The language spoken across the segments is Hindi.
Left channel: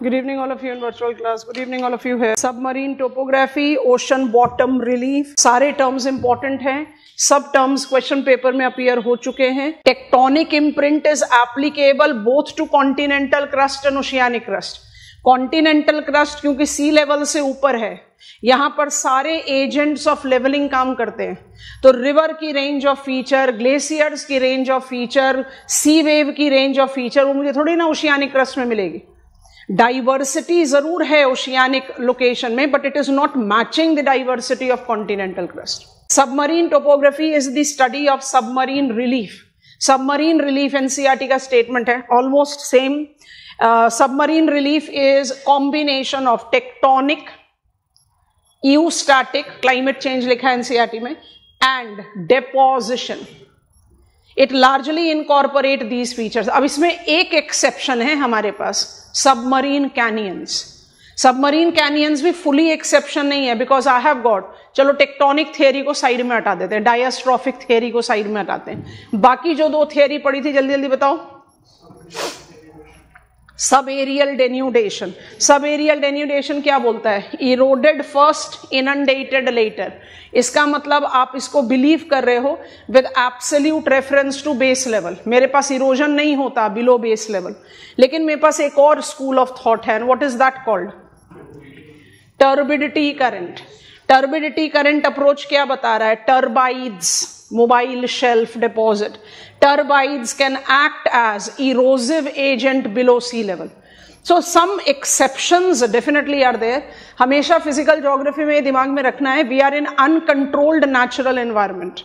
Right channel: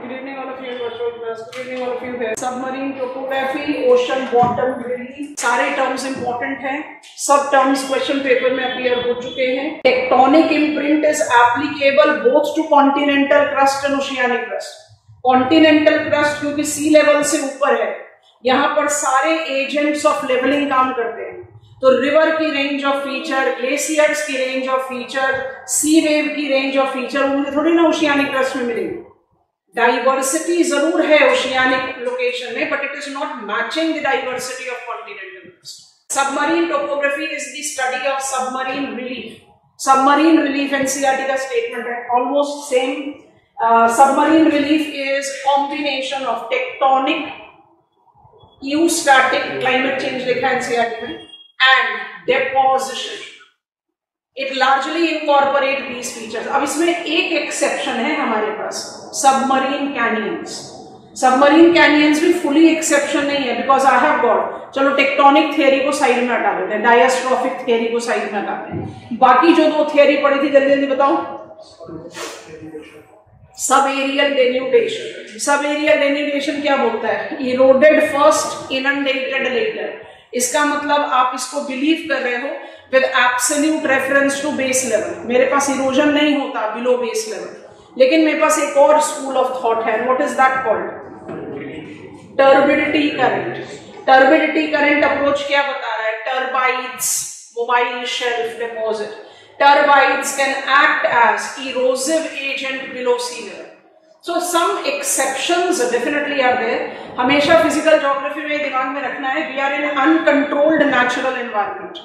Good evening all of you in virtual class. Good evening all of you here. Submarine topography, ocean bottom relief, सारे terms important हैं. सब terms question paper में appear हो चुके हैं. Tectonic imprint is applicable both to continental crust and oceanic crust. Continental crust क्योंकि sea level से ऊपर है, यहाँ पर सारे एजेंट्स ऑफ लेवलिंग काम करते हैं. तो रिवर की रेंज ऑफ फीचर, ग्लेशियर्स की range of feature, sea wave की रेंज ऑफ फीचर मुझे थोड़ी ना ओशियानिक क्रस्ट में मिलेगी. डाइवर्सिटी जरूर है ओशियानिक लोकेशन में, but it is not matching the diversity of continental crust. Submarine topography is the study of submarine relief. Submarine relief NCERT का स्टेटमेंट है, almost same. Submarine relief is combination of tectonic, eustatic, climate change लिखा है एनसीईआरटी में, and deposition. It largely incorporate these features. अब इसमें एक एक्सेप्शन है हमारे पास, सबमरीन कैनियंस. सबमरीन कैनियंस भी फुली एक्सेप्शन नहीं है, बिकॉज आई हैव गॉट, चलो टेक्टोनिक थियरी को साइड में हटा देते हैं, डायस्ट्रॉफिक थियरी को साइड में हटाते हैं. बाकी जो दो थियरी पढ़ी थी जल्दी जल्दी बताओ. Subaerial denudation. Subaerial denudation क्या बोलता है? Eroded first, inundated later. इसका मतलब आप इसको बिलीव कर रहे हो with absolute reference to base level. मेरे पास इरोजन नहीं होता बिलो बेस लेवल, लेकिन मेरे पास एक और स्कूल ऑफ थॉट है. What is that called? Turbidity current. Turbidity current approach क्या बता रहा है? Turbidites, mobile shelf deposit. Turbidites can act as erosive agent below sea level. So some exceptions definitely are there. हमेशा physical geography में दिमाग में रखना है, we are in uncontrolled natural environment.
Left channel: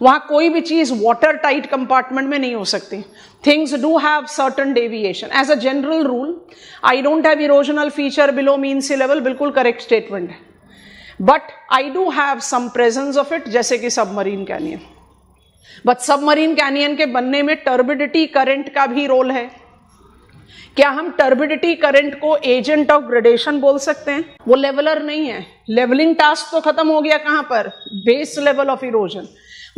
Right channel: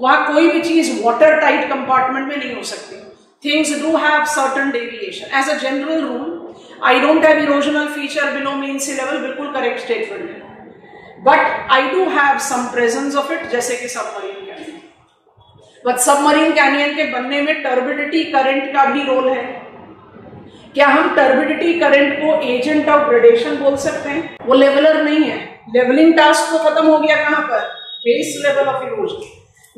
वहां कोई भी चीज water tight compartment में नहीं हो सकती. Things do have certain deviation. As a general rule, I don't have erosional feature below mean sea level. बिल्कुल correct statement है. But I do have some presence of it, जैसे कि submarine canyon. But submarine canyon के बनने में टर्बिडिटी करंट का भी रोल है. क्या हम टर्बिडिटी करंट को एजेंट ऑफ ग्रेडेशन बोल सकते हैं? वो लेवलर नहीं है. लेवलिंग टास्क तो खत्म हो गया कहां पर? Base level of erosion.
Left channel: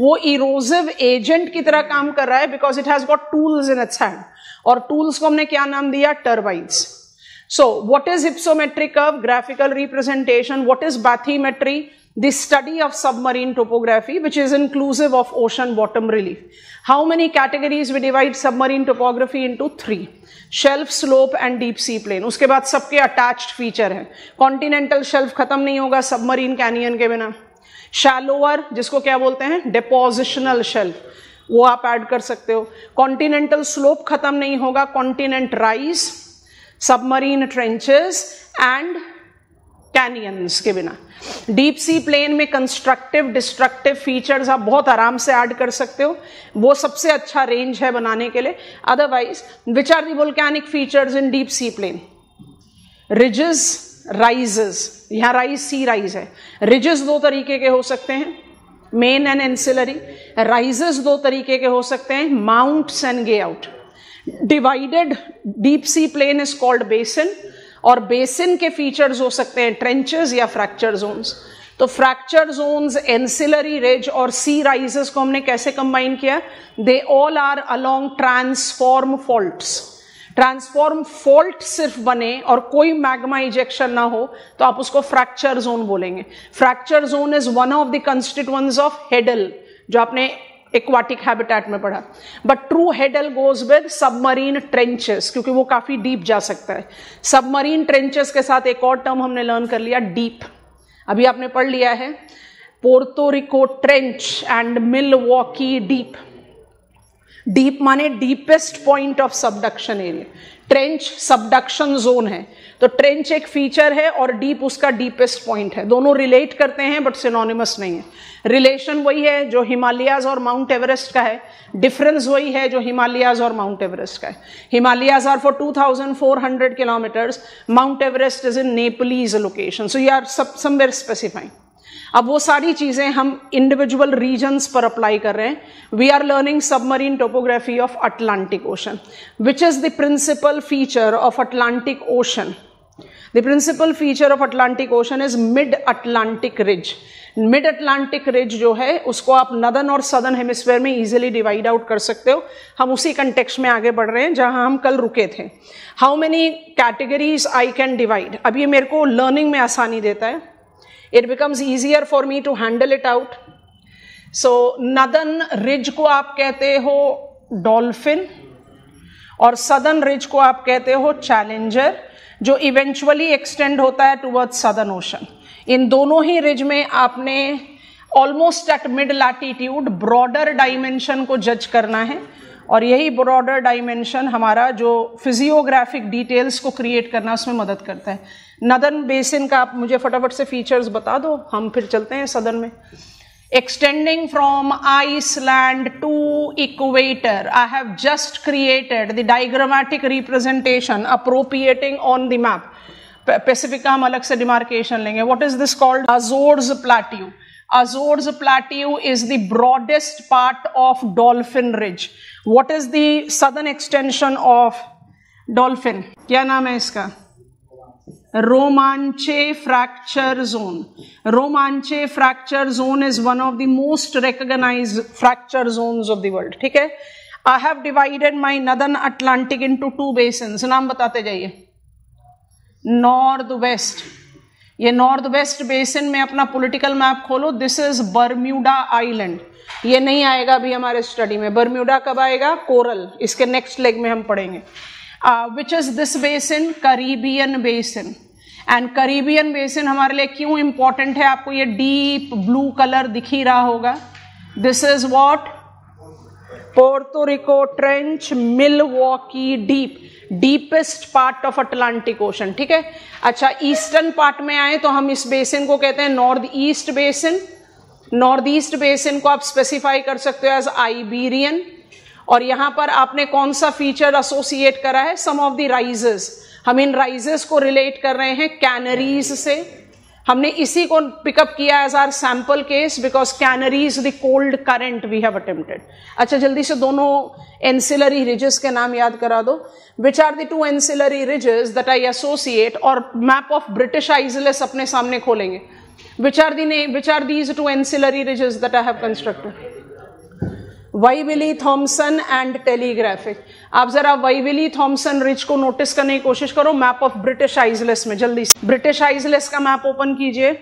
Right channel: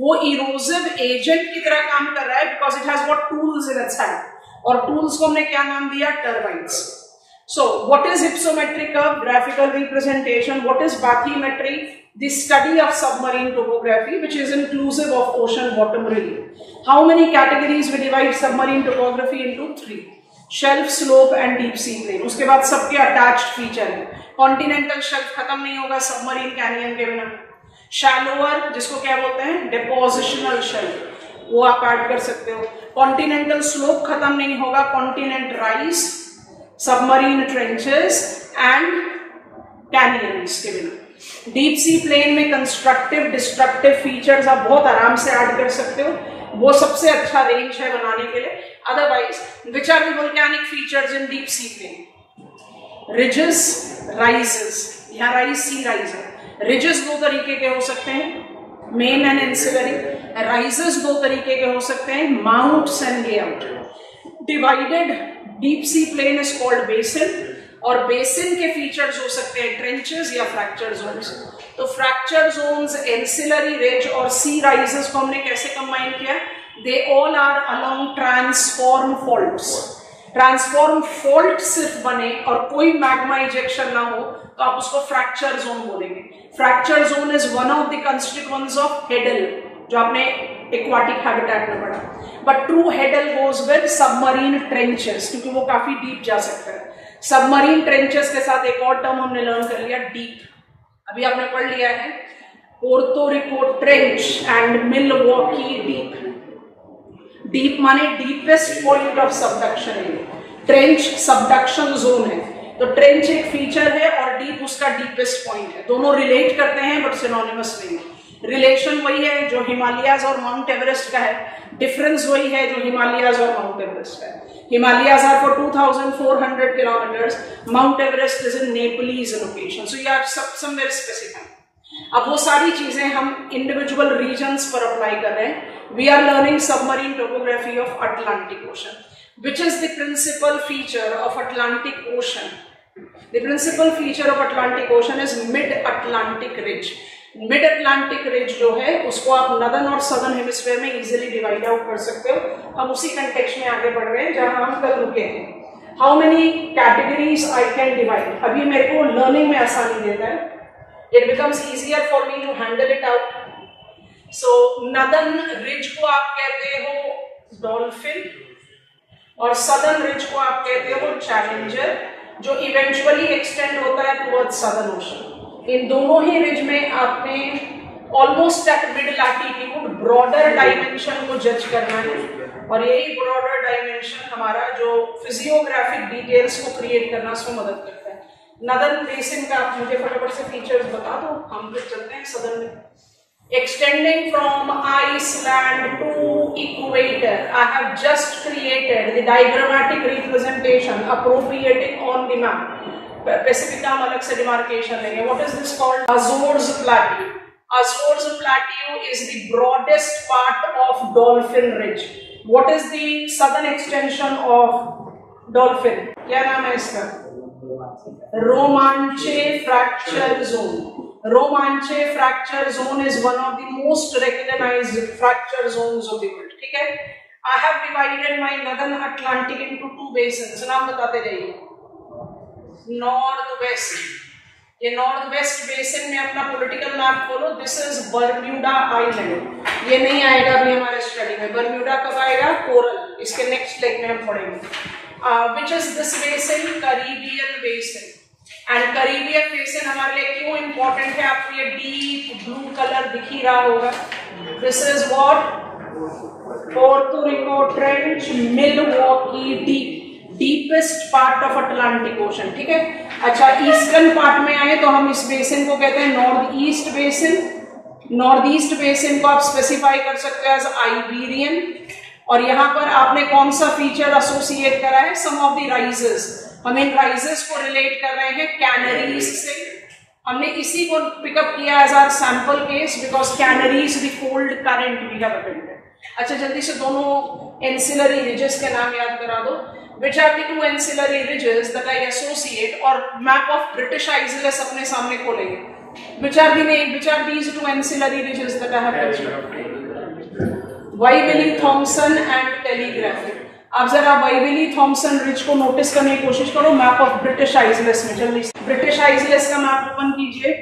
वो इरोजिव एजेंट की तरह काम कर रहा है because it has got tools in its hand. और टूल्स को हमने क्या नाम दिया? Turbines. So what is hypsometric curve? Graphical representation. What is bathymetry? The study of submarine topography, which is inclusive of ocean bottom relief. How many categories we divide submarine topography into? 3. Shelf, slope and deep sea plane. उसके बाद सबके attached feature हैं. Continental shelf खत्म नहीं होगा submarine canyon के बिना. Shallower, जिसको क्या बोलते हैं? Depositional shelf, वो आप ऐड कर सकते हो. Continental slope खत्म नहीं होगा. Continent rise, submarine trenches and canyons के बिना. डीप सी प्लेन में कंस्ट्रक्टिव, डिस्ट्रक्टिव फीचर्स आप बहुत आराम से ऐड कर सकते हो. वो सबसे अच्छा रेंज है बनाने के लिए. Otherwise which are the volcanic features in deep sea plain? Ridges, rises. यहाँ राइज सी राइज है. रिजेस दो तरीके के हो सकते हैं, मेन एंड एंसिलरी. राइजेस दो तरीके के हो सकते हैं, mounts and guyots. Divided deep sea plain is called basin. और बेसिन के फीचर्स हो सकते हैं ट्रेंचेस या फ्रैक्चर जोन्स. तो फ्रैक्चर जोन्स, एंसिलरी रिज और सी राइजेस को हमने कैसे कंबाइन किया? They all are along transform faults. Transform fault सिर्फ बने और कोई मैग्मा इजेक्शन ना हो तो आप उसको फ्रैक्चर जोन बोलेंगे. Fracture zone is one of the constituents of hadal, जो आपने एक्वाटिक हैबिटेट में पढ़ा. But true hadal goes with submarine trenches, क्योंकि वो काफी डीप जा सकता है. सबमरीन ट्रेंचेस के साथ एक और टर्म हमने लर्न कर लिया, डीप. अभी आपने पढ़ लिया है Puerto Rico trench and Milwaukee deep. Deep माने deepest point of subduction area. Trench subduction zone है, तो ट्रेंच एक फीचर है और डीप उसका डीपेस्ट पॉइंट है. दोनों रिलेट करते हैं बट सिनोनिमस नहीं है. रिलेशन वही है जो हिमालयाज और माउंट एवरेस्ट का है. डिफरेंस वही है जो हिमालयाज और माउंट एवरेस्ट का है. Himalayas are for 2400 kilometres. Mount Everest is in Nepalese location. So you are somewhere specifying. अब वो सारी चीजें हम इंडिविजुअल रीजन्स पर अप्लाई कर रहे हैं. We are learning submarine topography of Atlantic Ocean, which is the principal feature of Atlantic Ocean. The principal feature of Atlantic Ocean is mid-Atlantic ridge. Mid Atlantic ridge जो है उसको आप नदर्न और सदर्न हेमिस्फीयर में इजीली डिवाइड आउट कर सकते हो। हम उसी कंटेक्स्ट में आगे बढ़ रहे हैं जहां हम कल रुके थे। How many categories I can divide, अब ये मेरे को लर्निंग में आसानी देता है, it becomes easier for me to handle it out. So northern ridge को आप कहते हो डॉल्फिन और सदर्न रिज को आप कहते हो चैलेंजर, जो इवेंचुअली एक्सटेंड होता है टुवर्ड्स सदर्न ओशन। इन दोनों ही रिज में आपने almost at mid latitude broader dimension को जज करना है, और यही ब्रॉडर डायमेंशन हमारा जो फिजियोग्राफिक डिटेल्स को क्रिएट करना उसमें मदद करता है। नदर्न बेसिन का आप मुझे फटाफट से फीचर्स बता दो, हम फिर चलते हैं सदर्न में। Extending from Iceland to equator, I have just created the diagrammatic representation appropriating on the map. Pacific का हम अलग से demarcation लेंगे. What is this called? Azores Plateau. Azores Plateau is the broadest part of Dolphin Ridge. What is the southern extension of Dolphin? क्या नाम है इसका? Romanche Fracture Zone. Romanche Fracture Zone is one of the most recognized fracture zones of the world. ठीक है? I have divided my northern Atlantic into two basins. नाम बताते जाइए। नॉर्थ वेस्ट, ये नॉर्थ वेस्ट बेसिन में अपना पॉलिटिकल मैप खोलो, दिस इज बर्म्यूडा आइलैंड। ये नहीं आएगा अभी हमारे स्टडी में, बर्म्यूडा कब आएगा? कोरल, इसके नेक्स्ट लेग में हम पढ़ेंगे। Which is this basin? Caribbean basin. And Caribbean basin हमारे लिए क्यों इंपॉर्टेंट है? आपको ये डीप ब्लू कलर दिख ही रहा होगा। This is what? Porto Rico trench, Milwaukee deep, deepest part of Atlantic ocean. ठीक है, अच्छा ईस्टर्न पार्ट में आए तो हम इस बेसिन को कहते हैं north east basin. North east basin को आप स्पेसिफाई कर सकते हो एज आइबेरियन, और यहां पर आपने कौन सा फीचर एसोसिएट करा है? सम ऑफ द राइजेस। हम इन राइजेस को रिलेट कर रहे हैं कैनरीज से। हमने इसी को पिकअप किया as our sample case because Canaries the cold current we have attempted. अच्छा जल्दी से दोनों एंसिलरी रिजेस के नाम याद करा दो। Which are the two ancillary ridges that I associate, और मैप ऑफ ब्रिटिश आइसलैंड्स अपने सामने खोलेंगे। Which are these two ancillary ridges that I have constructed? Wyville Thomson and telegraphic. आप जरा वाइविली थॉमसन रिज को नोटिस करने की कोशिश करो मैप ऑफ ब्रिटिश आइसलैंड्स में। जल्दी से ब्रिटिश आइसलैंड्स का मैप ओपन कीजिए,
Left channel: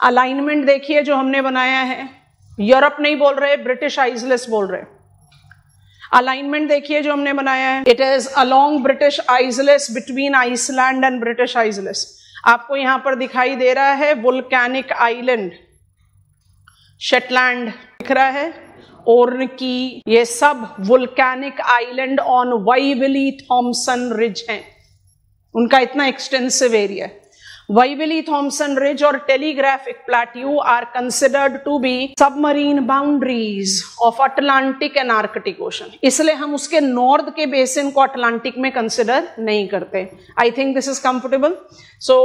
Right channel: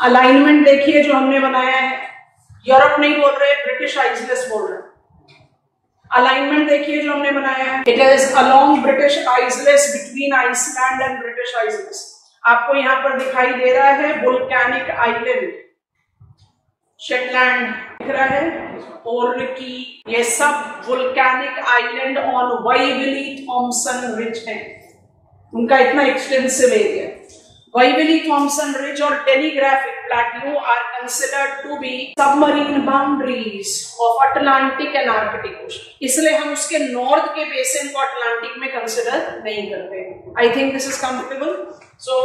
अलाइनमेंट देखिए जो हमने बनाया है। यूरोप नहीं बोल रहे, ब्रिटिश आइसलैंड्स बोल रहे। अलाइनमेंट देखिए जो हमने बनाया है, it is along British islands between Iceland and British islands. आपको यहां पर दिखाई दे रहा है वोल्केनिक आइलैंड, शेटलैंड दिख रहा है, ओर्नकी, ये सब volcanic island on Wyville Thomson ridge है। उनका इतना extensive area. Wyville Thomson ridge और telegraphic plateau are considered to be submarine boundaries of Atlantic and Arctic ocean, इसलिए हम उसके नॉर्थ के बेसिन को अटलांटिक में कंसिडर नहीं करते। I think this is comfortable. So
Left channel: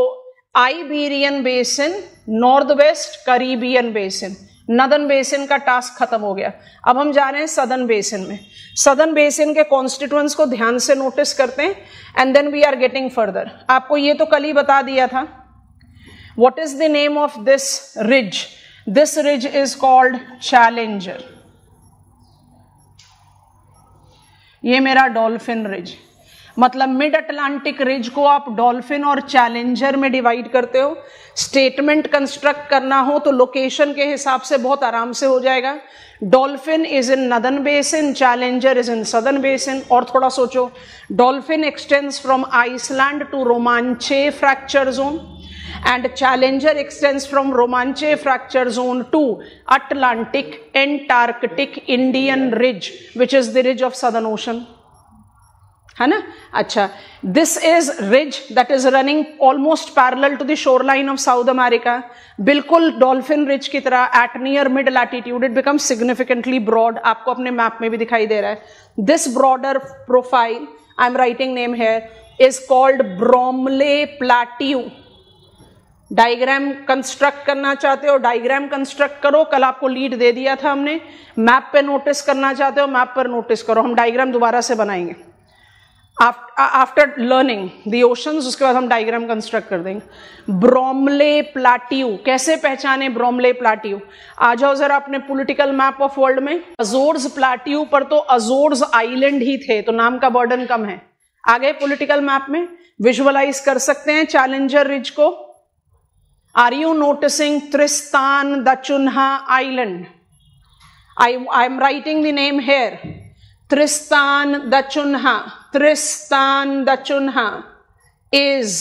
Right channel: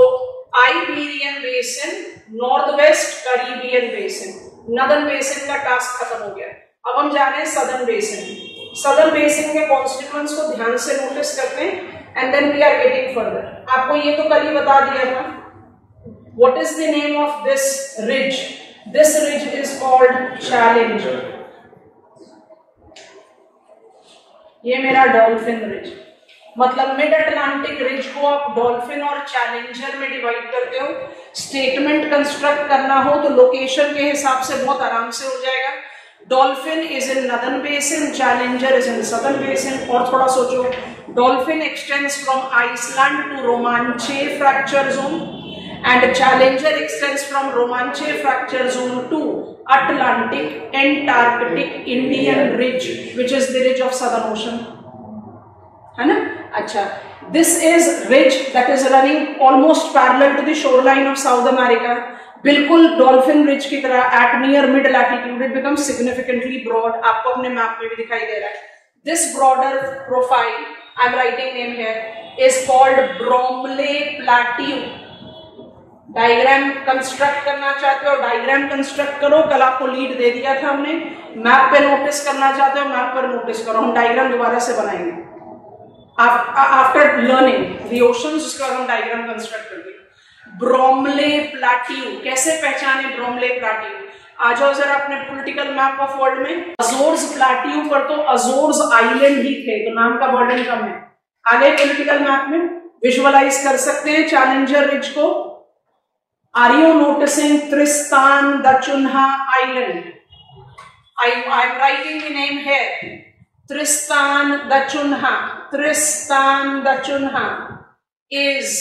Iberian basin, north west Caribbean basin, northern basin का टास्क खत्म हो गया। अब हम जा रहे हैं सदर्न बेसिन में। सदर्न बेसिन के कॉन्स्टिट्यूएंट्स को ध्यान से नोटिस करते हैं and then we are getting further. आपको ये तो कल ही बता दिया था। What is the name of this ridge? This ridge is called Challenger. ये मेरा डॉल्फिन रिज, मतलब मिड अटलांटिक रिज को आप डॉल्फिन और चैलेंजर में डिवाइड करते हो। स्टेटमेंट कंस्ट्रक्ट करना हो तो लोकेशन के हिसाब से बहुत आराम से हो जाएगा। Dolphin is in northern basin, Challenger is in southern basin. और थोड़ा सोचो, dolphin extends from Iceland to Romanche fracture zone and Challenger extends from Romanche fracture zone to Atlantic, Antarctic, Indian ridge, which is the ridge of Southern Ocean. है ना? अच्छा, this is ridge that is running almost parallel to the shoreline of South America. बिल्कुल डॉल्फिन रिज की तरह at near mid latitude it becomes significantly broad. आपको अपने मैप में भी दिखाई दे रहा है। This broader profile, I'm writing name here, is called Bromley Plateau. Diagram construct करना चाहते हो, डायग्राम कंस्ट्रक्ट करो। कल आपको लीड दे दिया था हमने। मैप पे नोटिस करना चाहते हो, मैप पर नोटिस करो। हम डायग्राम दोबारा से बनाएंगे। आफ्टर लर्निंग द ओशंस, उसके बाद हम डायग्राम कंस्ट्रक्ट कर देंगे। ब्रोमले प्लाट्यू, कैसे पहचाने ब्रोमले प्लाट्यू? आ जाओ जरा अपने पॉलिटिकल मैप ऑफ वर्ल्ड में। अजोर्स प्लाट्यू पर तो अजोर्स आइलैंड ही थे, तो नाम का बर्डन कम है। आगे पॉलिटिकल मैप में विजुअलाइज कर सकते हैं चैलेंजर रिज को। Are you noticing Tristan da Cunha island? I am writing the name here. Tristan da Cunha. Tristan da Cunha is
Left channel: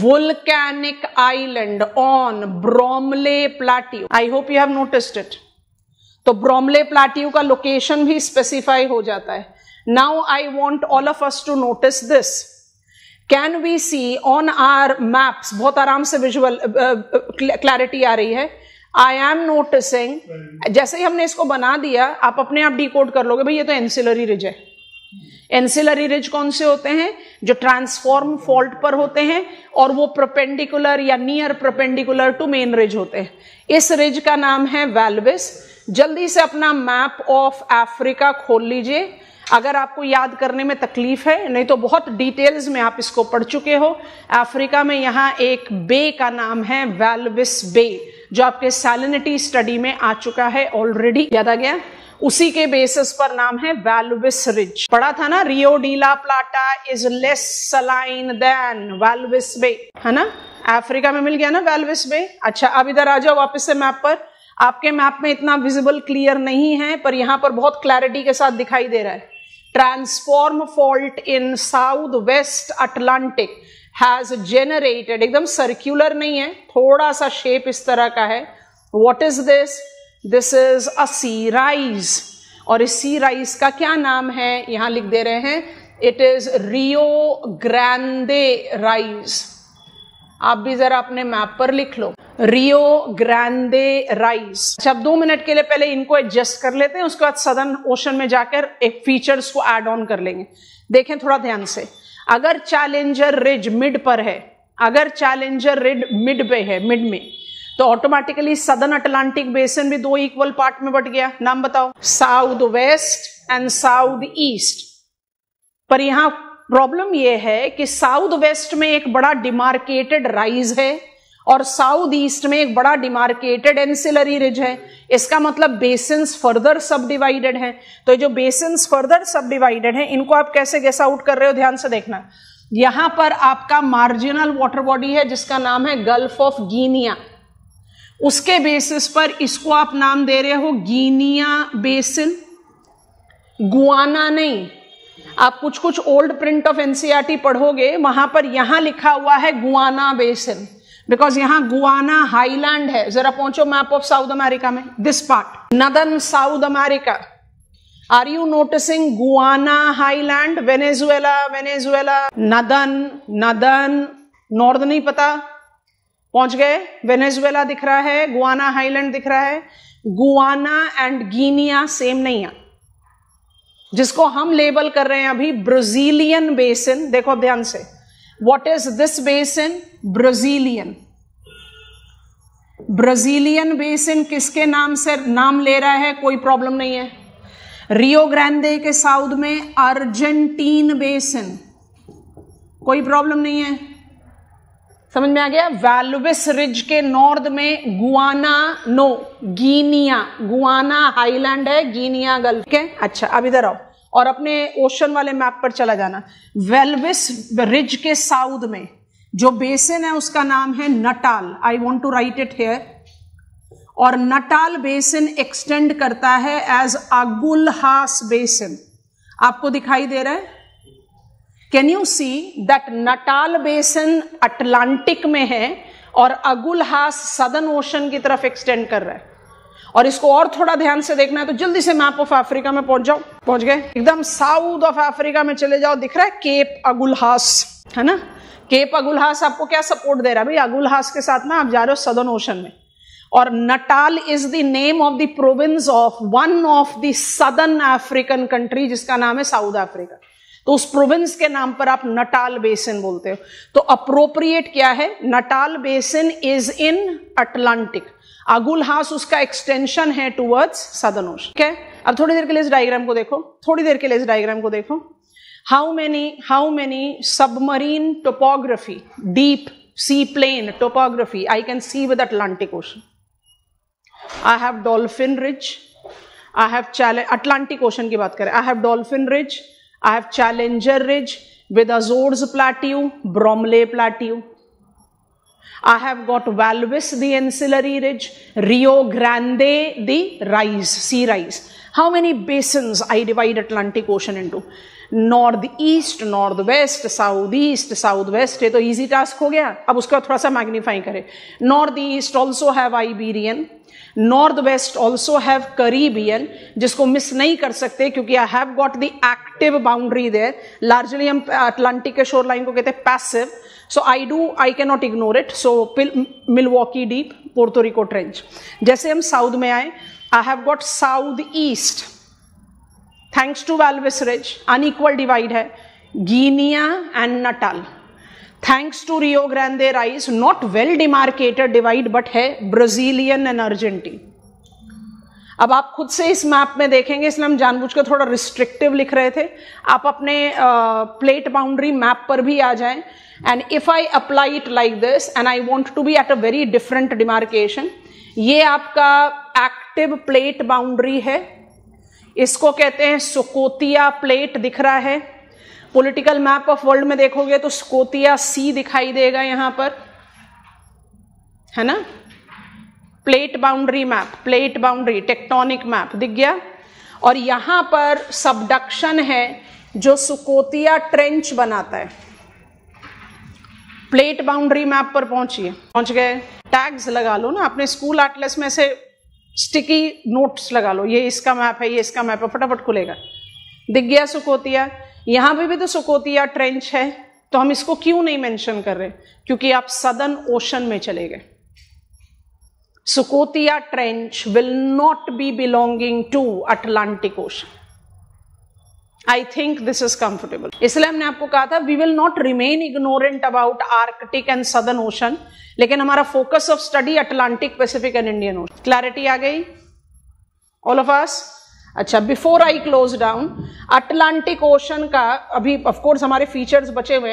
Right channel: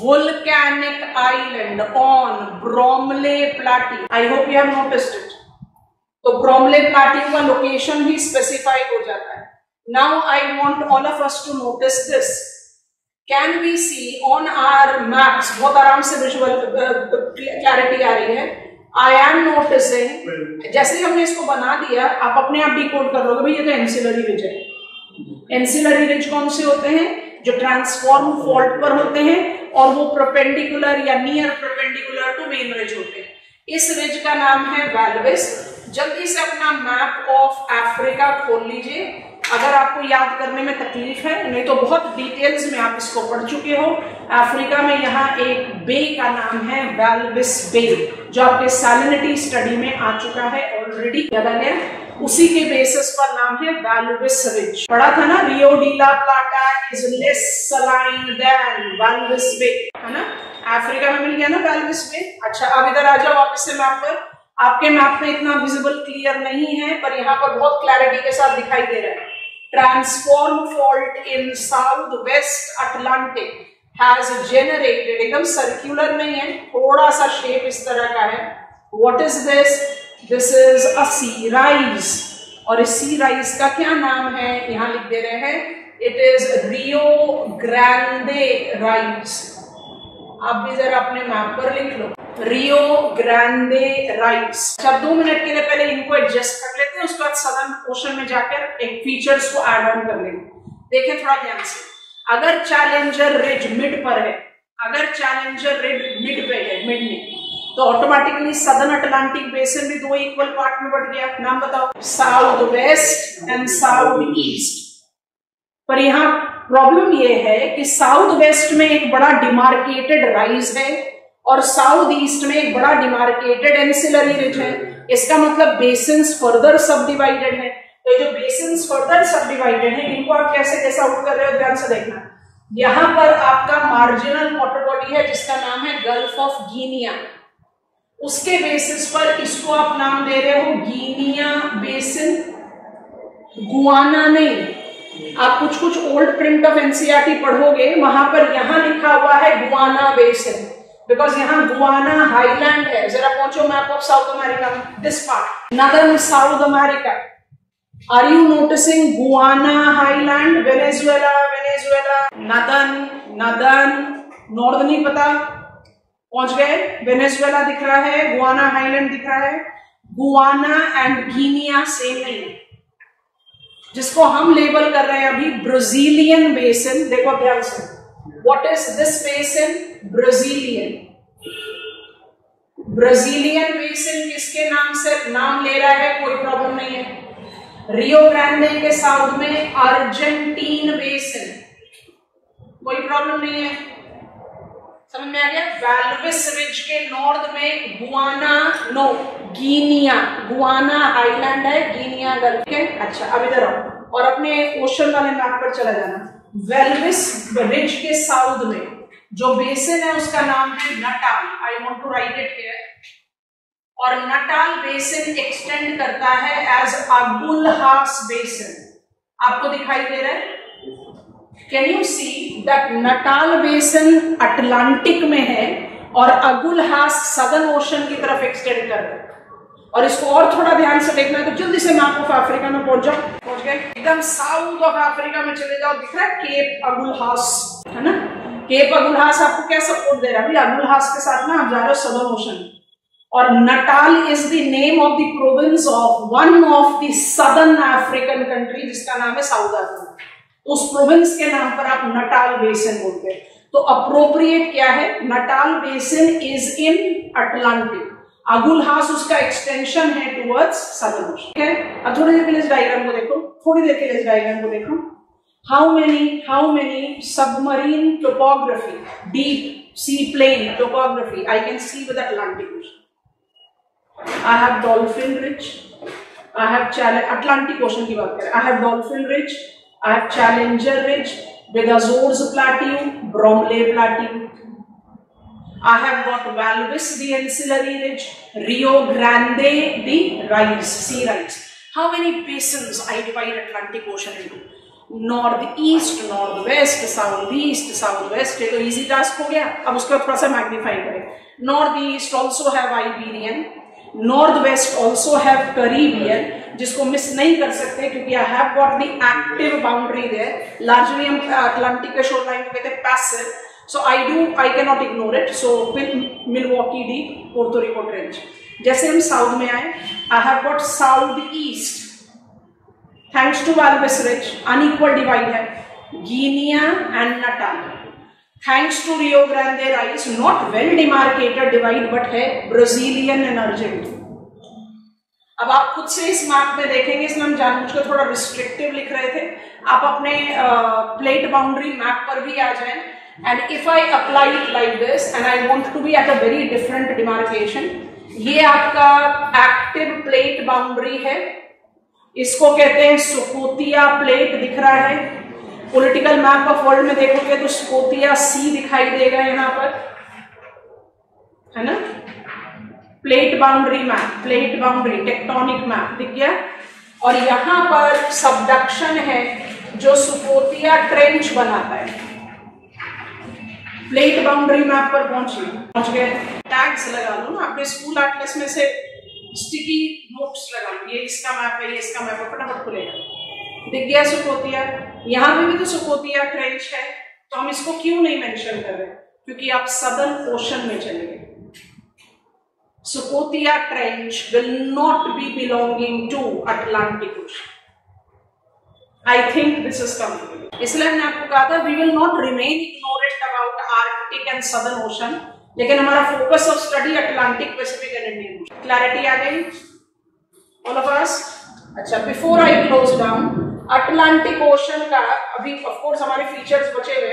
volcanic island on Bromley Plateau. I hope you have noticed it. तो Bromley Plateau का लोकेशन भी स्पेसिफाई हो जाता है। Now I want all of us to notice this. Can we see on our maps? बहुत आराम से विजुअल क्लैरिटी आ रही है। I am noticing, जैसे ही हमने इसको बना दिया, आप अपने आप डिकोड कर लोगे भाई ये तो एंसिलरी रिज है। एंसिलरी रिज कौन से होते हैं? जो ट्रांसफॉर्म फॉल्ट पर होते हैं और वो परपेंडिकुलर या near perpendicular to main ridge होते हैं। इस रिज का नाम है वैल्विस। जल्दी से अपना मैप ऑफ अफ्रीका खोल लीजिए, अगर आपको याद करने में तकलीफ है, नहीं तो बहुत डिटेल्स में आप इसको पढ़ चुके हो। अफ्रीका में यहाँ एक बे का नाम है वैल्विस बे, जो आपके सैलिनिटी स्टडी में आ चुका है ऑलरेडी, याद आ गया? उसी के बेसिस पर नाम है वैल्विस रिज। पढ़ा था ना, Rio de la Plata is less saline than Walvis Bay, है ना? अफ्रीका में मिल गया ना वैल्विस बे। अच्छा, अब इधर आ जाओ वापस से मैप पर। आपके मैप में इतना विजिबल क्लियर नहीं है, पर यहाँ पर बहुत क्लैरिटी के साथ दिखाई दे रहा है। Transform fault in south west Atlantic has generated, एकदम सर्क्यूलर नहीं है, थोड़ा सा शेप इस तरह का है। What is this? This is a sea rise, और इस सी राइज का क्या नाम है? यहां लिख दे रहे हैं, it is Rio Grande rise. आप भी जरा अपने मैप पर लिख लो, रियो ग्रांडे राइज। अच्छा, 2 मिनट के लिए पहले इनको एडजस्ट कर लेते हैं, उसके बाद सदर्न ओशन में जाकर एक फीचर्स को ऐड ऑन कर लेंगे। देखें थोड़ा ध्यान से, अगर चैलेंजर रिज मिड पर है, अगर चैलेंजर रिज मिड पे है, मिड में, तो ऑटोमेटिकली सदर्न अटलांटिक बेसिन भी 2 इक्वल पार्ट में बट गया। नाम बताओ? South west and south east. पर यहां प्रॉब्लम यह है कि साउथ वेस्ट में एक बड़ा डिमार्केटेड राइज है और साउथ ईस्ट में एक बड़ा डिमार्केटेड एंसिलरी रिज है। इसका मतलब बेसिन्स फर्दर सब डिवाइडेड है। तो ये जो बेसिन्स फर्दर सब डिवाइडेड है, इनको आप कैसे गेस आउट कर रहे हो, ध्यान से देखना। यहां पर आपका मार्जिनल वाटर बॉडी है जिसका नाम है गल्फ ऑफ गिनिया। उसके बेसिस पर इसको आप नाम दे रहे हो गिनिया बेसिन, गुआना नहीं। आप कुछ कुछ ओल्ड प्रिंट ऑफ एनसीईआरटी पढ़ोगे, वहां पर यहां लिखा हुआ है गुआना बेसिन, बिकॉज यहां गुआना हाईलैंड है। जरा पहुंचो मैप ऑफ साउथ अमेरिका में, this part, northern South America. Are you noticing Guiana highland? Venezuela, Venezuela, northern north नहीं पता, पहुंच गए। वेनेजुएला दिख रहा है, गुआना हाईलैंड दिख रहा है। गुआना एंड गिनिया सेम नहीं है। जिसको हम लेबल कर रहे हैं अभी ब्राजीलियन बेसिन, देखो अब ध्यान से, what is this basin? Brazilian. Brazilian basin किसके नाम से नाम ले रहा है? कोई प्रॉब्लम नहीं है। रियो ग्रांडे के साउथ में अर्जेंटीन बेसिन, कोई प्रॉब्लम नहीं है। समझ में आ गया? वैल्विस रिज के नॉर्थ में Guiana, no Guinea, Guiana highland है, गिनिया गल्फ के। अच्छा, अब इधर आओ और अपने ओशन वाले मैप पर चला जाना। वेल्विस रिज के साउथ में जो बेसिन है उसका नाम है Natal. I want to write it here. और नटाल बेसिन एक्सटेंड करता है एज अगुलहास बेसिन। आपको दिखाई दे रहा है? Can you see that Natal basin Atlantic में है और अगुलहास सदर्न ओशन की तरफ एक्सटेंड कर रहा है। और इसको और थोड़ा ध्यान से देखना है तो जल्दी से मैप ऑफ अफ्रीका में पहुंच जाओ। पहुंच गए? एकदम साउथ ऑफ अफ्रीका में चले जाओ, दिख रहा है केप अगुलहास, है ना? केप अगुलहास आपको क्या सपोर्ट दे रहा है? भाई अगुलहास के साथ ना आप जा रहे हो सदर्न ओशन में। और Natal is the name of the province of one of the southern African country जिसका नाम है साउथ अफ्रीका। तो उस प्रोविंस के नाम पर आप नटाल बेसिन बोलते हो। तो अप्रोप्रिएट क्या है? Natal basin is in Atlantic, Agulhas उसका एक्सटेंशन है टुवर्ड्स सदर्न ओशन। ठीक है? अब थोड़ी देर के लिए इस डायग्राम को देखो, थोड़ी देर के लिए इस डायग्राम को देखो। How many submarine topography, deep sea plane topography I can see with Atlantic Ocean? I have Dolphin Ridge. I have Atlantic Ocean की बात करें. I have Dolphin Ridge. I have Challenger Ridge with Azores Plateau, Bromley Plateau. I have got Walvis, the Ancillary Ridge, Rio Grande, the rise, sea rise. How many basins I divide Atlantic Ocean into? Northeast, northwest, southeast, southwest. ये तो easy task हो गया. अब उसका थोड़ा सा magnify करें. Northeast also have Iberian. Northwest also have Caribbean, जिसको मिस नहीं कर सकते क्योंकि I have got the active boundary there. Largely हम Atlantic के shore line को कहते हैं passive. So I cannot ignore it. So Milwaukee Deep, Puerto Rico Trench. जैसे हम south में आए, I have got southeast. Thanks to Walvis Ridge, unequal divide है. Guinea and Natal. Thanks to Rio Grande rise, not well demarcated divide, but है Brazilian and Argentine. अब आप खुद से इस मैप में देखेंगे, इसलिए हम जानबूझकर थोड़ा रिस्ट्रिक्टिव लिख रहे थे. आप अपने प्लेट बाउंड्री मैप पर भी आ जाएं. And if I apply it like this, and I want to be at a very different demarcation, ये आपका active plate boundary है. इसको कहते हैं सुकोतिया प्लेट. दिख रहा है पॉलिटिकल मैप ऑफ वर्ल्ड में देखोगे तो स्कोतिया सी दिखाई देगा यहां पर, है ना. Plate boundary map, plate boundary tectonic map दिख गया. और यहां पर सबडक्शन है जो सुकोतिया ट्रेंच बनाता है. प्लेट बाउंड्री मैप पर पहुंच गए. टैग्स लगा लो ना अपने स्कूल एटलस में से, स्टिकी नोट्स लगा लो, ये इसका मैप है, ये इसका मैप है, फटाफट खुलेगा. दिख गया सुकोतिया. यहां पे भी तो सुकोतिया ट्रेंच है, तो हम इसको क्यों नहीं मेंशन कर रहे? क्योंकि आप सदर्न ओशन में चले गए. Scotia trench will not be belonging to Atlantic ocean. I think this is comfortable. इसलिए मैंने आपको कहा था we will not remain ignorant about Arctic and southern ocean, लेकिन हमारा focus of study Atlantic, Pacific and Indian ocean. Clarity आ गई ऑल ऑफ अस? अच्छा, before I close down, Atlantic ocean का अभी ऑफ कोर्स हमारे फीचर्स बचे हुए.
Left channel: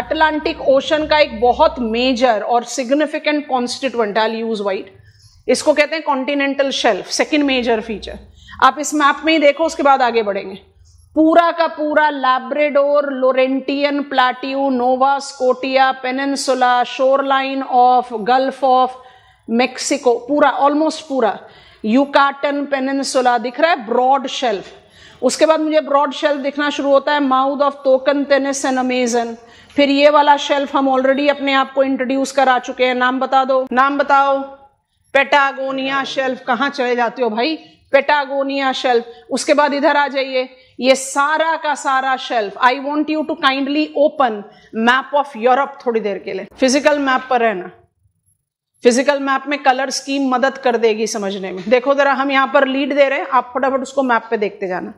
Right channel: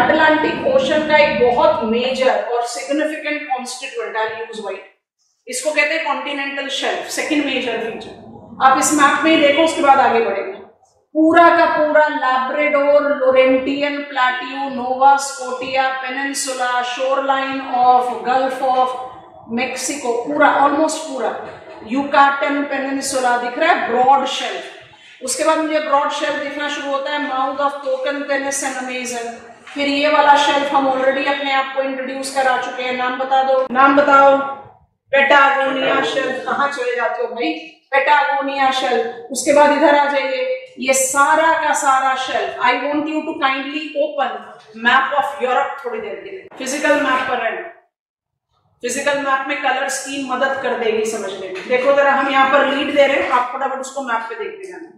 अटलांटिक ओशन का एक बहुत मेजर और significant constituent, I use white, इसको कहते हैं continental shelf. Second major feature. आप इस मैप में ही देखो, उसके बाद आगे बढ़ेंगे. पूरा का पूरा Labrador, Laurentian plateau, Nova Scotia peninsula, shoreline of Gulf of Mexico, पूरा ऑलमोस्ट पूरा यूकाटन पेनिनसुला दिख रहा है, ब्रॉड शेल्फ. उसके बाद मुझे ब्रॉड शेल्फ दिखना शुरू होता है माउथ ऑफ तोकनतेनिस एंड अमेजन. फिर ये वाला शेल्फ हम ऑलरेडी अपने आप को इंट्रोड्यूस करा चुके हैं. नाम बता दो, नाम बताओ. Patagonia shelf. कहां चले जाते हो भाई? Patagonia shelf. उसके बाद इधर आ जाइए, ये सारा का सारा shelf. I want you to kindly open map of Europe थोड़ी देर के लिए. फिजिकल मैप पर रहना. फिजिकल मैप में कलर स्कीम मदद कर देगी समझने में. देखो जरा, हम यहाँ पर लीड दे रहे हैं, आप फटाफट उसको मैप पे देखते जाना.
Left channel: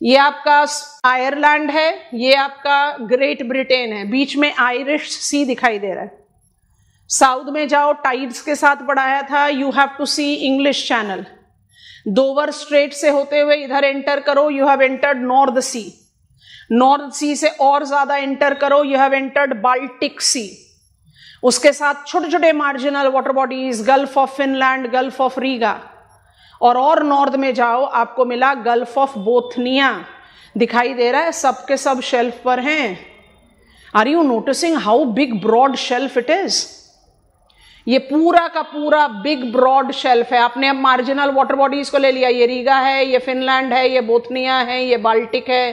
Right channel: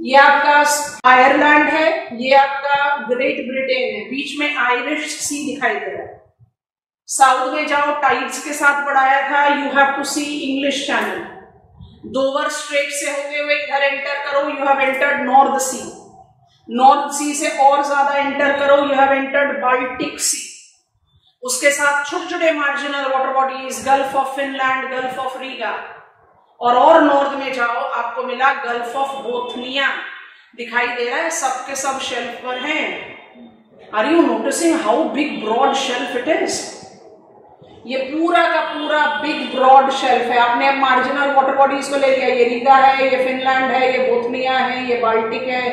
ये आपका आयरलैंड है, ये आपका ग्रेट ब्रिटेन है, बीच में आयरिश सी दिखाई दे रहा है. साउथ में जाओ, टाइड्स के साथ बढ़ाया था. You have to see English Channel. Dover strait से होते हुए इधर एंटर करो, you have entered North Sea. North Sea से और ज्यादा एंटर करो, you have entered Baltic Sea. उसके साथ छोटे छोटे marginal water bodies, Gulf of Finland, Gulf of Riga. और नॉर्थ में जाओ, आपको मिला गल्फ ऑफ बोथनिया दिखाई दे रहा है. सबके सब शेल्फ पर हैं. Are you noticing how big broad shelf it is? ये पूरा का पूरा बिग ब्रॉड शेल्फ है. आपने अब मार्जिनल वाटर बॉडीज को ले लिया. ये रीगा है, ये फिनलैंड है, ये बोथनिया है, ये बाल्टिक है,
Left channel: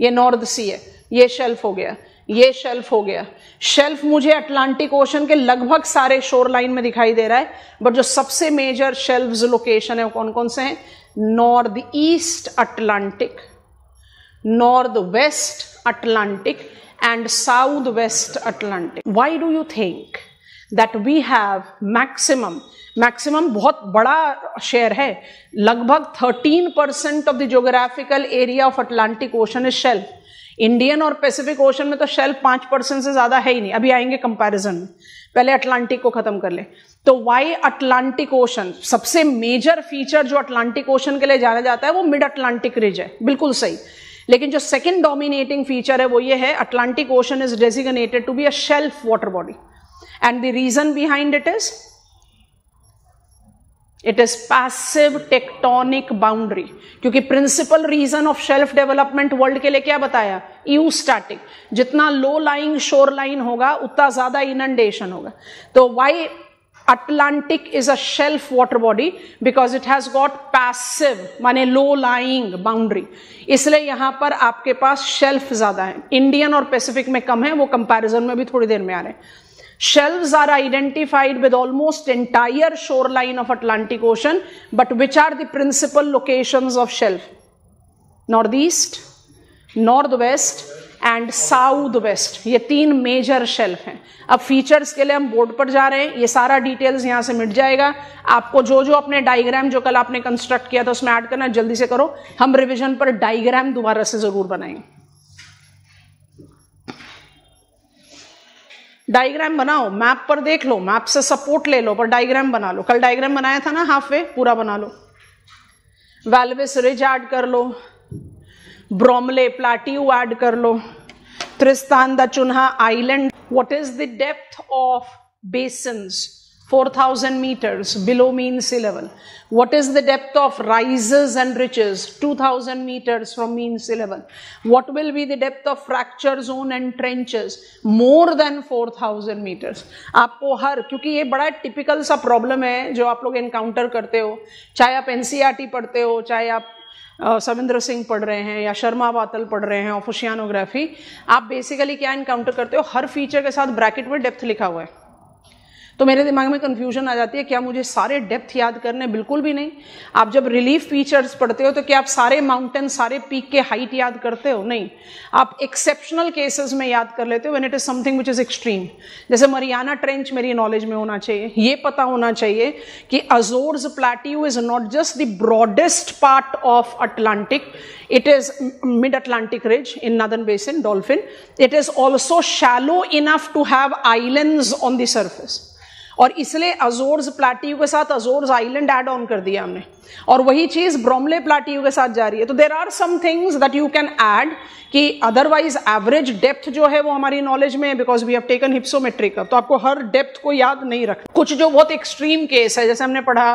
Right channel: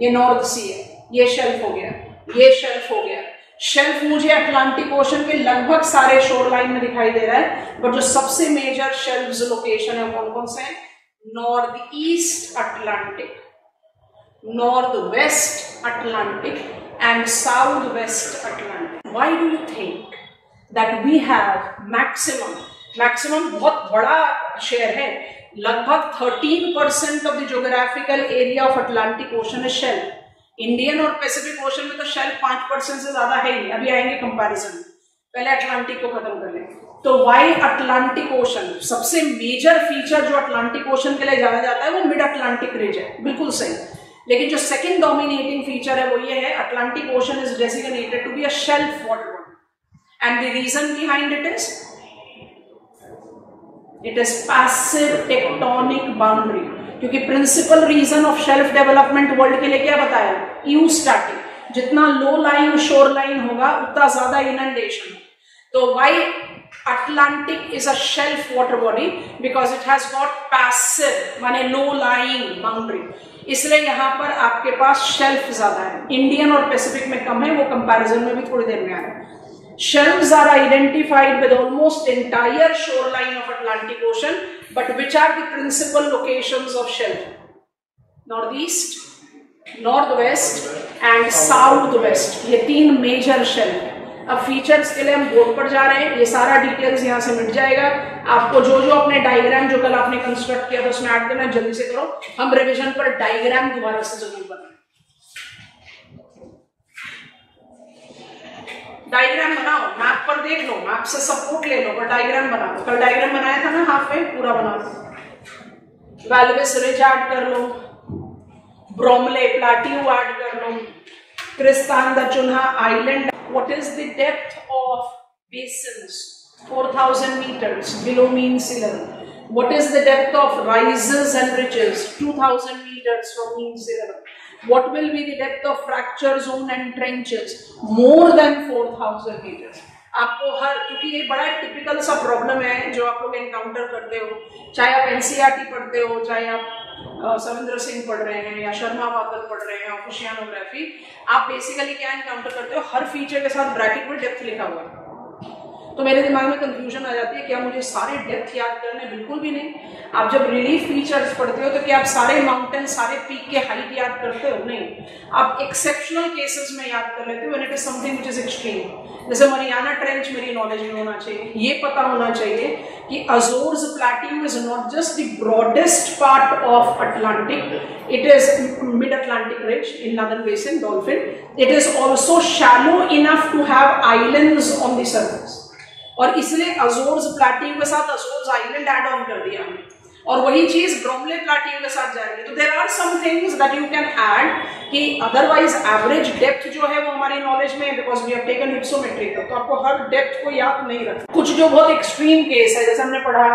ये नॉर्थ सी है. ये शेल्फ हो गया, ये शेल्फ हो गया. शेल्फ मुझे अटलांटिक ओशन के लगभग सारे शोर लाइन में दिखाई दे रहा है, बट जो सबसे मेजर शेल्फ्स लोकेशन है कौन कौन से हैं? North east Atlantic, north west Atlantic and south west Atlantic. Why do you think that we have maximum बहुत बड़ा शेयर है, लगभग 13% of the geographical area of Atlantic ocean is shelf. Indian और पैसिफिक ओशन में तो शेल्फ 5% से ज्यादा है ही नहीं. अभी आएंगे कंपैरिजन में, पहले अटलांटिक को खत्म कर ले. तो वाई अटलांटिक ओशन? सबसे मेजर फीचर जो अटलांटिक ओशन के लिए जाना जाता है वो मिड अटलांटिक रिज है. बिल्कुल सही. लेकिन जो सेकंड डोमिनेटिंग फीचर है वो ये है, Atlantic ocean is designated to be a shelf water body and the region behind it is passive tectonic boundary, क्योंकि principal region of shelf development world के लिए क्या बताया, यूस्टैटिक, जितना लो लाइन शोर लाइन होगा उतना ज्यादा इनंडेशन होगा। तो Y Atlantic is a shelf water body because it has got passive माने low lying boundary, इसलिए यहां पर आपके पास शेल्फ ज्यादा है, इंडियन और पैसिफिक में कम है, वो कंपैरिजन में भी थोड़ी देर में आ रहे हैं। Shelves are identified with almost entire shoreline of Atlantic Ocean, but which are the principal locations of shelf? Northeast, northwest and southwest, ये तीन मेजर शेल्फ है। अब फीचर्स के लिए हम बोर्ड पर जा रहे हैं, ये सारा डिटेल्स यहां से मिट जाएगा आपको। जो जो अपने डायग्राम जो कल आपने कंस्ट्रक्ट किया था उसमें ऐड करना है, जल्दी से करो। हम रिवीजन पर डायग्राम दोबारा से जरूर बनाएंगे। डायग्राम बनाओ, मैप पर देख लो, मैप से सपोर्ट ले लो, पर डायग्राम बना लो। कल डायग्राम बनाया था ना हाफ वे, पूरा बना लो। वैल्वेस रिज ऐड कर लो, ब्रोमले प्लाट्यू ऐड कर लो, त्रिस्तान दा चुन्हा island. What is the depth of basins? 4,000 meters below mean sea level. What is the depth of rises and ridges? 2,000 meters from mean sea level. What will be the depth of fracture zone and trenches? More than 4,000 meters. आपको हर, क्योंकि ये बड़ा टिपिकल सा प्रॉब्लम है जो आप लोग एनकाउंटर करते हो, चाहे आप एनसीईआरटी पढ़ते हो, चाहे आप सविंद्र सिंह पढ़ रहे हैं या शर्मा वातल पढ़ रहे हैं ऑफ ओशियानोग्राफी, आप बेसिकली क्या एनकाउंटर करते हो, हर फीचर के साथ ब्रैकेट में डेप्थ लिखा हुआ है। तो मेरे दिमाग में कंफ्यूजन आ जाती है, क्या मुझे सारे डेप्थ याद करने? बिल्कुल भी नहीं। आप जब रिलीफ फीचर्स पढ़ते हो तो क्या आप सारे माउंटेन, सारे पीक के हाइट याद करते हो? नहीं, आप एक्सेप्शनल केसेस में याद कर लेते हो, when it is something which is extreme. जैसे मरियाना ट्रेंच मेरी नॉलेज में होना चाहिए, ये पता होना चाहिए कि Azores plateau is not just the broadest part of Atlantic, it is mid-Atlantic ridge in northern basin, dolphin. It is also shallow enough to have islands on the surface. और इसलिए अजोर्स प्लेट्यू के साथ अजोर्स आइलैंड ऐड ऑन कर दिया हमने, और वही चीज ब्रोमले प्लेट्यू के साथ जा रही है। तो there are some things that you can add कि अदरवाइज एवरेज डेप्थ जो है वो हमारी नॉलेज में है, because we have taken hypsometric का, तो आपको हर डेप्थ को याद नहीं रखना। कुछ जो बहुत एक्सट्रीम केस है, जैसे हमने पढ़ा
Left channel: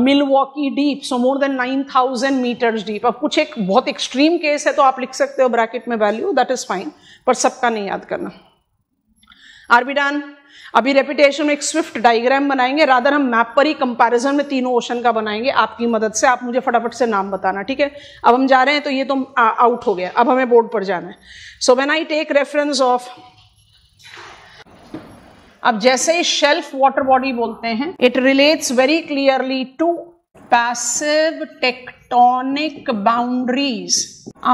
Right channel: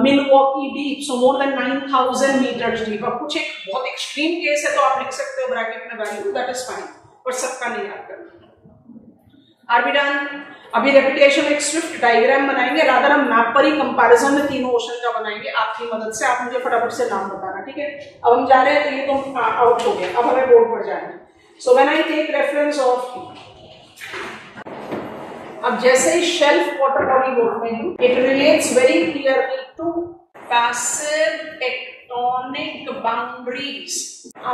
मिलवॉकी डीप, सो मोर देन 9,000 मीटर्स डीप। अब कुछ एक बहुत एक्सट्रीम केस है तो आप लिख सकते हो ब्रैकेट में वैल्यू, दैट इज फाइन, पर सबका नहीं याद करना। Are we done? अभी रेपिटेशन में एक स्विफ्ट डायग्राम बनाएंगे, रादर हम मैप पर ही कंपैरिजन में तीनों ओशन का बनाएंगे आपकी मदद से। आप मुझे फटाफट से नाम बताना, ठीक है? अब हम जा रहे हैं तो ये तो आउट हो गया, अब हमें बोर्ड पर जाना है। So when I take reference of, अब जैसे ही शेल्फ वाटर बॉडी बोलते हैं, it relates very clearly to passive tectonic boundaries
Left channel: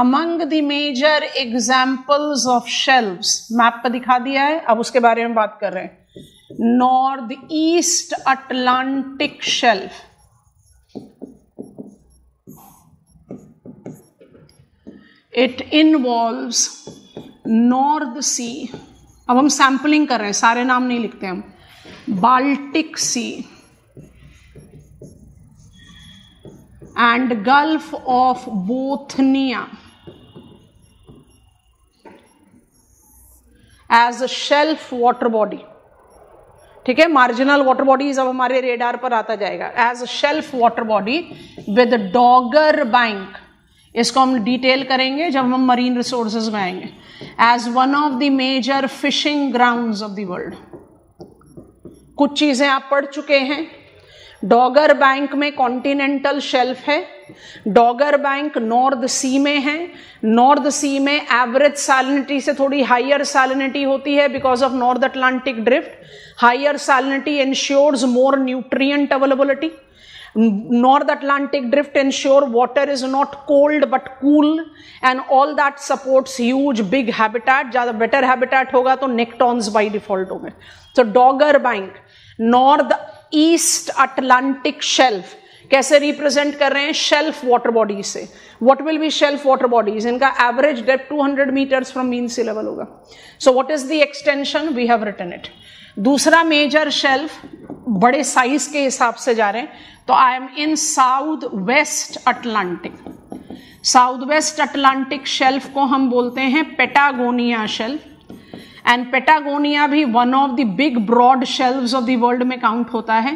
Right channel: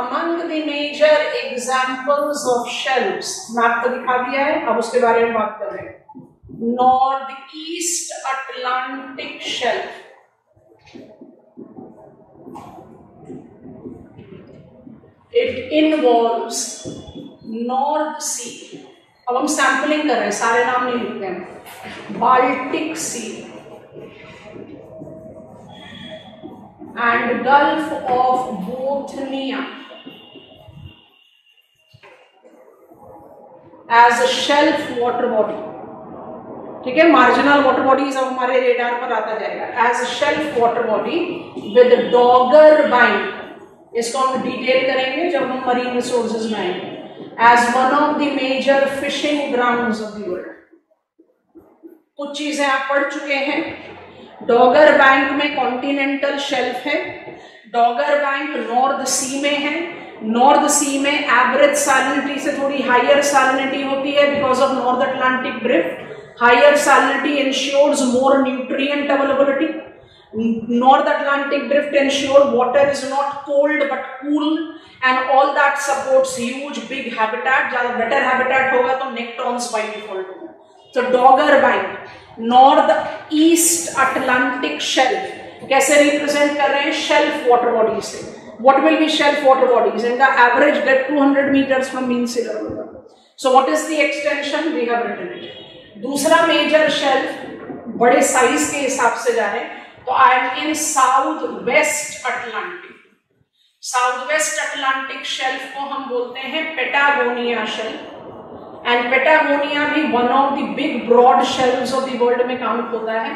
among the major examples of shelves। मैप पर दिखा दिया है, अब उसके बारे में बात कर रहे हैं। North east Atlantic shelf, it involves North Sea, अब हम सैंपलिंग कर रहे हैं, सारे नाम नहीं लिखते हम, Baltic sea and Gulf of Bothnia as a shelf water body। ठीक है, मार्जिनल वाटर बॉडीज अब हमारे रेडार पर आता जाएगा। As a shelf water body with Dogger bank, इसको हम डिटेल करेंगे जब हम मरीन रिसोर्सेज में आएंगे। As one of the major fishing grounds of the world, कुछ चीजें आप पढ़ चुके हैं। डॉगर बैंक में कॉन्टिनेंटल शेल्फ है, डॉगर बैंक नॉर्थ सी में है। नॉर्थ सी में एवरेज सैलिनिटी से थोड़ी हायर सैलिनिटी होती है because of North Atlantic drift. Higher salinity ensures more nutrient availability. North Atlantic drift ensure water is not cold but cool and all that supports huge big habitat। ज्यादा better habitat होगा तो नेक्टॉन्स by default होंगे। तो Dogger Bank north east Atlantic shelf कैसे रिप्रेजेंट कर रहे हैं? शेल्फ वाटर बॉडी से। What will be shelf water bodies? इनका average depth 200 meters from mean sea level होगा। So what is the extension? We have written it. दूसरा मेजर शेल्फ, बड़े साइज के हिसाब से जा रहे हैं, तो I am in south west Atlantic. South west Atlantic shelf को हम बोलते हैं पेटागोनिया शेल्फ, एंड पेटागोनिया भी one of the big broad shelves of the world में काउंट होता है।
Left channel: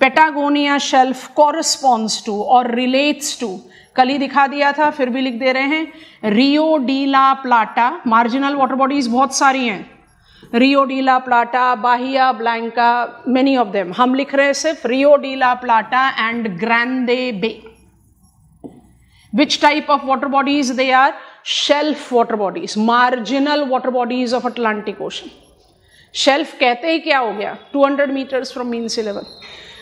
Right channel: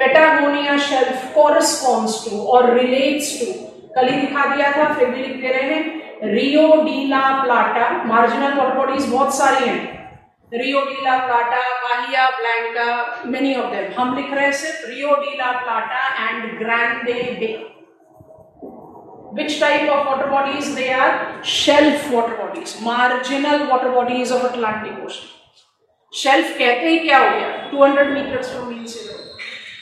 पेटागोनिया शेल्फ कॉरस्पॉन्ड्स टू और रिलेट्स टू, कल ही दिखा दिया था फिर भी लिख दे रहे हैं, Rio de la Plata. Marginal water bodies बहुत सारी हैं, Rio de la Plata, Bahia Blanca, many of them. हम लिख रहे हैं सिर्फ Rio de la Plata and Grande bay. Which type of water bodies they are? Shelf water bodies, marginal water bodies of Atlantic Ocean. Shelf कहते ही क्या हो गया? 200 meters from mean sea level.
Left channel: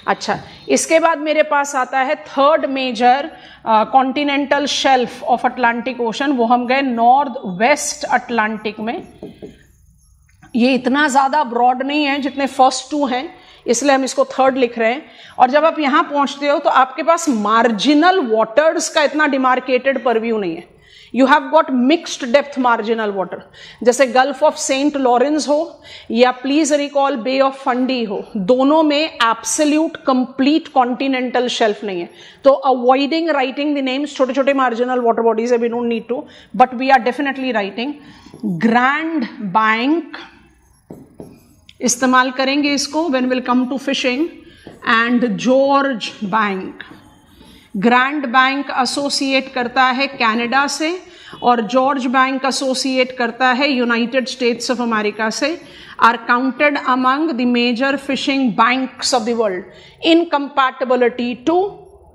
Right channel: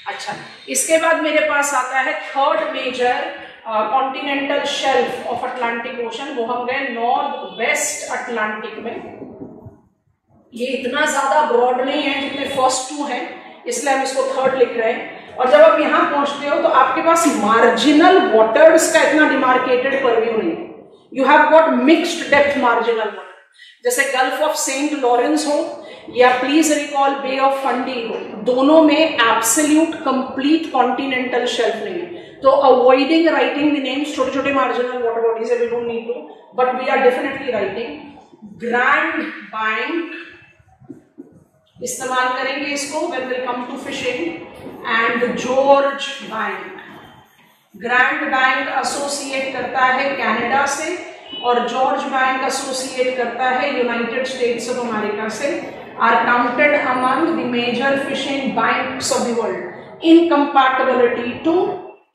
अच्छा, इसके बाद मेरे पास आता है third major continental shelf of Atlantic ocean, वो हम गए नॉर्थ वेस्ट अटलांटिक में। ये इतना ज्यादा ब्रॉड नहीं है जितने फर्स्ट टू हैं, इसलिए हम इसको थर्ड लिख रहे हैं। और जब आप यहां पहुंचते हो तो आपके पास मार्जिनल वाटर्स का इतना डिमार्केटेड परव्यू नहीं है। You have got mixed depth marginal water, जैसे गल्फ ऑफ सेंट लॉरेंस हो या please recall bay of Fundy हो, दोनों में एब्सोल्यूट कंप्लीट कॉन्टिनेंटल शेल्फ नहीं है। तो अवॉइडिंग राइटिंग द नेम्स छोटे छोटे marginal water bodies, we don't need to, but we are definitely writing. Grand bank इस्तेमाल करेंगे इसको when will come to fishing, and George bank. Grand bank associate करता है कनाडा से और जॉर्ज बैंक एसोसिएट करता है यूनाइटेड स्टेट्स ऑफ अमेरिका से। Are counted among the major fishing banks of the world in compatibility to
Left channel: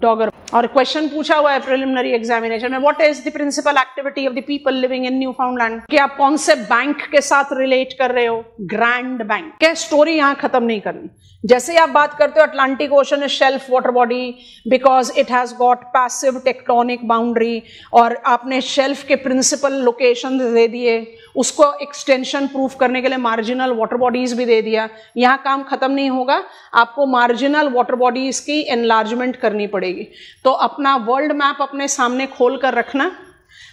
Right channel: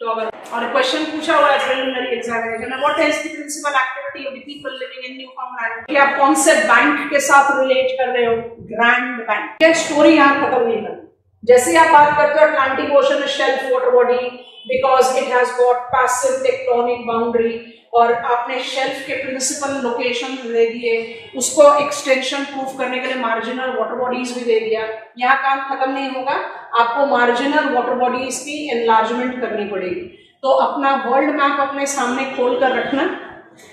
Dogger. और क्वेश्चन पूछा हुआ है प्रिलिमिनरी एग्जामिनेशन में, what is the principal activity of the people living in Newfoundland? कि आप कौन से बैंक के साथ रिलेट कर रहे हो? Grand bank. क्या स्टोरी यहां खत्म नहीं करनी। जैसे आप बात करते हो Atlantic ocean is shelf water body because it has got passive tectonic boundary, और आपने शेल्फ के प्रिंसिपल लोकेशन दे दिए, उसको एक्सटेंशन प्रूफ करने के लिए मार्जिनल वाटर बॉडीज भी दे दिया। यहाँ काम खत्म नहीं होगा, आपको मार्जिनल वाटर बॉडीज की एनलार्जमेंट करनी पड़ेगी। तो अपना वर्ल्ड मैप अपने सामने खोल कर रखना।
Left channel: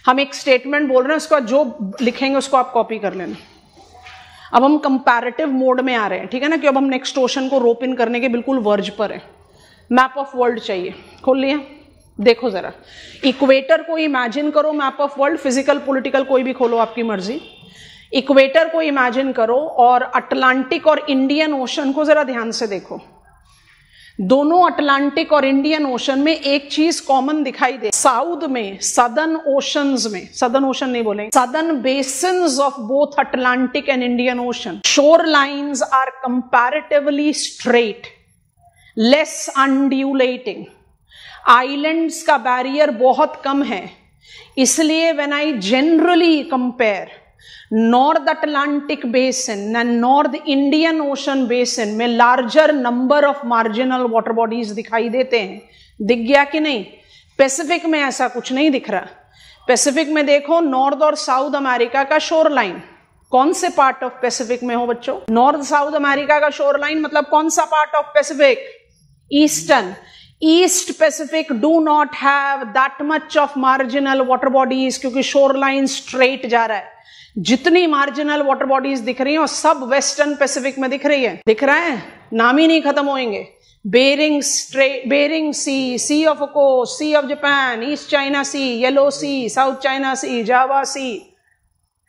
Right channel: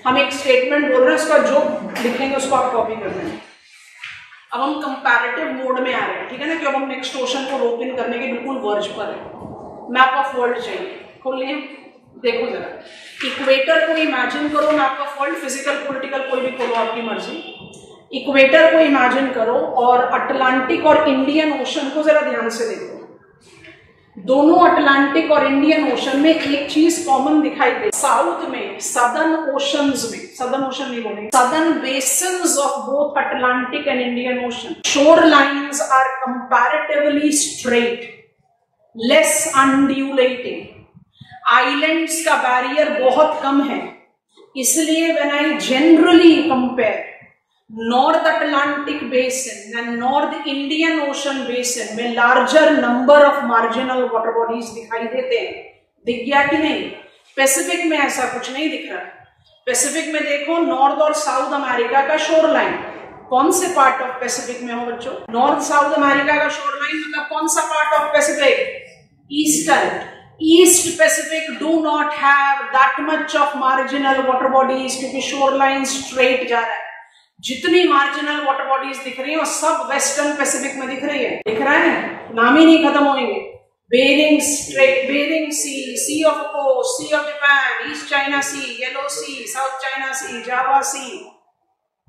हम एक स्टेटमेंट बोल रहे हैं, उसका जो लिखेंगे उसको आप कॉपी कर लेना। अब हम कंपैरेटिव मोड में आ रहे हैं, ठीक है ना, कि अब हम नेक्स्ट ओशन को रोप इन करने के बिल्कुल वर्ज पर है। मैप ऑफ वर्ल्ड चाहिए, खोल लिया, देखो जरा। इक्वेटर को इमेजिन करो, map of world, physical political कोई भी खोलो आपकी मर्जी। इक्वेटर को इमेजिन करो और अटलांटिक और इंडियन ओशन को जरा ध्यान से देखो। दोनों अटलांटिक और इंडियन ओशन में एक चीज कॉमन दिखाई दे। साउथ में, सदर्न ओशंस में, सदर्न ओशन नहीं बोलेंगे, southern basins of both Atlantic and Indian ocean, shore lines are comparatively straight, less undulating. Islands का बैरियर बहुत कम है, इसलिए when I generally compare north Atlantic basin and north Indian ocean basin में larger number of marginal water bodies दिखाई देते हैं। दिख गया कि नहीं? पैसिफिक में ऐसा कुछ नहीं दिख रहा। पैसिफिक में देखो, नॉर्थ और साउथ अमेरिका का शोर लाइन, कौन से पार्ट ऑफ पैसिफिक में हो बच्चों? नॉर्थ साउथ अमेरिका का शोर लाइन मतलब कौन सा part of Pacific? Eastern. East Pacific do not have that much of marginal water bodies, क्योंकि शोर लाइन स्ट्रेट जा रहा है। जितनी मार्जिनल वाटर बॉडीज दिख रही है वो सब वेस्टर्न पैसिफिक में दिख रही है। दिख रहा है, नाम ही नहीं खत्म होंगे। Bering Strait, Bering Sea, sea of Okhotsk, sea of Japan, East China Sea, Yellow Sea, South China Sea, Java Sea,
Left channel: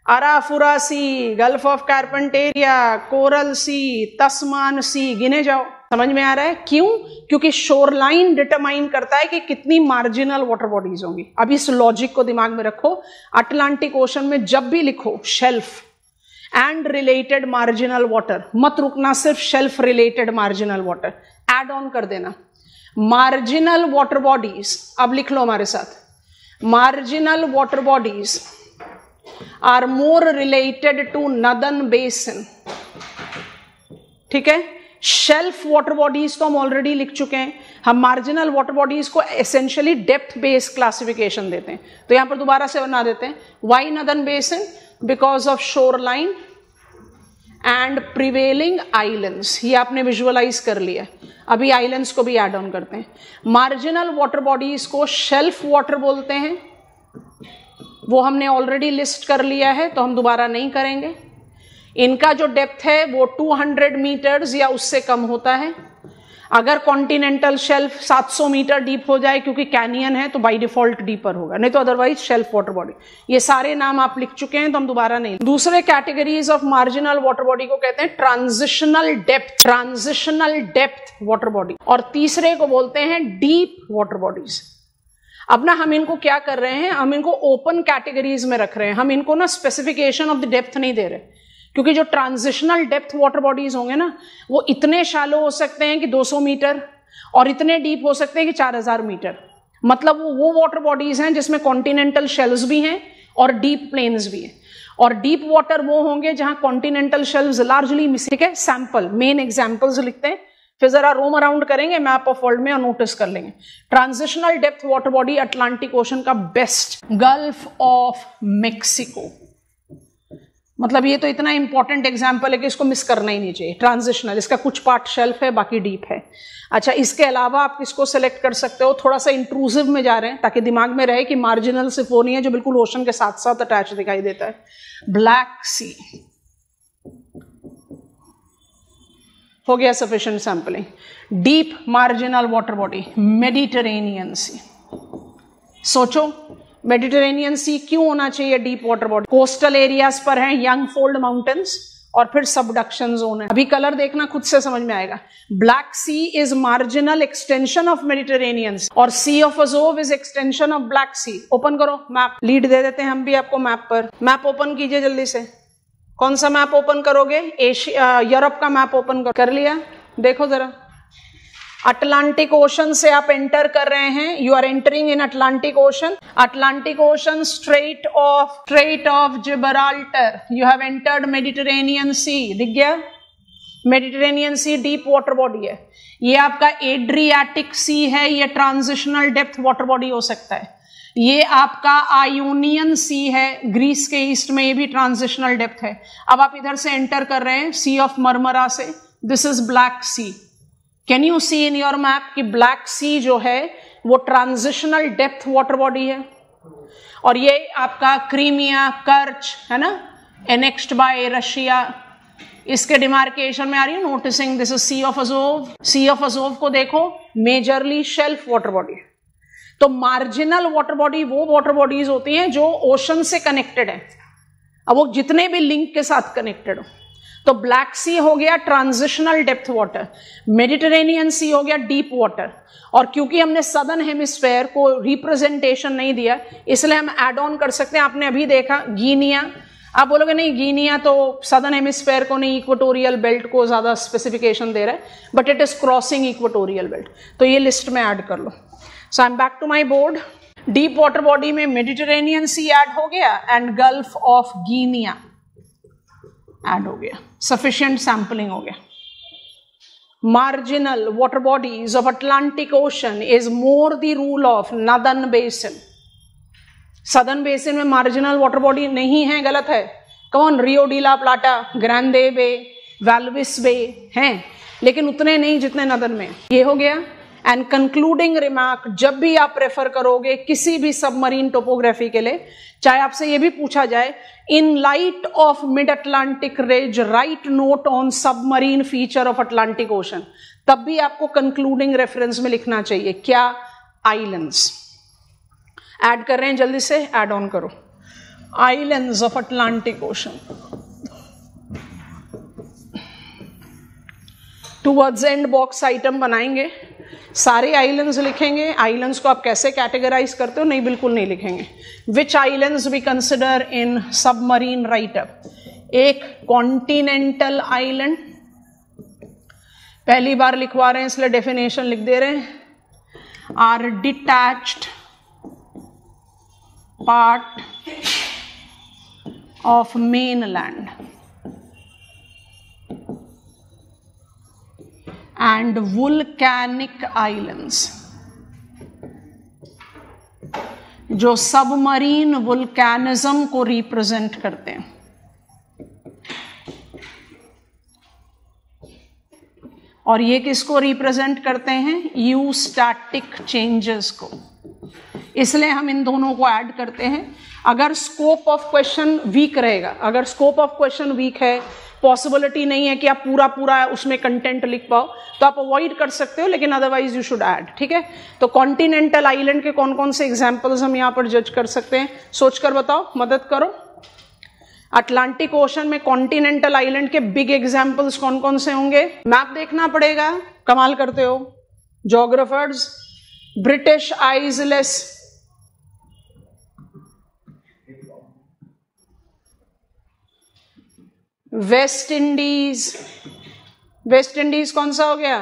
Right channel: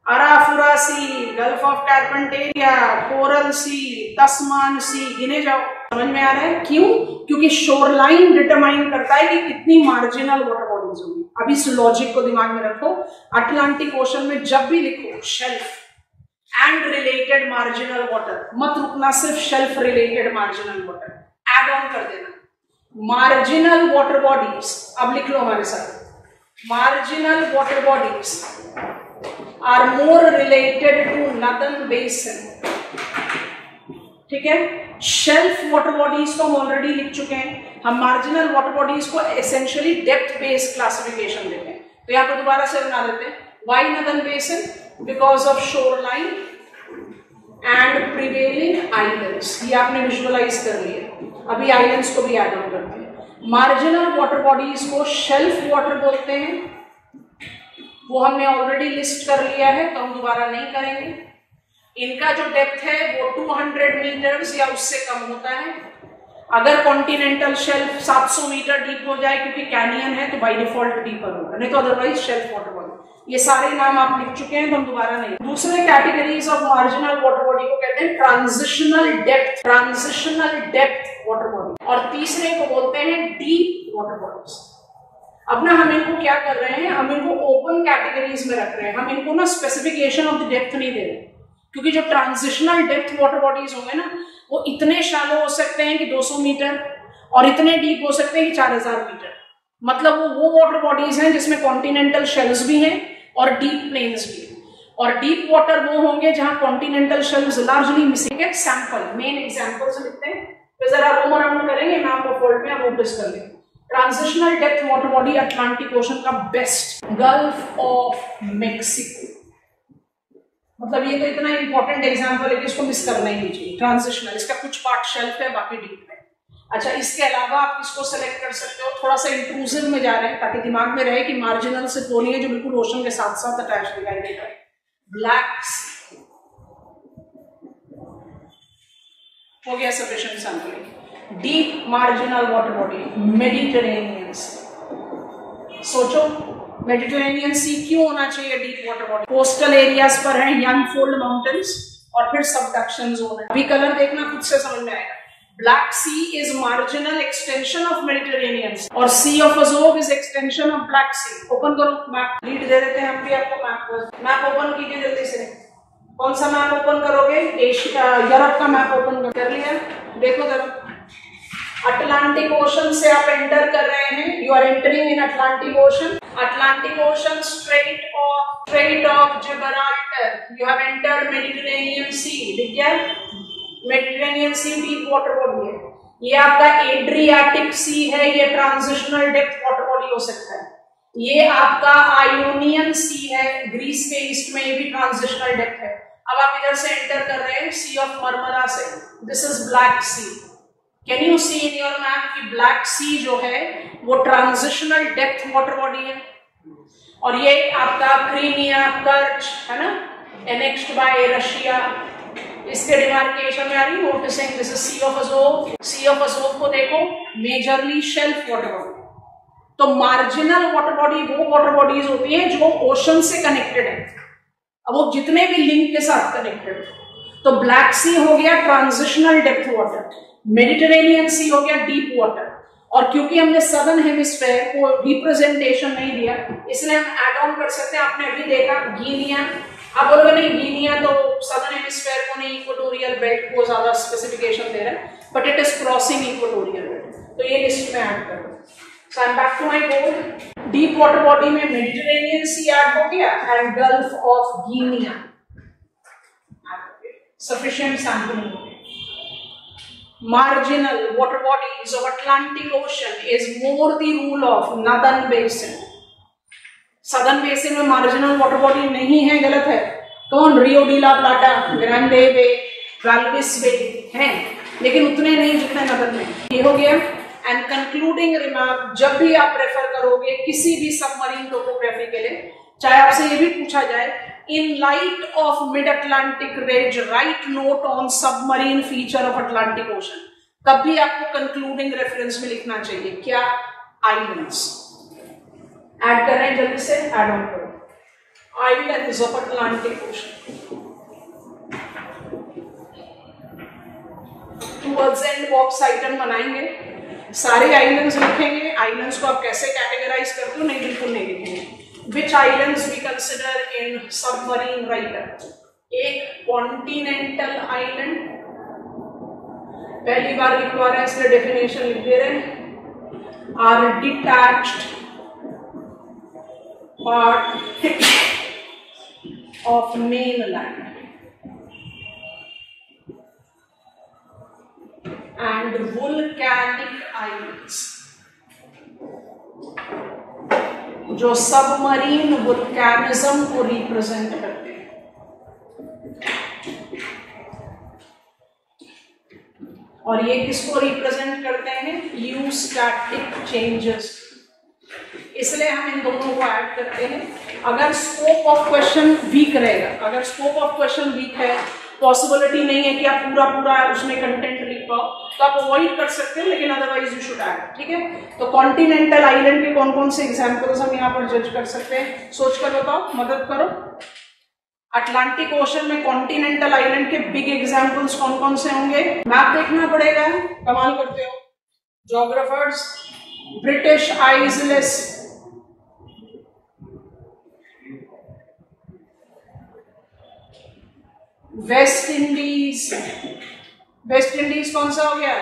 Arafura Sea, Gulf of Carpentaria, Coral Sea, Tasman Sea, गिने जाओ। समझ में आ रहा है क्यों? क्योंकि शोरलाइन डिटरमाइन करता है कि कितनी मार्जिनल वाटर बॉडीज होंगी। अब इस लॉजिक को दिमाग में रखो। अटलांटिक ओशन में जब भी लिखो shelf and related marginal water, मत रुकना सिर्फ shelf related marginal water, add on कर देना मार्जिनल वाटर बॉडीज। अब लिख लो हमारे साथ, marginal water bodies are more related to northern basin. ठीक है, शेल्फ वाटर बॉडीज को हम ऑलरेडी लिख चुके हैं। हम मार्जिनल वाटर बॉडीज को एसेंशियली डेप्थ बेस्ड क्लासिफिकेशन देते हैं, तो यहां पर दोबारा से बना देते हैं। Why northern basin? Because of shore line and prevailing islands. ये आपने विजुअलाइज कर लिया। अभी आइलैंड्स को भी एड ऑन करते हैं। मार्जिनल वाटर बॉडीज को शेल्फ वाटर बोलते हैं, वो हमने ऑलरेडी लिस्ट कर लिया है, तो हम दोबारा नहीं करेंगे। इनका जो डेप्थ है वो 200 मीटर्स या उससे कम होता है। अगर कॉन्टिनेंटल शेल्फ 700 मीटर डीप हो जाए क्योंकि कैनियन है तो बाय डिफॉल्ट डीपर होगा, नहीं तो अदरवाइज शेल्फ वाटर बॉडी। ये सारे नाम आप लिख चुके हैं तो हम दोबारा नहीं। दूसरे categories of marginal water body को कहते हैं ट्रांजिशनल डेप्थ वाटर बॉडी, और तीसरे को बोलते हैं डीप वाटर बॉडीज। अब ना हम इनको क्या कर रहे हैं, हम इनको ओपन कैटेगरीज में रख रहे हैं, हम इनको ना स्पेसिफिकेशन ऑफ द डेप्थ नहीं दे रहे, क्योंकि जो ट्रांजिशनल डेप्थ वाटर बॉडीज होंगे ना वो इतने शैलो हो सकते हैं कि 200 मीटर और इतने डीप हो सकते हैं कि 4000 मीटर। मतलब वो वाटर बॉडीज हैं जिसमें कॉन्टिनेंटल शेल्स भी हैं और डीप प्लेन्स भी हैं, और डीप वाटर वो होंगे जहां कॉन्टिनेंटल शेल्स लार्जली मिसिंग। ठीक है, सैंपल मेन एग्जांपल्स लिखते हैं, फिर जरा रोम अराउंड करेंगे मैप ऑफ वर्ल्ड में और नोटिस कर लेंगे। Transitional depth water body Atlantic ocean का बेस्ट, गल्फ ऑफ मेक्सिको। मतलब ये तो इतना इंपॉर्टेंट एग्जांपल है कि इसको मिस करना ही नहीं चाहिए। ट्रांजिशनल, इसका कुछ पार्ट शेल्फ है बाकी डीप है। अच्छा, इसके अलावा आप किसको सेलेक्ट कर सकते हो, थोड़ा सा इंट्रूसिव में जा रहे हैं ताकि दिमाग में रहे कि मार्जिनल सिर्फ वो नहीं है जो बिल्कुल ओशन के साथ साथ अटैच दिखाई देता है। ब्लैक सी हो गया sufficient sampling. Deep marginal water body Mediterranean sea. सोचो मेडिटेरेनियन सी क्यों होना चाहिए deep water body? Coastal areas पर है यंग फोल्ड माउंटेन्स और फिर सबडक्शन जोन है। अभी कलर देखना खुद से समझ में आएगा। Black Sea is marginal extension of Mediterranean और sea of Azov is extension of Black Sea. Open करो मैप, लीड दे देते हैं हम भी आपको मैप पर। मैप ओपन कीजिए जल्दी से। कौन सा मैप ओपन करोगे? यूरोप का मैप ओपन कर लिया। देखो जरा, अटलांटिक ओशन से आप एंटर कर रहे हैं, you are entering in Atlantic ocean. Atlantic ocean strait of Gibraltar, you have entered Mediterranean sea. दिख गया? Mediterranean sea deep water body है। ये आपका एड्रियाटिक सी है, ये ट्रांजिशनल डेप्थ वाटर बॉडी हो सकता है। ये आपका आयोनियन सी है, ग्रीस के ईस्ट में, ये भी ट्रांजिशनल डेप्थ है। अब आप इधर से एंटर कर रहे हैं सी ऑफ मरमरा से, this is Black Sea. Can you see in your map कि ब्लैक सी जो है वो ट्रांजिशनल डेप्थ वाटर बॉडी है। और ये आपका क्रीमिया, कर्च है ना, एनेक्स्ड बाय रशिया, इसके डिमार्केशन में आ रही noticing this is sea of Azov. Sea of Azov को देखो, मेजरली शेल्फ वाटर बॉडी। तो मार्जिनल वाटर बॉडी वो वाटर बॉडीज होती है जो ओशन से कनेक्टेड है, अब वो जितने भी लिंक के साथ कनेक्टेड हो। तो ब्लैक सी हो गया ट्रांजिशनल डेप्थ वाटर, मेडिटेरेनियन सी हो गया डीप वाटर। और क्योंकि हमने सदर्न हेमिस्फेयर को रिप्रेजेंटेशन नहीं दिया इसलिए हम एड ऑन कर सकते हैं। आपने अभी देखा गिनिया, आप बोलोगे नहीं गिनिया तो सदर्न हेमिस्फेयर को नहीं, इक्वेटोरियल बेल्ट को ज्यादा स्पेसिफिकेशन दे रहा है, but it is crossing equatorial belt, तो ये लिस्ट में ऐड कर लो। So I am back to my board. Deep water body में मेडिटेरेनियन सी ऐड हो गया and Gulf of Guinea add हो गया। सफिशिएंट सैंपलिंग हो गया। Marginal water bodies of Atlantic Ocean is more the rule of Northern Basin. Southern Basin में marginal water body नहीं है, गलत है। कौन? रियो डी ला प्लाटा, ग्रांडे बे, गाल्विस बे हैं, लेकिन उतने नहीं जितने नदन में। ये हो गया। एंड कंक्लूडिंग रिमार्क, जब भी आप प्रेफर करोगे किसी भी सबमरीन टोपोग्राफी के लिए, चाहे आपसे ये भी पूछा जाए in light of mid-Atlantic ridge, write note on submarine feature of Atlantic Ocean, तब भी आपको कंक्लूडिंग रेफरेंस में लिखना चाहिए क्या? आइलैंड्स। ऐड कर रहे हैं, जल्दी से ऐड ऑन करो। Islands of Atlantic ocean. Towards and box item बनाएंगे, सारे आइलैंड्स लिखेंगे। आइलैंड्स को आप कैसे कैटेगराइज करते हो? नहीं, बिल्कुल नहीं लिखेंगे। Which islands we consider in submarine write-up? एक कॉन्टिनेंटल आइलैंड, पहली बार लिखवा रहे हैं इसलिए डेफिनेशन लिख दे रहे हैं। Are detached part of mainland and volcanic islands, जो सबमरीन वुल्कैनिज्म को रिप्रेजेंट करते हैं। और ये किसको रिप्रेजेंट करते हैं? यूस्टैटिक चेंजेस को। इसलिए हम इन दोनों को ऐड करते हैं। अगर स्कोप ऑफ क्वेश्चन वीक रहेगा, अगर स्कोप ऑफ क्वेश्चन वीक है पॉसिबिलिटी नहीं है कि आप पूरा पूरा उसमें कंटेंट लिख पाओ, तो आप अवॉइड कर सकते हो, लेकिन अदरवाइज यू शुड ऐड। ठीक है, तो कॉन्टिनेंटल आइलैंड के कौन कौन से एग्जाम्पल्स हम यहाँ पर जज कर सकते हैं, सोचकर बताओ, मदद करो। अटलांटिक ओशन में कॉन्टिनेंटल आइलैंड के बिग एग्जाम्पल्स कौन कौन से होंगे? मैप देखना पड़ेगा, कमाल करते हो geographers. British isles, West Indies, West Indies कौन सा हो गया?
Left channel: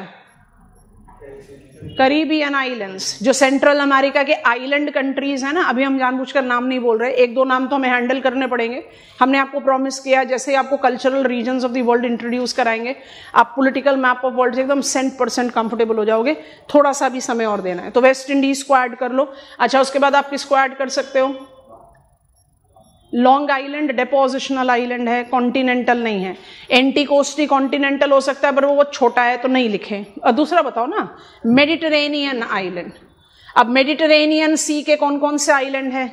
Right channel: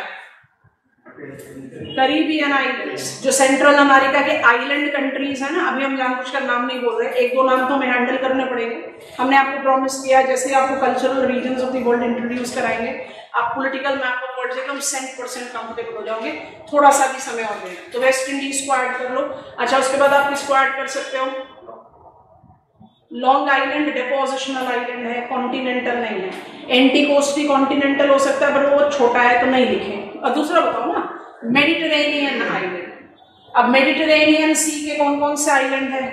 कैरिबियन आइलैंड्स, जो सेंट्रल अमेरिका के आइलैंड कंट्रीज है ना, अभी हम जानबूझकर नाम नहीं बोल रहे, एक दो नाम तो हमें हैंडल करने पड़ेंगे। हमने आपको प्रॉमिस किया जैसे आपको cultural regions of the world introduce कराएंगे, आप पॉलिटिकल मैप ऑफ वर्ल्ड से एकदम 100% कंफर्टेबल हो जाओगे, थोड़ा सा भी समय और देना है। तो वेस्ट इंडीज को ऐड कर लो। अच्छा, उसके बाद आप किसको ऐड कर सकते हो? लॉन्ग आइलैंड डेपोजिशनल आइलैंड है, कॉन्टिनेंटल नहीं है। एंटीकोस्टी कॉन्टिनेंटल हो सकता है, पर वो बहुत छोटा है तो नहीं लिखे। और दूसरा बताओ ना, मेडिटेरेनियन आइलैंड। अब मेडिटेरेनियन सी के कौन कौन से आइलैंड है?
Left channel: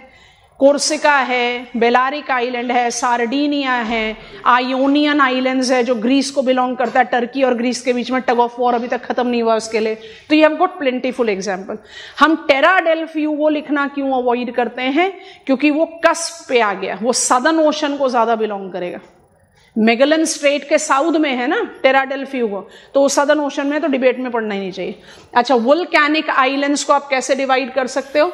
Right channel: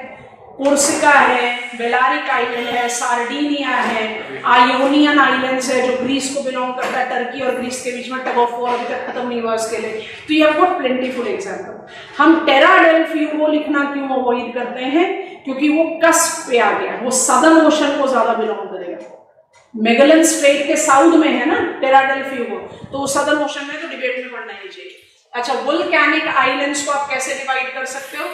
कोर्सिका है, बेलारिक आइलैंड है, सार्डिनिया है, आयोनियन आइलैंड्स है जो ग्रीस को बिलोंग करता है, टर्की और ग्रीस के बीच में टग ऑफ वॉर अभी तक खत्म नहीं हुआ उसके लिए। तो ये आपको प्लेंटीफुल एग्जांपल। हम टेरा डेल फ्यूगो लिखना क्यों अवॉइड करते हैं? क्योंकि वो कस्प पे आ गया, वो सदर्न ओशन को ज्यादा बिलोंग करेगा। मेगलन स्ट्रेट के साउथ में है ना टेरा डेल फ्यूगो, तो वो सदर्न ओशन में तो डिबेट में पढ़ना ही नहीं चाहिए। अच्छा, वोल्केनिक आइलैंड्स को आप कैसे डिवाइड कर सकते हो?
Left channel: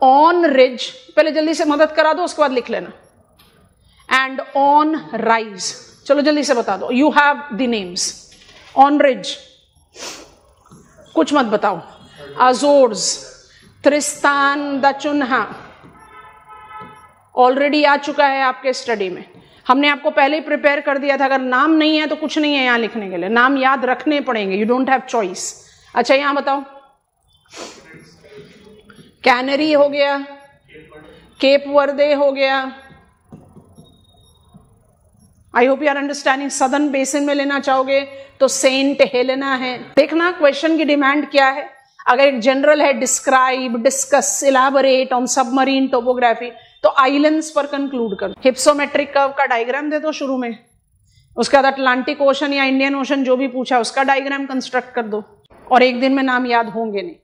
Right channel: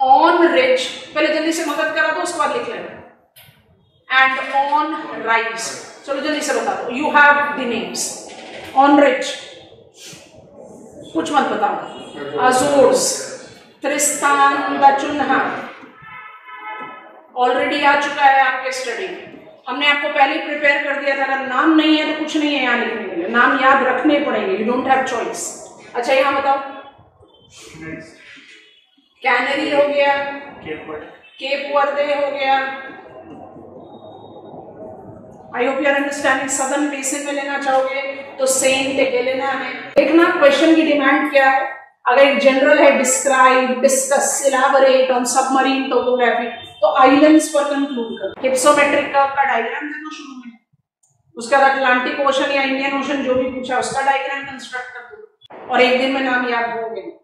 ऑन रिज, पहले जल्दी से मदद करा दो, उसके बाद लिख लेना। एंड ऑन राइज, चलो जल्दी से बता दो, you have the names. On ridge, कुछ मत बताओ। अजोर्स, त्रिस्तान दा चुन्हा ऑलरेडी आ चुका है आपके स्टडी में, हमने आपको पहले ही प्रिपेयर कर दिया था। अगर नाम नहीं है तो कुछ नहीं है यहाँ लिखने के लिए, नाम याद रखने पड़ेंगे, यू डोंट हैव चॉइस। अच्छा, यहां बताओ, कैनरी हो गया, केप वर्दे हो गया। I hope you are understanding. Southern basin में लेना चाहोगे तो सेंट हेलेना है। देखना क्वेश्चन की डिमांड क्या है। अगर एक जनरल है, describe, discuss, elaborate on submarine topography, तो आइलैंड्स पर कंक्लूड कर। हिप्सोमेट्रिक कर्व का डायग्राम दे दो शुरू में, उसके बाद अटलांटिक ओशन या इंडियन ओशन जो भी पूछा उसका डायग्राम कंस्ट्रक्ट कर दो, और एक दिन में नाम याद होंगे नहीं।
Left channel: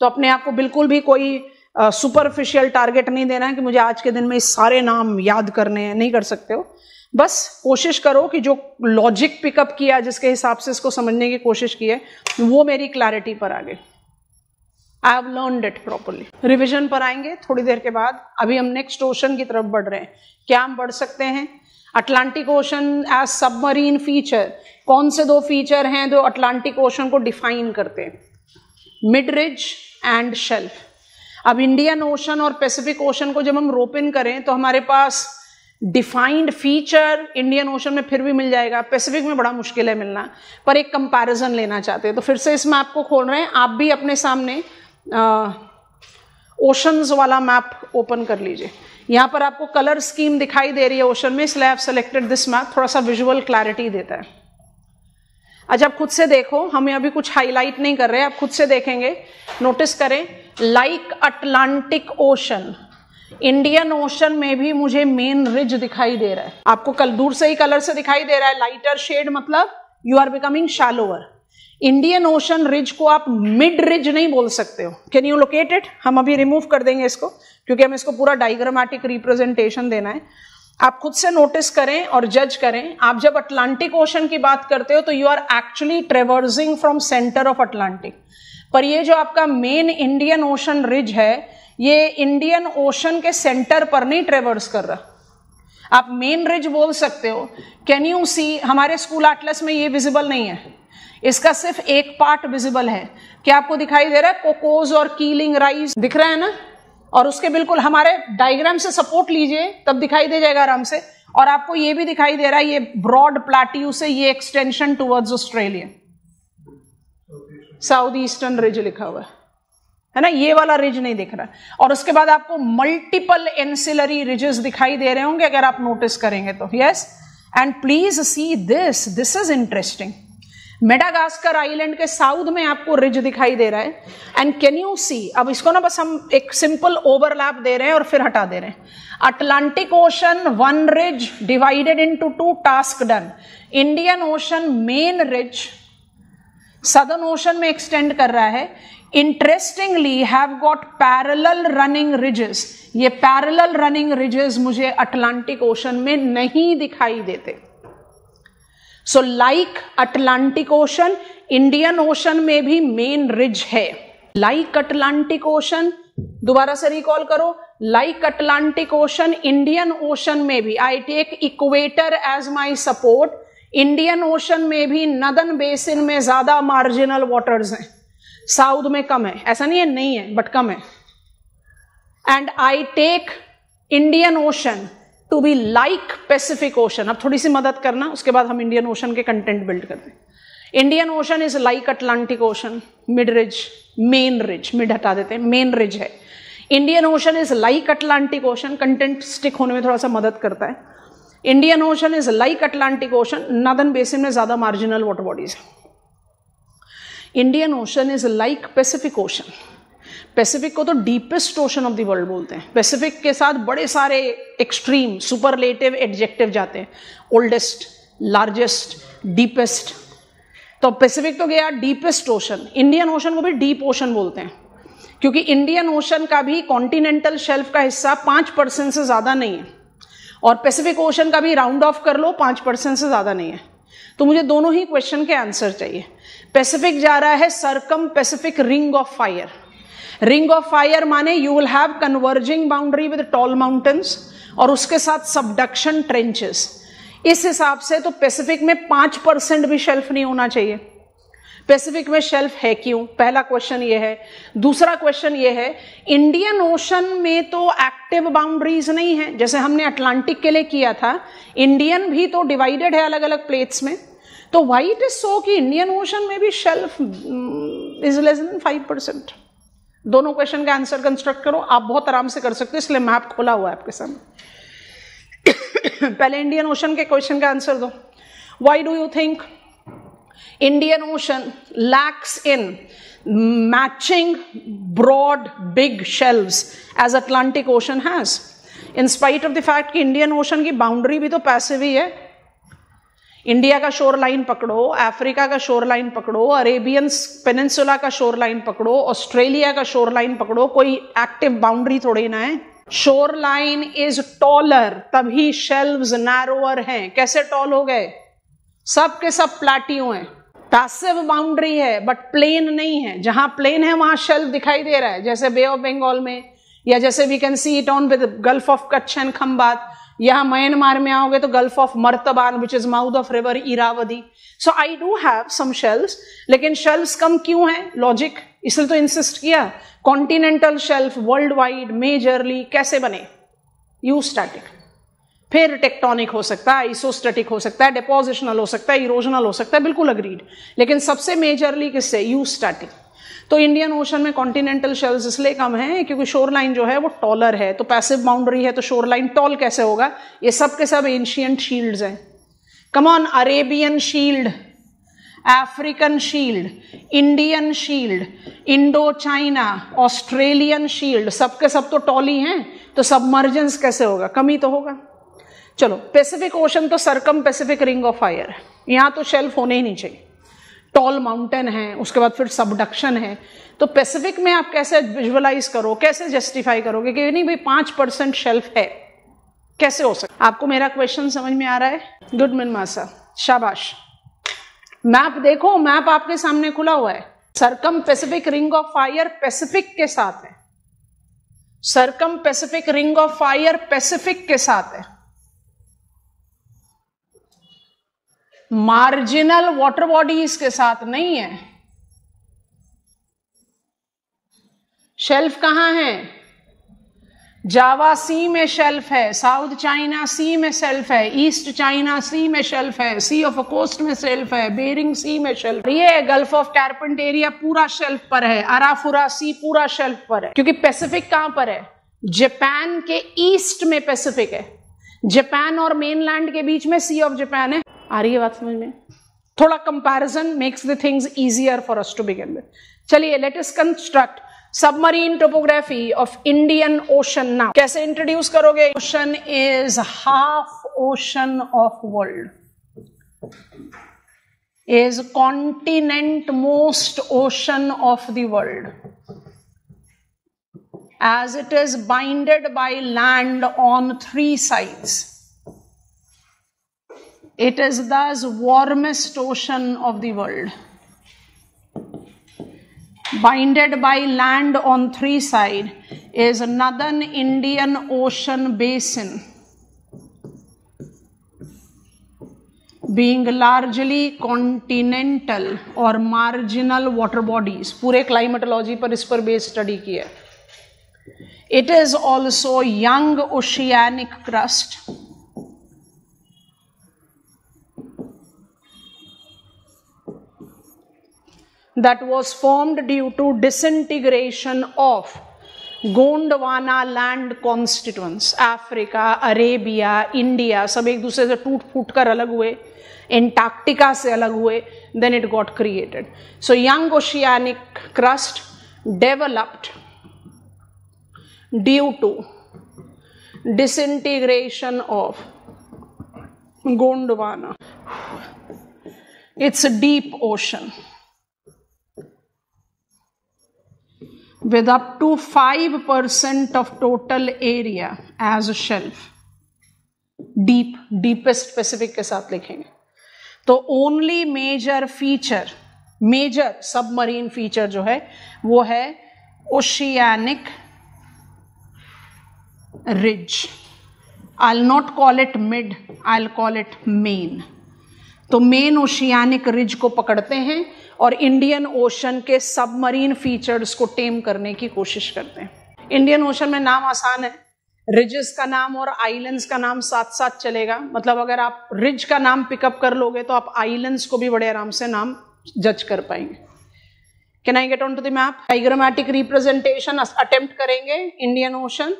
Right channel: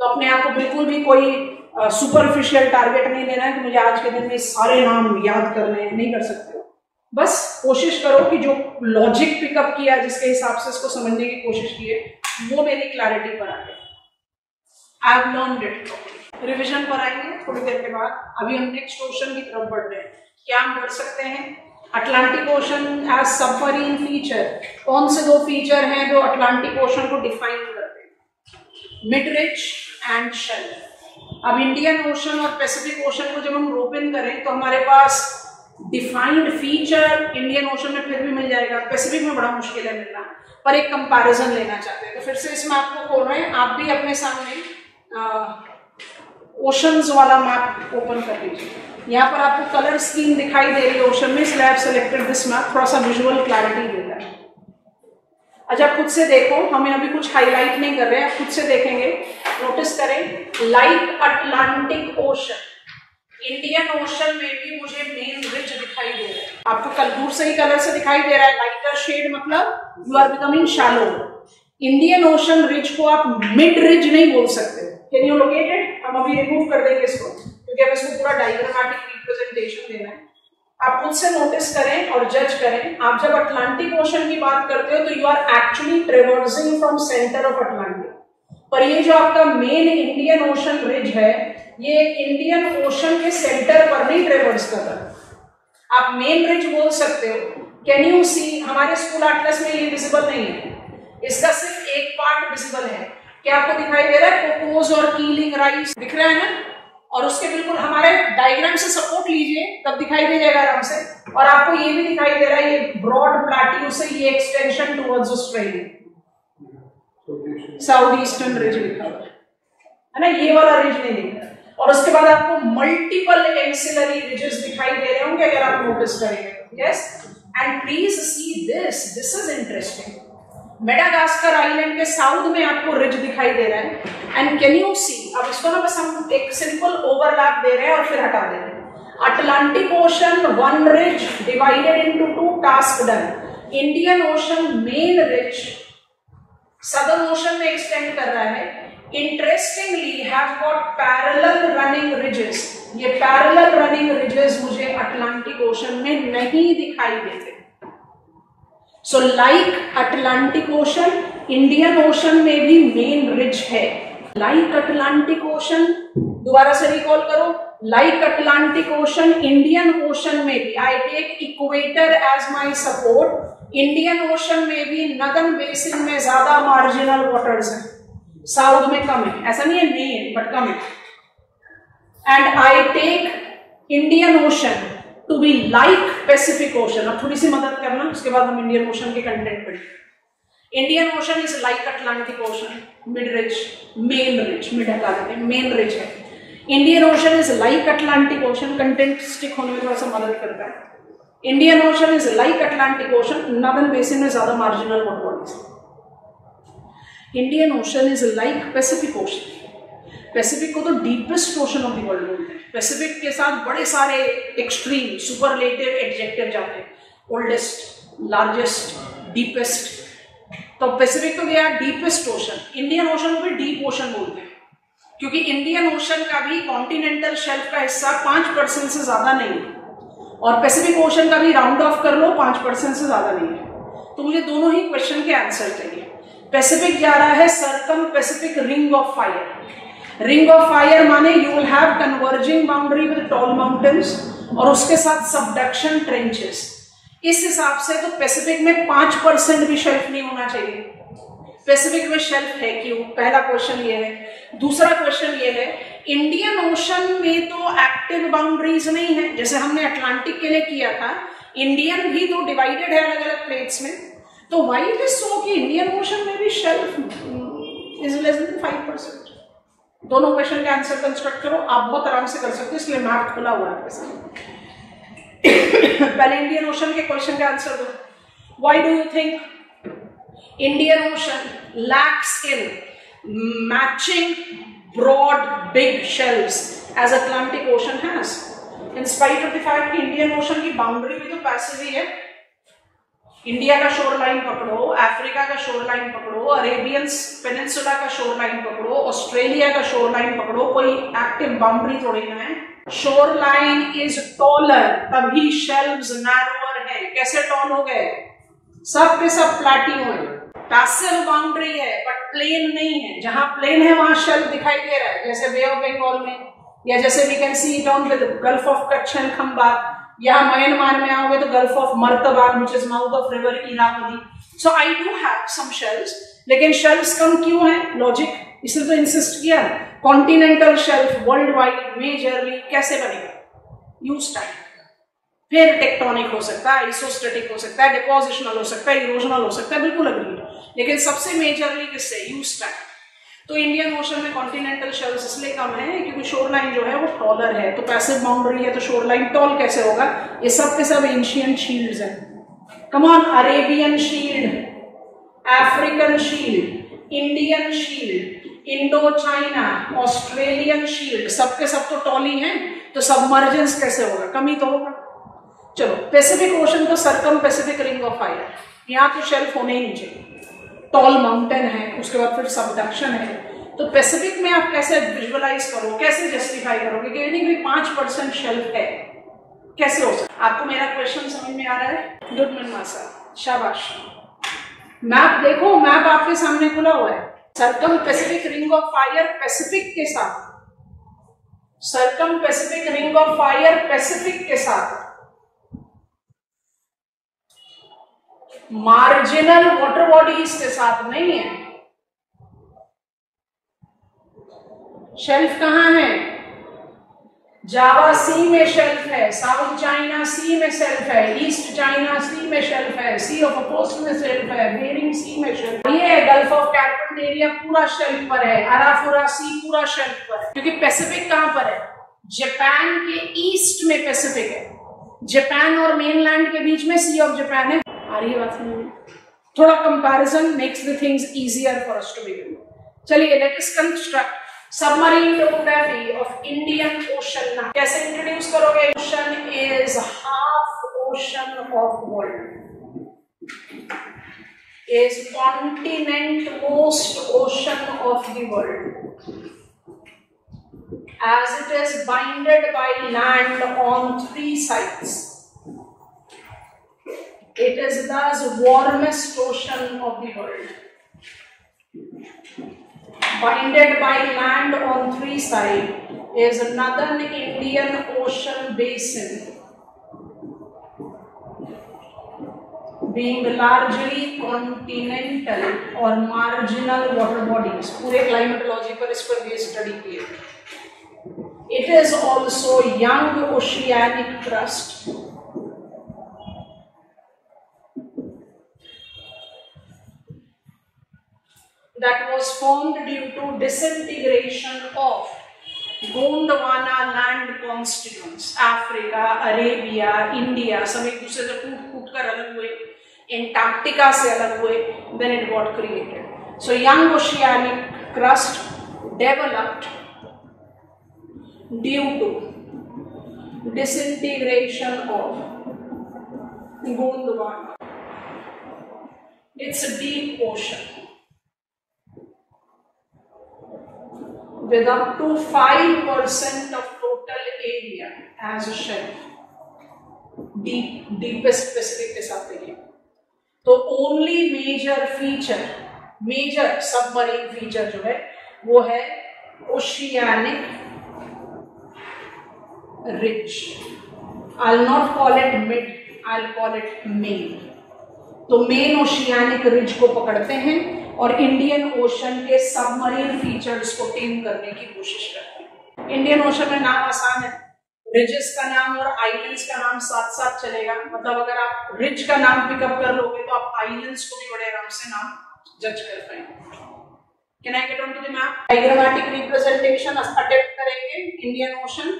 तो अपने आप को बिल्कुल भी कोई सुपरफिशियल टारगेट नहीं देना है कि मुझे आज के दिन में सारे नाम याद करने हैं, नहीं कर सकते हो। बस कोशिश करो कि जो लॉजिक पिकअप किया, जिसके हिसाब से इसको समझने की कोशिश की है, वो मेरी क्लैरिटी पर आ गई। I have learned it properly. Revision पर आएंगे थोड़ी देर के बाद। अभी हम नेक्स्ट ओशन की तरफ बढ़ रहे हैं। क्या हम बढ़ सकते हैं? Atlantic ocean as submarine feature. कौन से दो फीचर हैं जो अटलांटिक ओशन को डिफाइन करते हैं? Mid ridge and shelf. अब इंडियन ओशन और पैसिफिक ओशन को जब हम रोप इन करें तो हमारे पास डिफाइंड फीचर इंडियन ओशन में फिर भी मिल जाएगा, पैसिफिक में बड़ा मुश्किल है मिलना, पर एक कंपैरिजन लेना चाहते हैं तो फिर से इसमें आपको खोल रहे हैं। आप भी अपने सामने ओशंस वाला मैप ओपन कर लीजिए। यहाँ पर आपको कलर स्कीम दिखाई दे रही है ओशन में, इसलिए आप सेलेक्टेड दिस मैप, थोड़ा सा विजुअल क्लैरिटी देता है। अच्छा, खुद से देखो, हमें अभी कुछ हाईलाइट नहीं कर रहे हैं, आप खुद से देखेंगे, नोटिस करें। Like Atlantic Ocean, Indian ocean में भी मुझे मेन रिज दिखाई दे रहा है। आपको कल दूर से ही कलर से दिखाई दे रहा है, लाइटर शेड मतलब you are becoming shallower. Indian ocean ridge को आप मिड रिज नहीं बोल सकते हो। Can you locate it? हम अभी रिमूव कर देंगे इसको, क्योंकि हमें इसको पूरा डायग्रामेटिक रिप्रेजेंटेशन देना है। आप खुद से नोटिस करें और जज करें। आप जब अटलांटिक ओशन की बात करते हो तो you are actually traversing from centre of Atlantic, पर ये जो आपका मेन इंडियन ओशन रिज है, ये इंडियन ओशन के सेंटर पर नहीं ट्रेवर्स कर रहा। आप मेन रिज बोल सकते हो। कैन यू सी, हमारे स्कूल एटलस में ये विजिबल नहीं है, इसका सिर्फ एक पार्ट विजिबल है। क्या आपको दिखाई दे रहा है? कोकोज और कीलिंग राइज दिख रहा है ना, और उसके बिल्कुल हमारे डायग्राम से सपोर्ट लीजिए तब दिखाई दे जाएगा आराम से। और आपको ये भी दिखाई दे रहा है, ये ब्रॉड प्लेट्यू से ये extension towards Australia, south eastern ridge लिखा हुआ है ना, ये वाला रिज नहीं दिख रहा। और उसके बाद आपको मल्टीपल एंसिलरी रिजेस दिखाई दे रहे होंगे अगर आप नोटिस करेंगे तो। Yes, and please see this, this is interesting. Madagascar island के साउथ में आपको रिज दिखाई दे रहा है। एंड कैन यू सी, अब इसको ना बस हम एक सिंपल ओवरलैप दे रहे हैं और फिर हटा दे रहे हैं। Atlantic ocean one ridge divided into two, task done. Indian ocean main ridge southern ocean में एक्सटेंड कर रहा है. Interestingly have got parallel running ridges. ये पैरेलल रनिंग रिजेस मुझे अटलांटिक ओशन में नहीं दिखाई देते. So like Atlantic Ocean, Indian ocean में भी मेन रिज है. लाइक अटलांटिक ओशन, दोबारा से रिकॉल करो, like Atlantic Ocean, Indian ocean में भी I take equator as my support. Indian ocean में भी नदर्न बेसिन में ज्यादा मार्जिनल वाटर्स हैं, साउथ में कम है. ऐसा नहीं है नहीं है, बट कम है. And I take Indian ocean to be like Pacific ocean. अब थोड़ी सी मदद करना, उसके बाद हम इंडियन ओशन के कंटेंट बिल्ड करते हैं. Indian ocean is like Atlantic ocean, mid ridge, main ridge, mid हटा देते हैं, मेन रिज है. Indian ocean is like Atlantic ocean, content stick होने में थोड़ा सा मदद करता है. Indian ocean is like Atlantic ocean, northern basin में ज्यादा marginal water bodies. Indian ocean is like Pacific ocean. Pacific को तो deepest ocean of the world बोलते हैं. पैसिफिक के साथ बड़े सारे एक्सट्रीम सुपरलेटिव एडजेक्टिव जाते हैं. Oldest, largest, deepest. तो पैसिफिक तो गया डीपेस्ट ओशन. इंडियन ओशन को भी डीप ओशन बोलते हैं, क्योंकि इंडियन ओशन का भी कॉन्टिनेंटल शेल्फ का हिस्सा 5% से ज्यादा नहीं है, और पैसिफिक ओशन का भी राउंड ऑफ कर लो 5% से ज्यादा नहीं है. तो मुझे दोनों ही क्वेश्चन के आंसर चाहिए. पैसिफिक जा रहा है circum Pacific ring of fire. Ring of fire माने you will have converging boundary with tall mountains और उसके साथ सबडक्शन ट्रेंचेस. इस हिसाब से तो पैसिफिक में 5% भी शेल्फ नहीं होना चाहिए. पैसिफिक में शेल्फ है क्यों? पहला क्वेश्चन ये है. दूसरा क्वेश्चन ये है, इंडियन ओशन में तो एक्टिव बाउंड्रीज नहीं है जैसे हमने अटलांटिक के लिए किया था. इंडियन भी तो डिवाइडेड है अलग अलग प्लेट्स में. तो व्हाई इट इज सो कि इंडियन ओशन में भी शेल्फ इज लेस देन 5%? दोनों क्वेश्चन का आंसर कंस्ट्रक्ट करो. आप बहुत आराम से कर सकते हो, इसलिए मैप खोला हुआ है आपके सामने. पहले इंडियन ओशन के क्वेश्चन का आंसर दो. Why do you think Indian ocean lacks in matching broad big shelves as Atlantic ocean has, in spite of the fact कि इंडियन ओशन की बाउंड्री भी तो पैसिव ही है. इंडिया का शोर लाइन पकड़ो, अफ्रीका का शोर लाइन पकड़ो, अरेबियन पेनिनसुला का शोर लाइन पकड़ो, ऑस्ट्रेलिया का शोर लाइन पकड़ो, कोई एक्टिव बाउंड्री थोड़ी ना है. शोर लाइन इज टॉलर, तभी शेल्व्स नैरोअर हैं. कैसे टॉल हो गए? सब के सब प्लाटियो हैं. पैसिव बाउंड्री है बट प्लेन नहीं है. जहां प्लेन है वहां शेल्व दिखाई दे रहा है, जैसे बे ऑफ बंगाल में, या जैसे we can see it on with Gulf of Kutch and Khambhat. यहाँ म्यांमार में आओगे तो Gulf of Martaban which is mouth of river Irrawaddy. So I do have some shelves, लेकिन शेल्व्स कम क्यों है? लॉजिक, इसलिए तो इंसिस्ट किया. Continental shelf world wide majorly कैसे बने? यूस्टैटिक. फिर टेक्टोनिक हो सकता है, आइसोस्टैटिक हो सकता है, डिपोजिशनल हो सकता है, इरोजनल हो सकता है, बिल्कुल अग्रीड. लेकिन सबसे मेजरली किससे? यूस्टैटिक. तो इंडियन ओशन में कॉन्टिनेंटल शेल्व्स इसलिए कम है क्योंकि शोर लाइन जो है वो टॉलर है. तो पैसिव बाउंड्री है तो शोर लाइन टॉल कैसे होगा? ये सब के सब एंशिएंट शील्ड्स हैं. Come on, Arabian shield, African shield, Indian shield, Indo China, Australian shield, सबके सब तो टॉल ही हैं. तो सबमर्जेंस कैसे होगा? कमी तो होगा. चलो, पैसिफिक ओशन तो circum Pacific ring of fire, यहां तो शेल्फ होने ही नहीं चाहिए. टॉल माउंटेन है, उसके बाद फिर सबडक्शन है. तो पैसिफिक में आप कैसे विजुअलाइज करो, कैसे जस्टिफाई करोगे कि नहीं भाई 5% शेल्फ है? कैसे हो सकता? आपको मेरा क्वेश्चन समझ में आ रहा है? गुड मनमासा, शाबाश. मैप देखो, मैप आपके सामने खुला हुआ है. Circum Pacific ring of fire Pacific के साथ है. Circum Pacific ring of fire Pacific के साथ है. मार्जिनल वाटर बॉडीज के साथ नहीं है. शेल्फ कहां है? जावा सी में शेल्फ है, साउथ चाइना सी में शेल्फ है, ईस्ट चाइना सी में शेल्फ है, सी ऑफ अकोस्ट में शेल्फ है, बेरिंग सी में शेल्फ है. ये गल्फ ऑफ कार्पेंटेरिया पूरा शेल्फ पर है, अराफुरा सी पूरा शेल्फ पर है. क्योंकि पैसिफिक कहां पर है? जापान के ईस्ट में पैसिफिक है. जापान और मेनलैंड के बीच में सी ऑफ जापान है. आ रही है बात समझ में? थोड़ा comparison makes the things easier for us to begin with. चलिए, let us construct submarine topography of Indian ocean now. कैसे इंट्रोड्यूस करोगे? Ocean is half ocean of world. is continent most ocean of the world, as it is bounded by land on 3 sides. It is thus warmest ocean of the world. Bounded by land on 3 sides is Northern Indian Ocean Basin, being largely continental और marginal water bodies. पूरे climatology पर इस पर बेस स्टडी किया. It is also young oceanic crust that was formed due to disintegration of Gondwana land constituents. Africa, Arabia, India सब एक दूसरे से टूट फूट कर अलग हुए, एंटार्क्टिका से अलग हुए, then it got created. So young oceanic crust developed due to disintegration of Gondwana. It's a deep ocean with up to 5% of total area as a shelf. deepest specific के साथ लिखेंगे. तो only major feature, major submarine feature जो है वो है oceanic ridge. I'll not call it mid, I'll call it main. तो मेन ओशियानिक रिज को पकड़ते हैं और इंडियन ओशन के सबमरीन फीचर्स को टेम करने की कोशिश करते हैं. इंडियन ओशन में नाम आसान है, रिजेस का नाम और आइलैंड्स का नाम साथ साथ चलेगा. मतलब अगर आप रिज का नाम पिकअप कर लोगे तो आप आइलैंड्स को भी बड़े आराम से नाम जज कर पाएंगे. Can I get on to the map? Diagrammatic representation attempt करेंगे इंडियन ओशन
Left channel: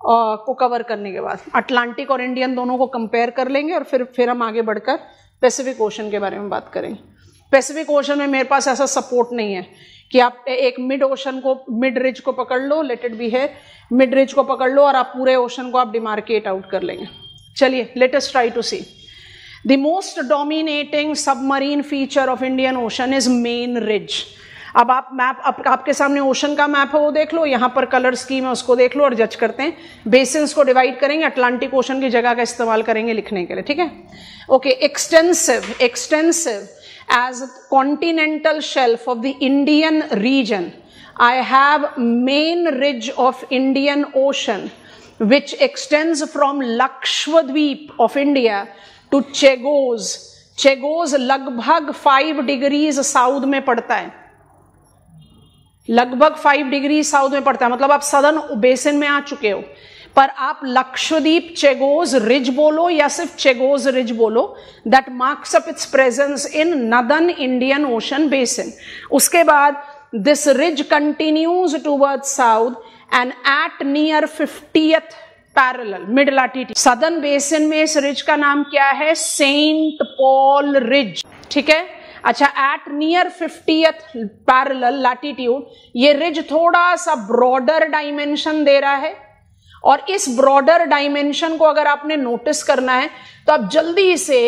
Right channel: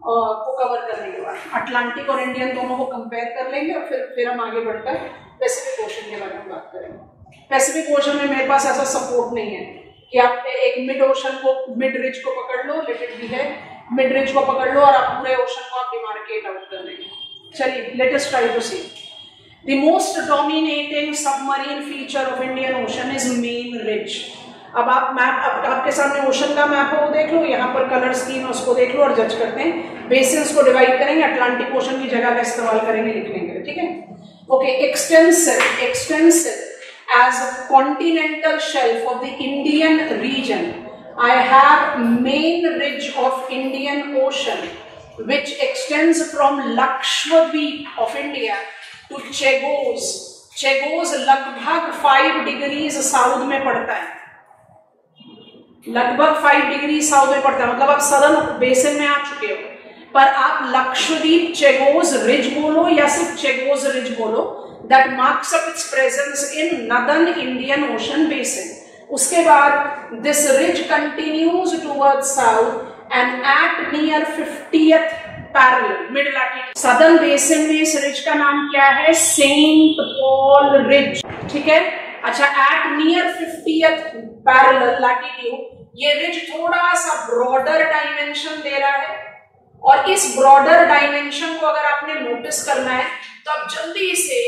को कवर करने के बाद. अटलांटिक और इंडियन दोनों को कंपेयर कर लेंगे और फिर हम आगे बढ़कर पैसिफिक ओशन के बारे में बात करेंगे. पैसिफिक ओशन में मेरे पास ऐसा सपोर्ट नहीं है कि आप एक मिड ओशन को, मिड रिज को पकड़ लो, लेट इट बी है, मिड रिज को पकड़ लो और आप पूरे ओशन को आप डिमार्केट आउट कर लेंगे. चलिए let us try to see. The most dominating submarine feature of Indian ocean is main ridge. अब आप मैप, आपके सामने ओशन का मैप है वो देख लो, यहाँ पर कलर स्कीम है उसको देख लो और जज करते हैं. बेसिन्स को डिवाइड करेंगे, अटलांटिक ओशन की जगह का इस्तेमाल करेंगे लिखने के लिए. ठीक है, okay. Extensive as continental shelf of the Indian region, I have main ridge of Indian Ocean which extends from Lakshadweep of India to Chagos. Chagos लगभग 5 डिग्रीज साउथ में पड़ता है, लगभग 5 डिग्री साउथ में पड़ता है. मतलब आप सदर्न बेसिन में आ चुके हो, पर आप लक्षद्वीप चेगोज रिज बोलो या सिर्फ चेगोज रिज बोलो, that marks up its presence in northern Indian ocean basin. उसके बाद this ridge continues toward south and at near 50th parallel mid latitude. Southern basin में इस रिज का नाम क्या है? Saint Paul ridge. ठीक है, अच्छा. At near 50th parallel latitude ये रिज थोड़ा सा ब्रॉडर डायमेंशन दे रहा है, और इस ब्रॉडर डायमेंशन को अगर आपने नोटिस करना है तो आप जल्दी से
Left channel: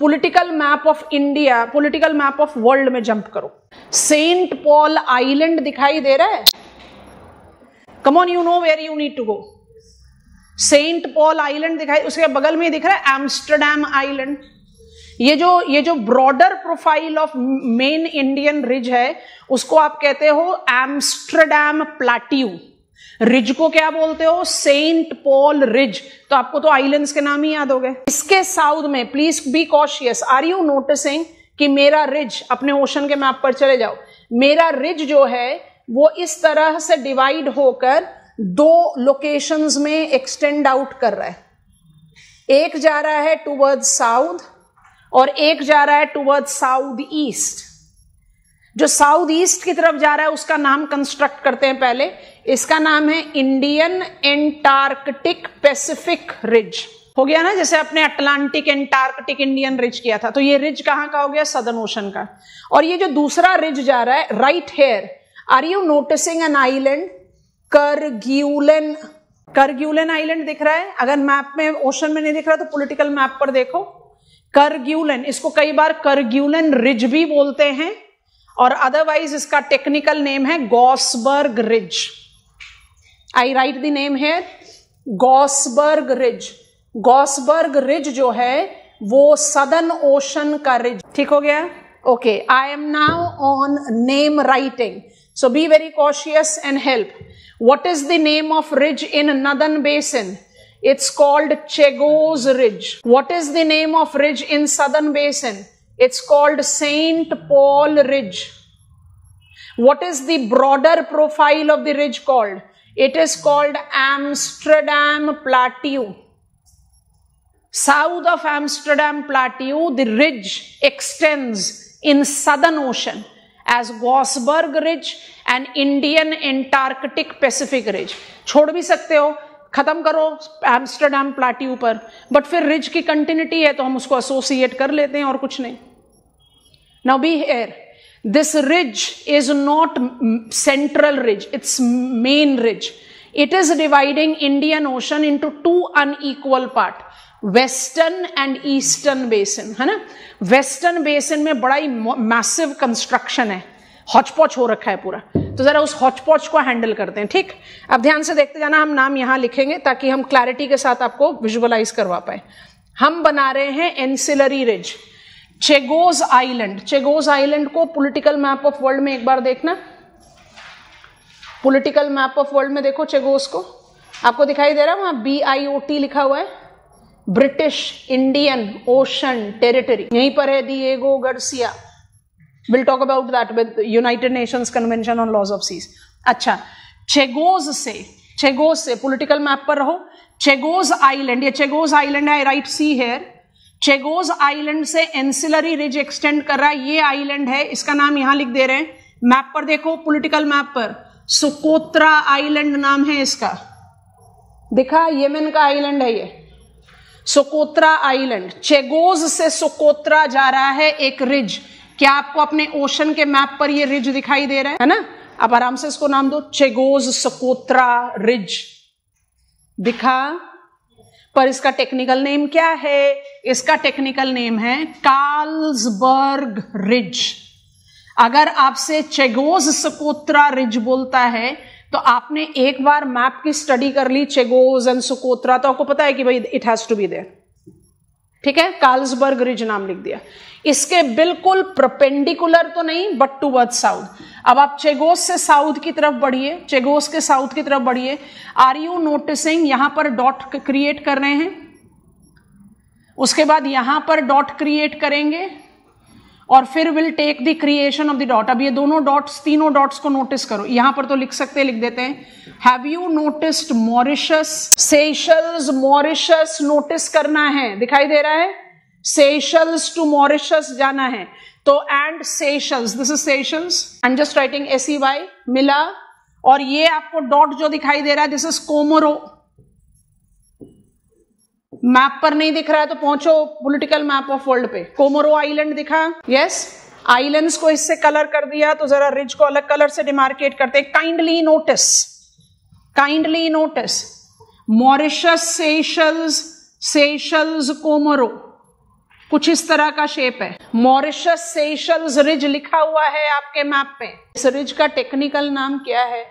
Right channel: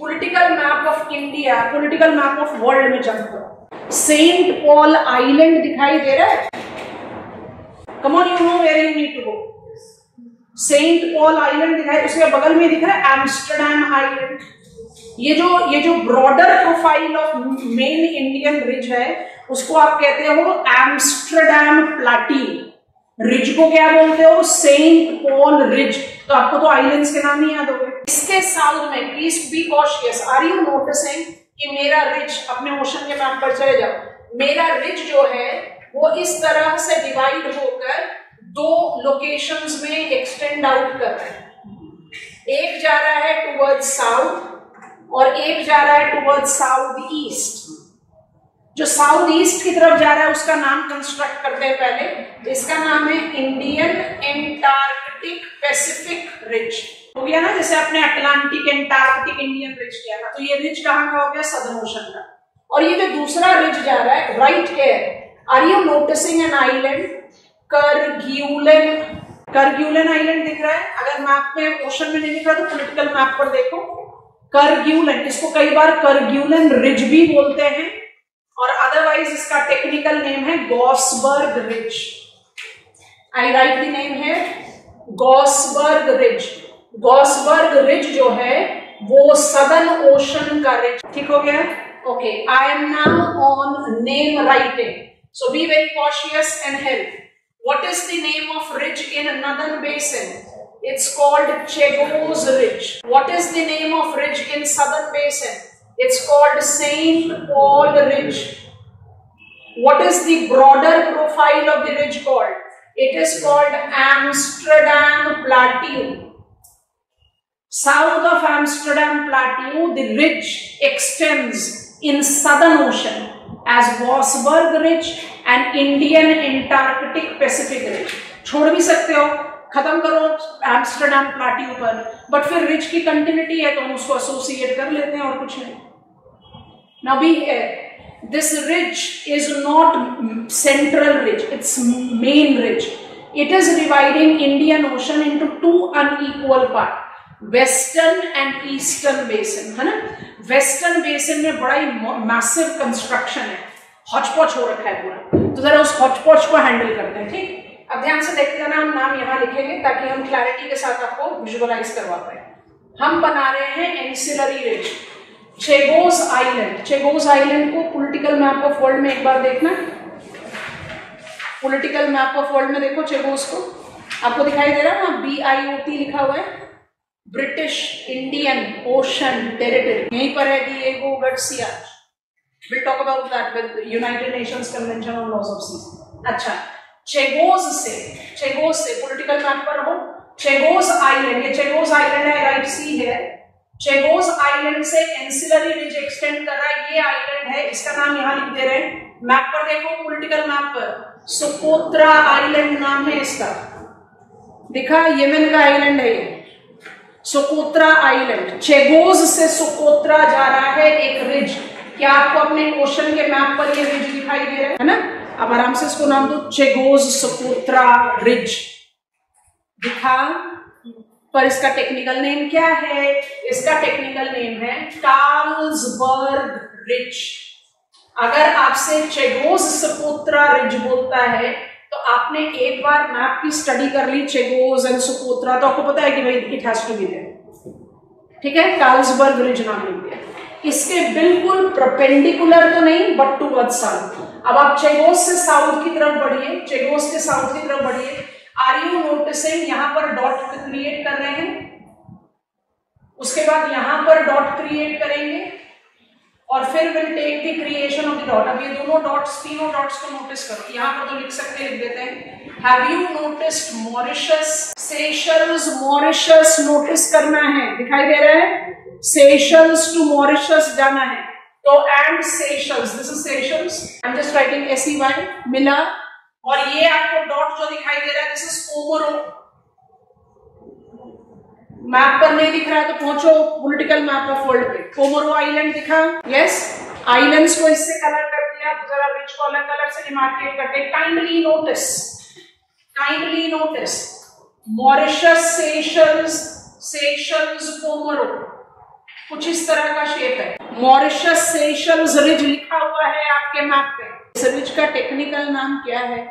political map of India, political map of world में जंप करो. सेंट पॉल आइलैंड दिखाई दे रहा है? Come on, you know where you need to go. Saint Paul island दिखाई, उसके बगल में दिख रहा है एम्स्टरडैम आइलैंड. ये जो broader profile of main Indian ridge है उसको आप कहते हो एम्स्टरडैम प्लाट्यू. रिज को क्या बोलते हो? Saint Paul ridge. तो आपको तो आइलैंड्स के नाम ही याद हो गए. इसके साउथ में please be cautious. Are you noticing कि मेरा रिज, अपने ओशन के मैप पर चले जाओ, मेरा रिज जो है वो इस तरह से डिवाइड होकर 2 लोकेशंस में एक्सटेंड आउट कर रहा है. एक जा रहा है टुवर्ड साउथ और एक जा रहा है टुवर्ड साउथ ईस्ट. जो साउथ ईस्ट की तरफ जा रहा है उसका नाम कंस्ट्रक्ट करते हैं पहले. इसका नाम है इंडियन एंटार्कटिक पैसिफिक रिज. हो गया ना, जैसे अपने अटलांटिक एंटार्कटिक इंडियन रिज किया था. तो ये रिज कहां का हो गया? सदर्न ओशन का. और ये जो दूसरा रिज जा रहा है right here, are you noticing an island? Kerguelen. Kerguelen island दिख रहा है? अगर मैप में ओशन में नहीं दिख रहा तो पॉलिटिकल मैप पर देखो. करग्यूलन, इसको कई बार करग्यूलन रिज भी बोलते हैं, और अदरवाइज इसका टेक्निकल नेम है Gaussberg ridge. I write the name है गॉसबर्ग रिज। गॉसबर्ग रिज जो है वो सदर्न ओशन का रिज। ठीक हो गया? Okay, I am now on name writing, so B very cautious and help. What is the name of ridge in northern basin? It's called Chagos Ridge. What is the name of ridge in Southern Basin? It's called St. Paul Ridge. What is the broader profile of the ridge called? It is called Amsterdam Plateau. South of Amsterdam Plateau, the ridge extends in Southern Ocean as Vosburg Ridge and Indian Antarctic Pacific Ridge. छोड़ भी सकते हो, खत्म करो एम्स्टरडैम प्लेट्यू पर, बट फिर रिज की कंटिन्यूटी है तो हम उसको एसोसिएट कर लेते हैं और कुछ नहीं। Now be here, this ridge is not central ridge, it's main ridge. It is dividing Indian Ocean into two unequal part, western and eastern basin, है ना। वेस्टर्न बेसिन में बड़ा ही मैसिव कंस्ट्रक्शन है, हॉचपॉच हो रखा है पूरा, तो जरा उस हॉचपॉच को हैंडल करते हैं। ठीक, अब ध्यान से देखते जाना, हम नाम यहां लिखेंगे ताकि हम क्लैरिटी के साथ आपको विजुअलाइज करवा पाए। हम बना रहे हैं एंसिलरी रिज, चेगोस आइलैंड। चेगोस आइलैंड को पॉलिटिकल मैप ऑफ वर्ल्ड में एक बार देखना, पॉलिटिकल मैप ऑफ वर्ल्ड में देखो चेगोस को, आपको दिखाई दे रहा है वहां BIOT लिखा हुआ है, ब्रिटिश इंडियन ओशन टेरिटरी, यहीं पर है Diego Garcia. We'll talk about that with United Nations Convention on Laws of Seas. अच्छा, चेगोस से पॉलिटिकल मैप पर रहो, चेगोस आइलैंड, ये चेगोस आइलैंड है, राइट सी है। चेगोस आइलैंड से एंसिलरी रिज एक्सटेंड कर रहा है, ये आइलैंड है, इसका नाम यहां लिख दे रहे हैं। मैप पर देखो, पॉलिटिकल मैप पर सोकोत्रा आइलैंड नाम है इसका, देखा, यमन का आइलैंड है ये, सोकोत्रा आइलैंड। चेगोस से सोकोत्रा जा रहा है एक रिज। क्या आपको अपने ओशन के मैप पर ये रिज दिखाई दे रहा है ना? अब आराम से इसको नाम दो, चेगोस सोकोत्रा रिज दिखा। पर इसका टेक्निकल नेम क्या है? इसका टेक्निकल नेम है कार्लसबर्ग रिज। अगर आपसे चेगोस सोकोत्रा रिज बोलता है तो आपने एक बार मैप की स्टडी कर ली चेगोस एंड सोकोत्रा, तो आपको पता है कि भाई it has to be there. ठीक है, कार्लसबर्ग रिज नाम लिख दिया। इसके बिल्कुल परपेंडिकुलर तो नहीं, बट टुवर्ड्स साउथ। अब आप चेगोस से साउथ की तरफ बढ़िए, चेगोस के साउथ की तरफ बढ़िए। आर यू नोटिसिंग यहां पर डॉट क्रिएट कर रहे हैं, उसके बाद यहां पर डॉट क्रिएट करेंगे और फिर will take the creation of the dot. अब ये दोनों डॉट्स, तीनों डॉट्स को नोटिस करो, यहां पर तो लिख सकते हैं, लिख देते हैं। Have you noticed Mauritius, Seychelles, Mauritius notice करना है, दिखाई दे रहा है, सेशल्स टू मॉरिशस जाना है, तो and Seychelles, this is Seychelles, I am just writing SEY, मिला। और ये आपको डॉट जो दिखाई दे रहा है, दिस इज कोमोरो। मैप पर नहीं दिख रहा है तो पहुंचो पॉलिटिकल मैप ऑफ वर्ल्ड पे, कोमोरो आइलैंड दिखा, यस। आइलैंड्स को इससे कलर कर दिया, तो जरा रिज को अलग कलर से डिमार्केट करते। Kindly notice Mauritius, Seychelles, Comoro, कुछ इस तरह का शेप है। मॉरिशस सेशल्स रिज लिखा हुआ है आपके मैप पे। इस रिज का टेक्निकल नाम क्या है?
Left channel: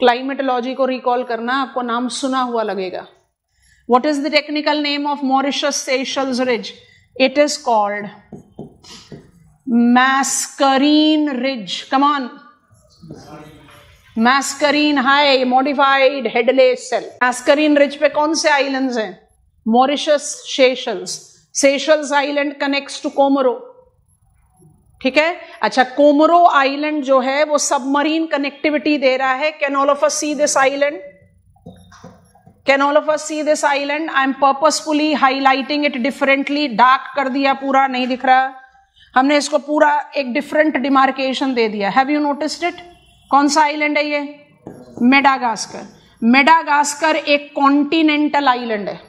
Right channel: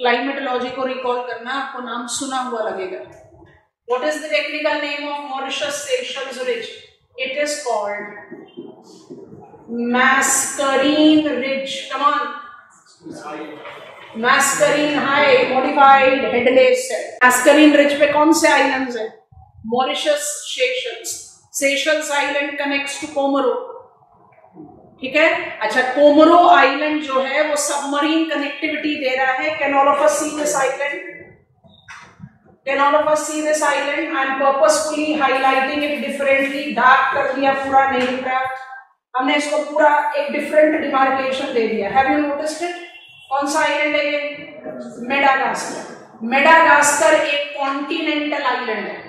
क्लाइमेटोलॉजी को रिकॉल करना, आपको नाम सुना हुआ लगेगा। What is the technical name of Mauritius Seychelles ridge? It is called Mascarene ridge. Come on, Mascarene high modified headless cell. Mascarene ridge पे कौन से आइलैंड्स हैं? Mauritius, Seychelles island connects to Comoro. ठीक है, अच्छा, कोमोरो आइलैंड जो है वो सबमरीन कनेक्टिविटी दे रहा है। Can all of us see this island? Can all of us see this island? I am purposefully highlighting it differently, dark कर दिया, पूरा नहीं दिख रहा, हमने इसको पूरा एक डिफरेंट डिमार्केशन दे दिया। Have you noticed it? कौन सा आइलैंड है ये? मेडागास्कर। मेडागास्कर एक कॉन्टिनेंटल आइलैंड है।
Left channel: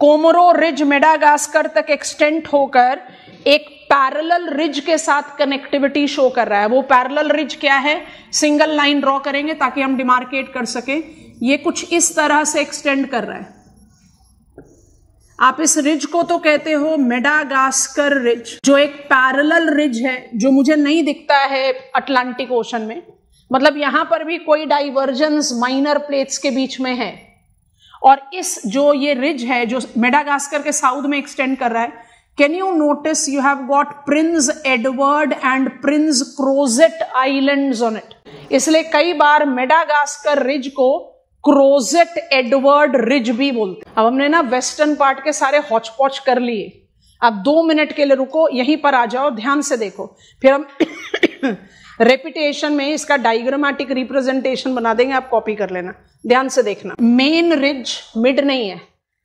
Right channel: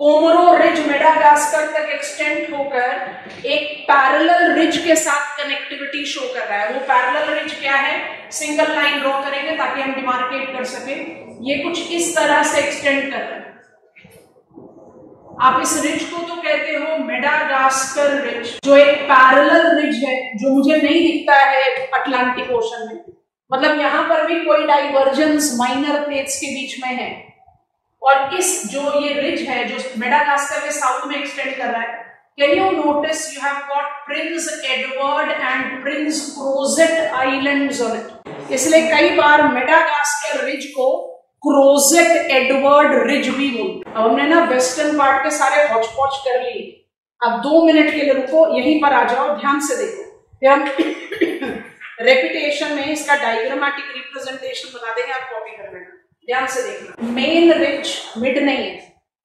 कोमोरो रिज मेडागास्कर तक एक्सटेंड होकर एक पैरेलल रिज के साथ कनेक्टिविटी शो कर रहा है। वो पैरेलल रिज क्या है? सिंगल लाइन ड्रॉ करेंगे ताकि हम डिमार्केट कर सके। ये कुछ इस तरह से एक्सटेंड कर रहा है। आप इस रिज को तो कहते हो मेडागास्कर रिज, जो एक पैरेलल रिज है जो मुझे नहीं दिखता है अटलांटिक ओशन में, मतलब यहां पर भी कोई डाइवर्जेंस माइनर प्लेट्स के बीच में है। और इस जो ये रिज है जो मेडागास्कर के साउथ में एक्सटेंड कर रहा है, can you notice you have got Prince Edward and Prince Crozet islands on it. इसलिए कई बार मेडागास्कर रिज को क्रोजेट एडवर्ड रिज भी बोलते। अब हमने ना वेस्टर्न पार्ट के सारे हॉच पॉच कर लिए, अब 2 मिनट के लिए रुको, यहीं पर आ जाओ, ध्यान से देखो, फिर हम रेपिटेशन में इसका डायग्रामेटिक रिप्रेजेंटेशन बना देंगे, आप कॉपी कर लेना, ध्यान से देखना। मेन रिज मिड नहीं है,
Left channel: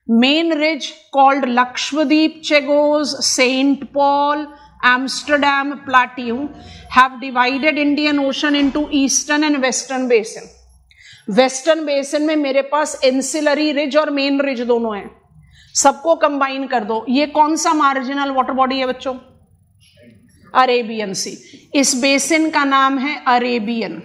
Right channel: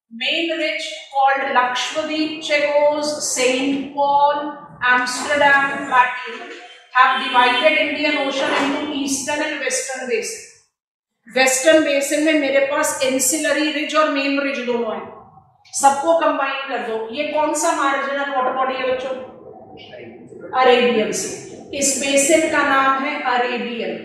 main ridge called Lakshadweep, Chagos, Saint Paul, Amsterdam, plateau have divided Indian Ocean into eastern and western basin. Western basin में मेरे पास एंसिलरी रिज और मेन रिज दोनों हैं, सबको कंबाइन कर दो। ये कौन सा मार्जिनल वाटर बॉडी है बच्चों? अरेबियन सी। इस बेसिन का नाम है अरेबियन।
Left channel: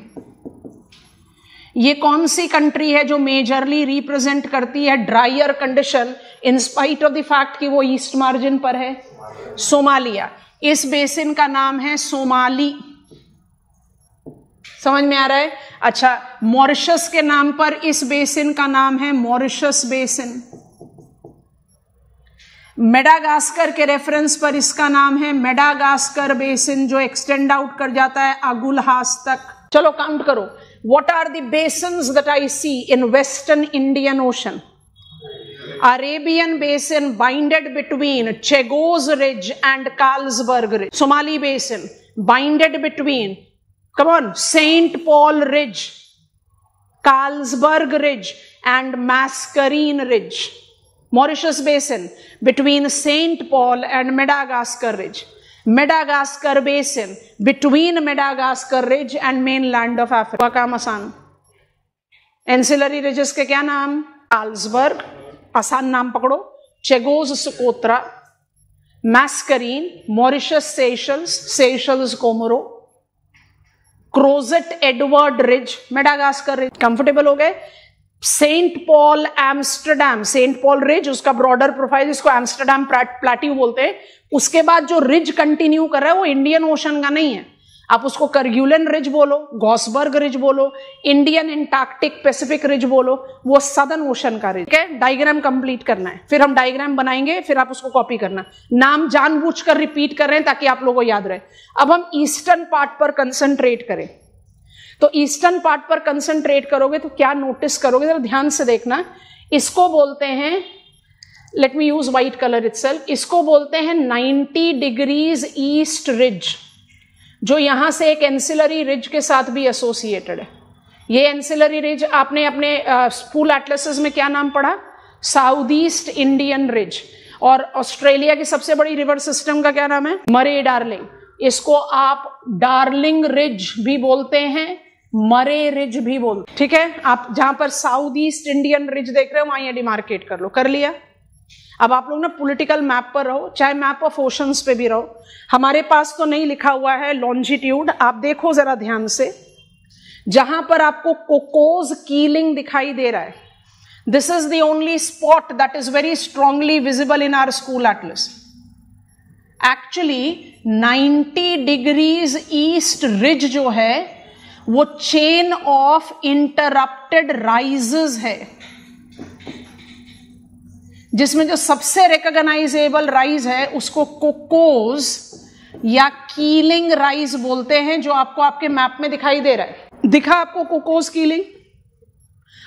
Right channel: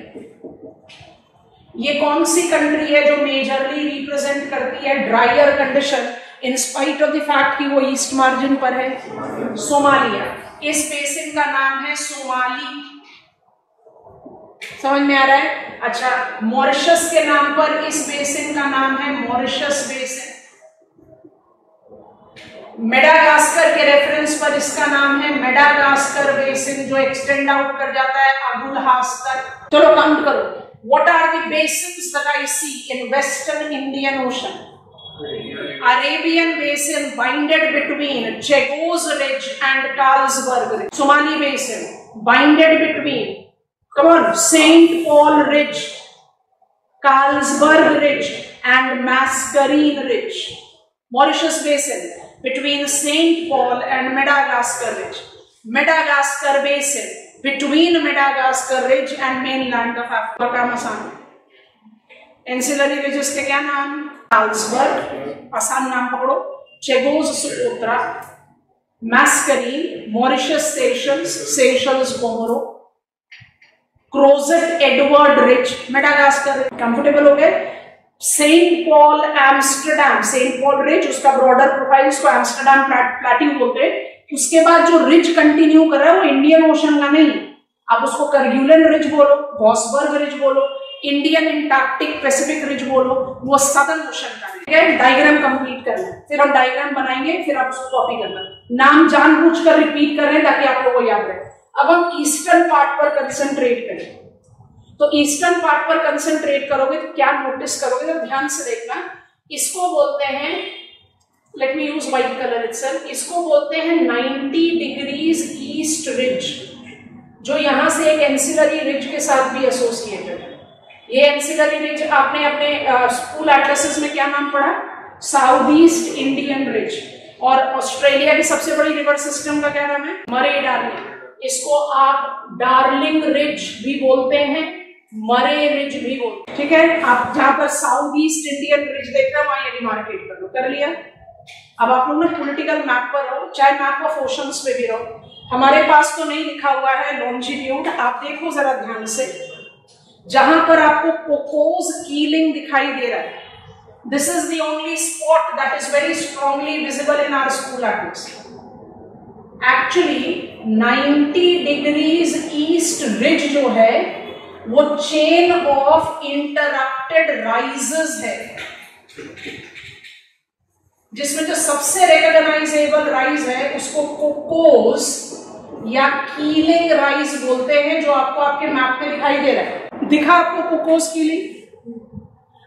ये कौन सी कंट्री है जो मेजरली रिप्रेजेंट करती है dryer condition in spite of the fact कि वो ईस्ट मार्जिन पर है? सोमालिया। इस बेसिन का नाम है सोमाली। समझ में आ रहा है? अच्छा, मॉरिशस के नाम पर इस बेसिन का नाम है मॉरिशस बेसिन। मेडागास्कर के रेफरेंस पर इसका नाम है मेडागास्कर बेसिन, जो एक्सटेंड आउट कर जाता है अगुलहास तक। चलो काउंट करो, what are the basins that I see in western Indian ocean? Arabian Basin binded between Chagos Ridge and Carlsberg Ridge. Somali Basin binded between, come on, Saint Paul Ridge, Carlsberg Ridge and Mascarene Ridge. Mauritius Basin between Saint Paul and Madagascar Ridge. Madagascar Basin between Madagascar Ridge and mainland of Africa. काम आसान। Ancillary ridges के क्या नाम? Carlsberg, आसान नाम पकड़ो, Chagos Socotra, Mascarene, Mauritius Seychelles, Seychelles Comoro, Crozet Edward ridge, Madagascar ridge. Comfortable हो गए? Saint Paul Amsterdam, Saint Paul ridge, उसका ब्रॉडर प्रोफाइल, उसको एम्स्टरडैम प्लाट्यू बोलते हैं। उसके बाद जो रिज कंटिन्यू कर रहा है वो इंडियन ओशन का नहीं है, आप उसको करग्यूलन रिज बोलो, गॉसबर्ग रिज बोलो, इंडियन एंटार्क्टिक पैसिफिक रिज बोलो, वो सदर्न ओशन का रिज है। डायग्राम कंप्लीट करना है, फिर हम डायग्राम बनाएंगे, फिर आप उसको कॉपी करना। नाम जानबूझकर रिपीट कर रहे हैं ताकि आप लोगों को याद रहे। अब हम ईस्टर्न पार्ट पर कंसंट्रेट करें, तो ईस्टर्न पार्ट पर कंसंट्रेट करोगे तो क्या नोटिस करोगे, तो ध्यान से देखना। इसको बोलते हैं, let me use white colour itself, इसको बोलते हैं 90 डिग्रीज ईस्ट रिज, जो यहां से एक एंसिलरी रिज के साथ भी एसोसिएटेड है। ये एंसिलरी रिज आपने अपने स्कूल एटलसेस में क्या नाम पढ़ा? South east Indian ridge. और ऑस्ट्रेलिया की सबसे बड़ी रिवर सिस्टम का क्या नाम है? मरे डार्लिंग। इसको आप डार्लिंग रिज भी बोलते हैं, मरे रिज भी बोलते हैं, ठीक है। आप जहां पर साउथ ईस्ट इंडियन रिज देख रहे हो वहां ये डिमार्केट कर लो। कर लिया? अब आप लोग ना पॉलिटिकल मैप पर रहो, चाहे मैप ऑफ ओशंस पे भी रहो। हमारे पास तो नहीं लिखा हुआ है लॉन्जिट्यूड, आप देखो जरा ध्यान से, जहां पर आपको कोकोस कीलिंग दिखाई दे रहा है, this is the only spot that is very strongly visible in our school atlas. Actually 90 degrees east ridge जो है वो चेन ऑफ इंटरप्टेड राइजेस है, जिसमें जो सबसे रिकॉग्नाइजेबल राइज है उसको कोकोस या कीलिंग राइज बोलते हैं, जो आपको आपके मैप में दिखाई दे रहा है। दिखा आपको कोकोस कीलिंग?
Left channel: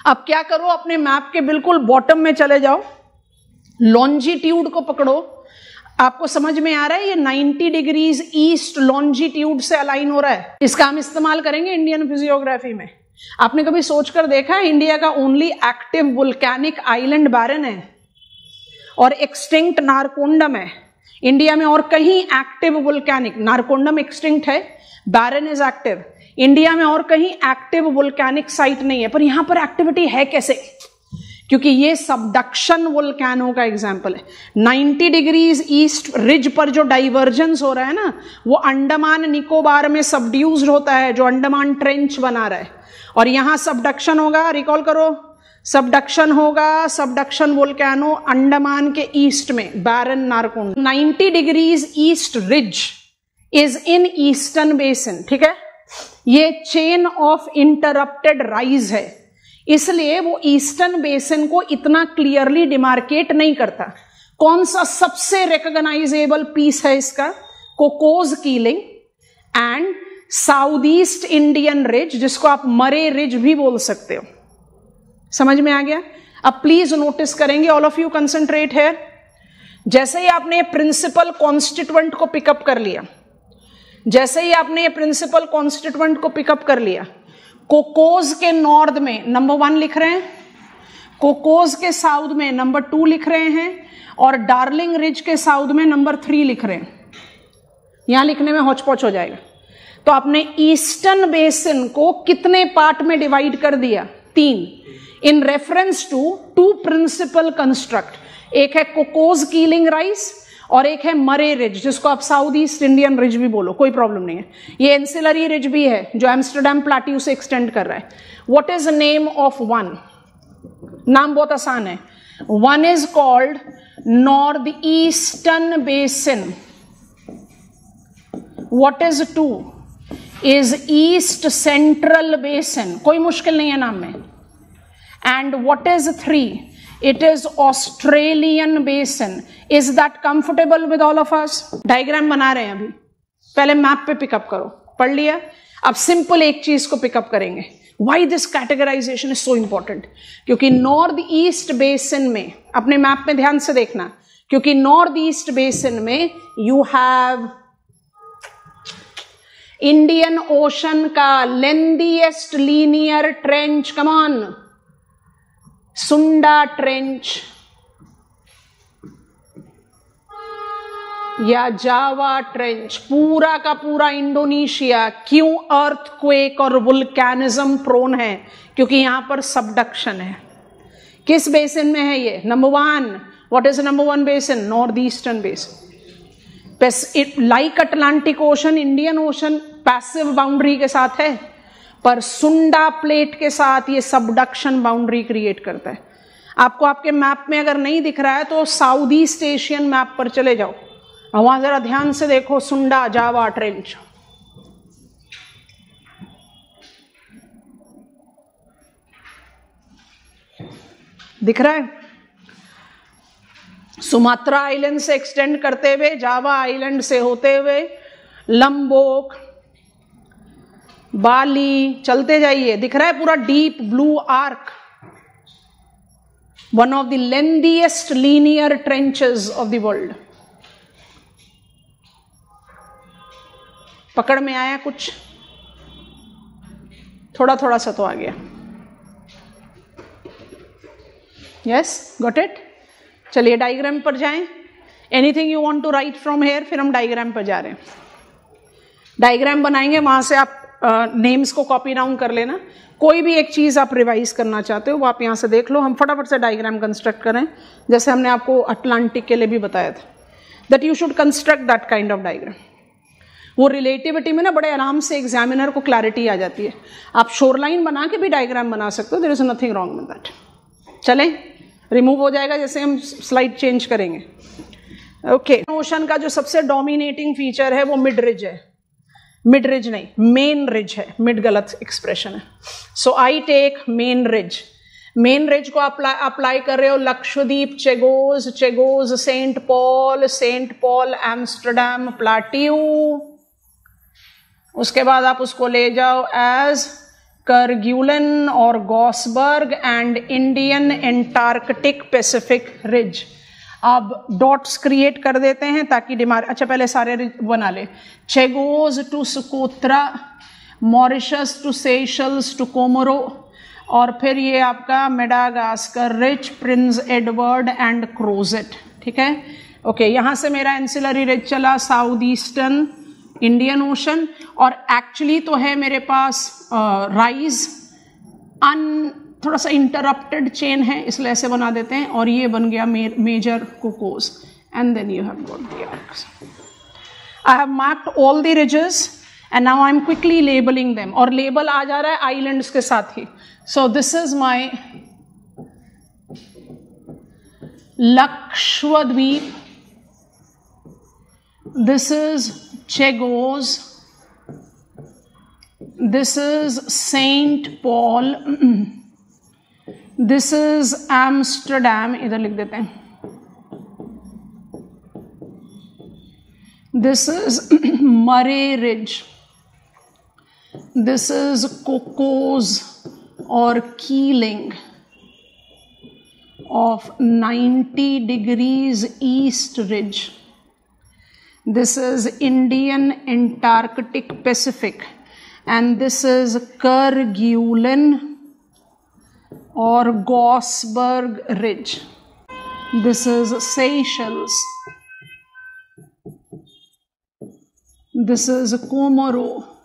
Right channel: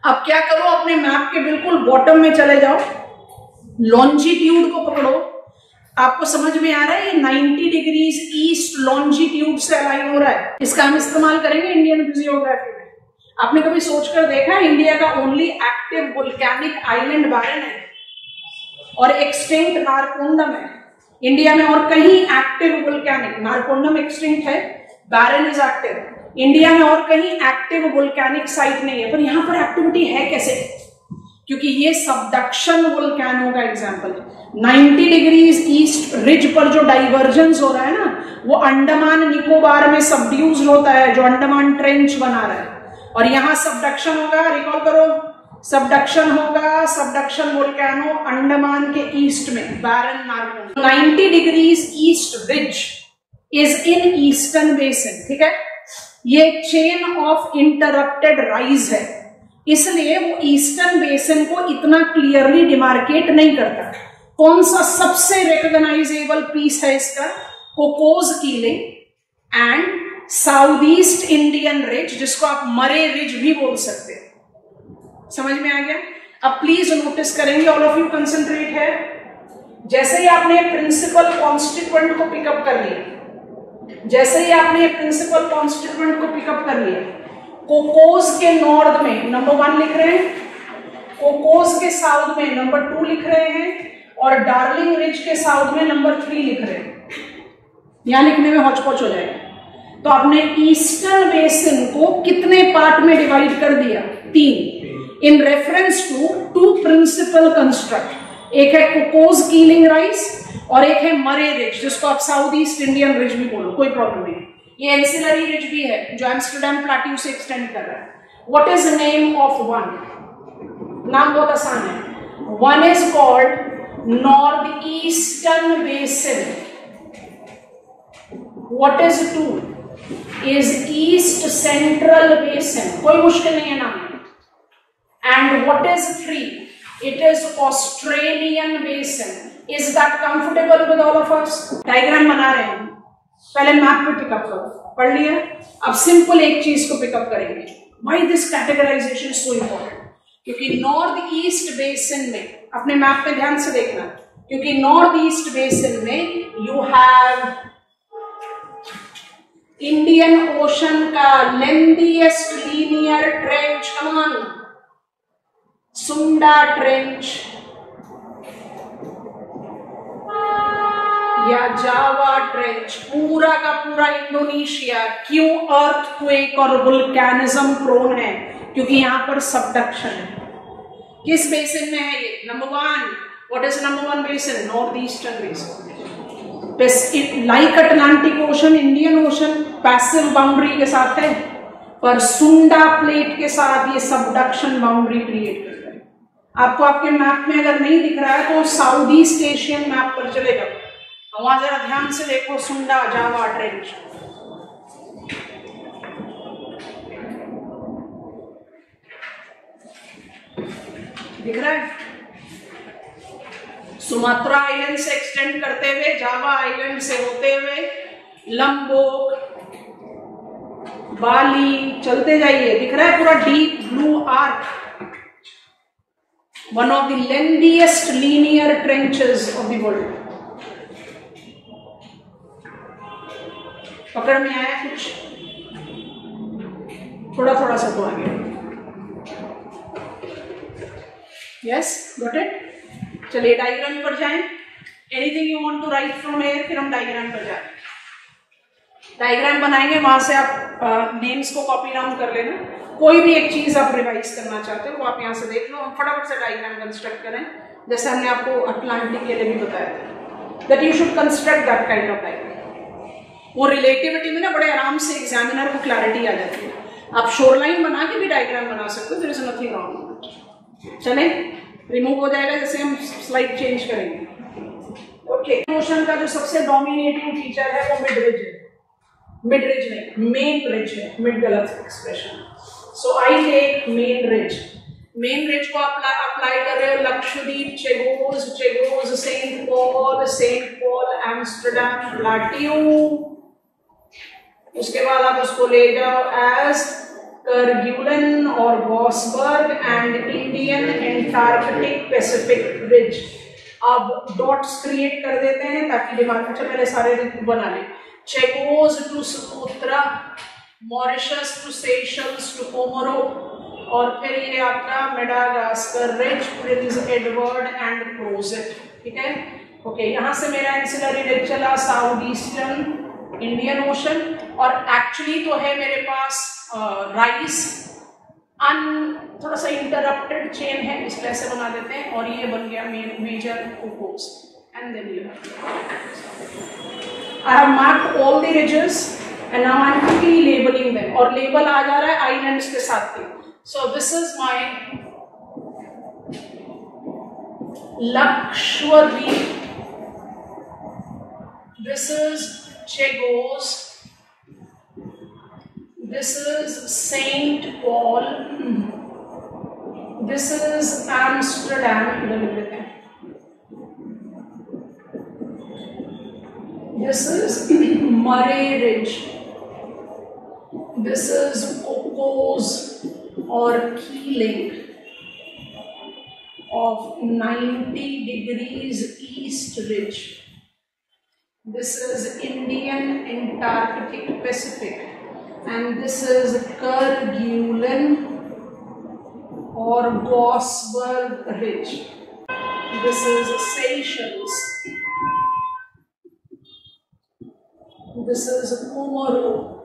अब क्या करो, अपने मैप के बिल्कुल बॉटम में चले जाओ, लॉन्जिट्यूड को पकड़ो। आपको समझ में आ रहा है ये 90 डिग्रीज ईस्ट लॉन्जिट्यूड से अलाइन हो रहा है। इसका हम इस्तेमाल करेंगे इंडियन फिजियोग्राफी में। आपने कभी सोचकर देखा इंडिया का ओनली एक्टिव वोल्केनिक आइलैंड बैरन है और एक्सटिंक्ट नारकोंडम है। इंडिया में और कहीं एक्टिव वोल्केनिक, नारकोंडम एक्सटिंक्ट है, बैरन इज एक्टिव। इंडिया में और कहीं एक्टिव वोल्केनिक साइट नहीं है, पर यहां पर एक्टिविटी है कैसे? क्योंकि ये सबडक्शन वोल्केनो का एग्जांपल है। 90 डिग्रीज ईस्ट रिज पर जो डाइवर्जेंस हो रहा है ना, वो अंडमान निकोबार में सबड्यूस्ड होता है, जो अंडमान ट्रेंच बना रहा है, और यहां सबडक्शन होगा। रिकॉल करो, सबडक्शन होगा, सबडक्शन वोल्केनो अंडमान के ईस्ट में बैरन नारकोन। 90 degrees east ridge is in eastern basin, ठीक है। ये चेन ऑफ इंटरप्टेड राइज है, इसलिए वो ईस्टर्न बेसिन को इतना क्लियरली डिमार्केट नहीं करता। कौन सा सबसे रिकॉग्नाइजेबल पीस है इसका? Cocos Keeling and south east Indian ridge, जिसको आप मरे रिज भी बोल सकते हो। समझ में आ गया? अब प्लीज नोटिस करेंगे, ऑल ऑफ यू कंसंट्रेट है। जैसे ही आपने प्रिंसिपल कॉन्स्टिट्यूएंट को पिकअप कर लिया, जैसे ही आपने प्रिंसिपल कॉन्स्टिट्यूएंट को पिकअप कर लिया, कोकोस के नॉर्थ में नंबर 1 लिख रहे हैं, कोकोस के साउथ में नंबर 2 लिख रहे हैं, और डार्लिंग रिज के साउथ में नंबर 3 लिख रहे हैं। यहां लिखने में हौच-पौच हो जाएगा। तो आपने ईस्टर्न बेसिन को कितने पार्ट में डिवाइड कर दिया? 3, in reference to 2 principal construct. एक है कोकोस कीलिंग राइज और एक है मरे रिज, जिसको आप साउथ ईस्ट इंडियन रिज भी बोलो, कोई प्रॉब्लम नहीं है। ये एंसिलरी रिज भी है जो एम्स्टरडैम प्लेट्यू से एक्सटेंड कर रहा है। What is the name of one? नाम बहुत आसान है। One is called north eastern basin. What is 2? Is east central basin. कोई मुश्किल नहीं है नाम में। And what is 3? It is Australian basin. Is that comfortable with all of us? Diagram बना रहे हैं अभी, पहले मैप पे पिकअप करो। पढ़ लिया? अब सिंपल एक चीज को पिकअप करेंगे। Why this categorization is so important? क्योंकि नॉर्थ ईस्ट बेसिन में, अपने मैप में ध्यान से देखना, क्योंकि नॉर्थ ईस्ट बेसिन में यू हैव इंडियन ओशन का lengthiest linear trench, come on, सुंडा ट्रेंच या जावा ट्रेंच, पूरा का पूरा इंडोनेशिया क्यों अर्थक्वेक और वुल्केनिज्म प्रोन है? क्योंकि यहां पर सबडक्शन है। किस बेसिन में है ये? Number 1। What is number 1 basin? North eastern basin. Like Atlantic Ocean, Indian ocean passive boundary के साथ है, पर सुंडा प्लेट के साथ ये सबडक्शन बाउंड्री क्रिएट करता है। आपको आपके मैप में अगर नहीं दिख रहा है तो साउथ ईस्ट एशियन मैप पर चले जाओ, वहां जरा ध्यान से देखो, सुंडा जावा ट्रेंच। दिख रहा है? सुमात्रा आइलैंड से एक्सटेंड करते हुए, जावा आइलैंड से होते हुए, लंबोक, बाली, चलते जाइए। दिख रहा है पूरा deep blue arc, one of the lengthiest linear trenches of the world. पकड़ में आया कुछ? थोड़ा थोड़ा सा तो आ गया। Yes, got it? चलिए डायग्राम पर जाएं। Anything you want to write from here? फिर हम डायग्राम पर जा रहे हैं। डायग्राम बनाएंगे, वहां से आप नेम्स को कॉपी डाउन कर लेना। कोई भी एक चीज आप रिवाइज करना चाहते हो वो आप यहां से देख लो। हम फटाफट से डायग्राम कंस्ट्रक्ट करें, जैसे हमने आपको अटलांटिक के लिए भी बताया था, that you should construct that kind of diagram. वो रिलेटिविटी में ना बड़े आराम से एग्जामिनर को क्लैरिटी आ जाती है। आप शोरलाइन बना के भी डायग्राम बना सकते हो, there is nothing wrong with that. चले, रिमूव हो जाएगा जैसे हम स्लाइड चेंज करेंगे। ओके, ओशन का जो सबसे डोमिनेटिंग फीचर है वो मिड रिज है। मिड रिज नहीं, मेन रिज है। मिड गलत एक्सप्रेशन है। So I take main ridge. Main ridge को अप्लाई कर रहे हो Lakshadweep, Chagos, Saint Paul, Amsterdam plateau. उसके बाद आप उसको ले जाओ एज करग्यूलन और Gaussberg and Indian Antarctic Pacific ridge. अब डॉट्स क्रिएट कर देते हैं ताकि डिमार्क, अच्छा पहले सारे बना ले। Chagos to Socotra, Mauritius to Seychelles to Comoro, और फिर ये आपका Madagascar ridge, Prince Edward and Crozet. ठीक है, ओके। यहां से मेरा एंसिलरी रिज चला साउथ ईस्टर्न इंडियन ओशन, और एक्चुअली तो है मेरे पास राइज थोड़ा सा इंटरप्टेड चेन है, इसलिए ऐसे बना देते हैं, और ये बन गया major Cocos, and then you have I have marked all the ridges and now I am quickly labelling them, और लेबल आ जा रहा है आइलैंड्स के साथ ही। So this is my Lakshadweep, this is Chagos, this is Saint Paul, this is Amsterdam, इधर लिख देते हैं, this is Murray Ridge, this is Cocos or Keeling of 90 degrees east ridge. This is Indian Antarctic Pacific, and this is Kerguelen or Gosberg Ridge. This is Seychelles. This is Comoro.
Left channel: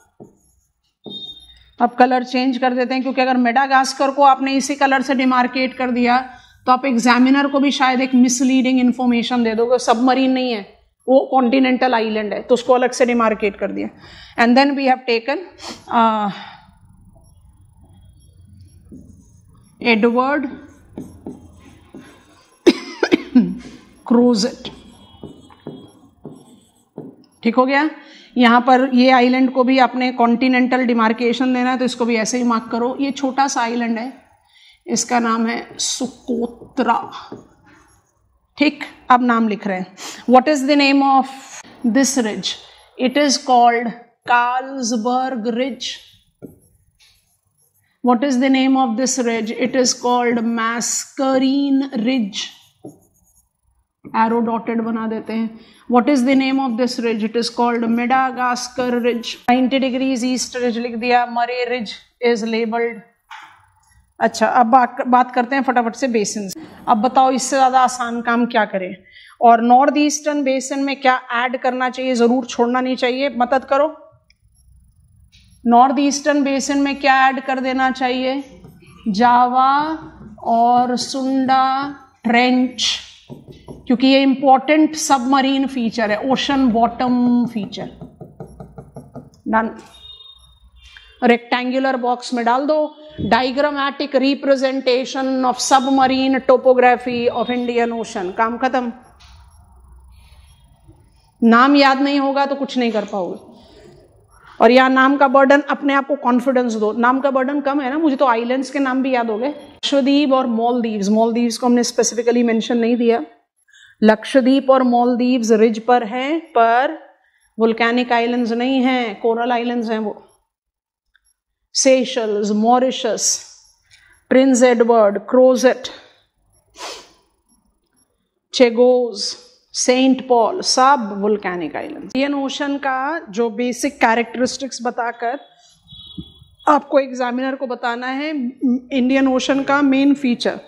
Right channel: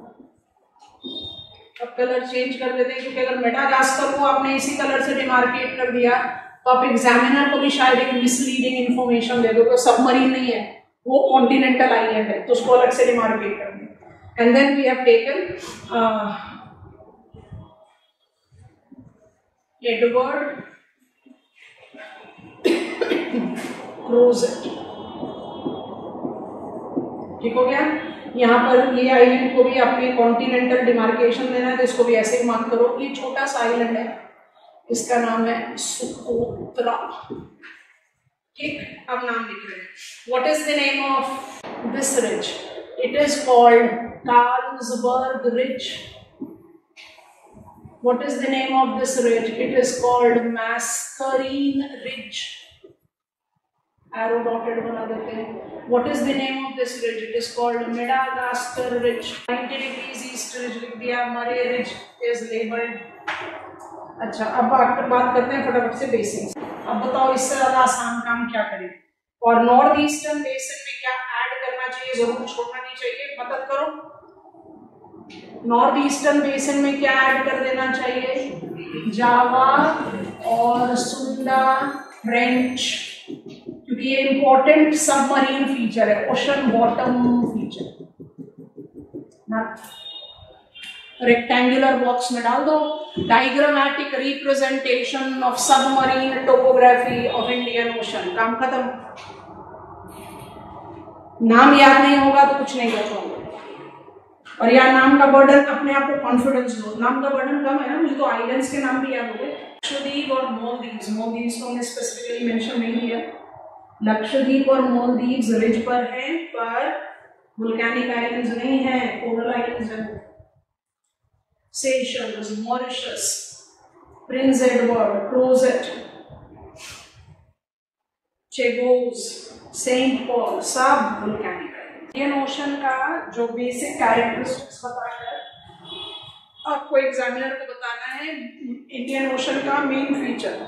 अब कलर चेंज कर देते हैं, क्योंकि अगर मेडागास्कर को आपने इसी कलर से डिमार्केट कर दिया तो आप एग्जामिनर को भी शायद एक मिसलीडिंग इंफॉर्मेशन दे दोगे, सबमरीन नहीं है, वो कॉन्टिनेंटल आइलैंड है, तो उसको अलग से डिमार्केट कर दिया. And then we have taken Edward Crozet. ठीक हो गया. यहाँ पर ये आइलैंड को भी अपने कॉन्टिनेंटल डिमार्केशन देना है, तो इसको भी ऐसे ही मार्क करो. ये छोटा सा आइलैंड है, इसका नाम है सुकोत्रा. ठीक, अब नाम लिख रहे हैं. What is the name of this ridge? It is called Carlsberg ridge. What is the name of this ridge? It is called Mascarene ridge. Arrow dotted बना देते हैं. What is the name of this ridge? It is called Madagascar ridge. 90 degrees east ridge लिख दिया. मरे रिज इज लेबल्ड. अच्छा, अब बात करते हैं फटाफट से बेसिन. अब बताओ इससे ज्यादा आसान काम क्या करें, और नॉर्थ ईस्टर्न बेसिन में क्या ऐड करना चाहिए, जरूर छोड़ना नहीं चाहिए. मदद करो. नॉर्थ ईस्टर्न बेसिन में क्या ऐड कर देना चाहिए? जावा और सुंडा ट्रेंच, क्योंकि ये इंपॉर्टेंट सबमरीन फीचर है, ocean bottom feature. Done. Rectangular box में डाल दो. Diagrammatic representation of submarine topography of Indian ocean. काम खत्म. नाम याद नहीं होगा तो कुछ नहीं कर पाओगे, और यार नाम का बर्डन, अपने आप को कॉन्फिडेंस दो. नाम का बर्डन कम है ना, मुझे तो आइलैंड्स के नाम भी याद हो गए. लक्षद्वीप और मालदीव्स. मालदीव्स को हमने स्पेसिफिकली मेंशन नहीं दिया. लक्षद्वीप और मालदीव्स रिज पर हैं, पर वोल्केनिक आइलैंड्स नहीं हैं, कोरल आइलैंड्स हैं वो. Seychelles, Mauritius, Prince Edward, Crozet, Chagos, Saint Paul, सब वोल्केनिक आइलैंड. इंडियन ओशन का जो बेसिक कैरेक्टरिस्टिक्स बताकर आपको एग्जामिनर को बताना है इंडियन ओशन का मेन फीचर.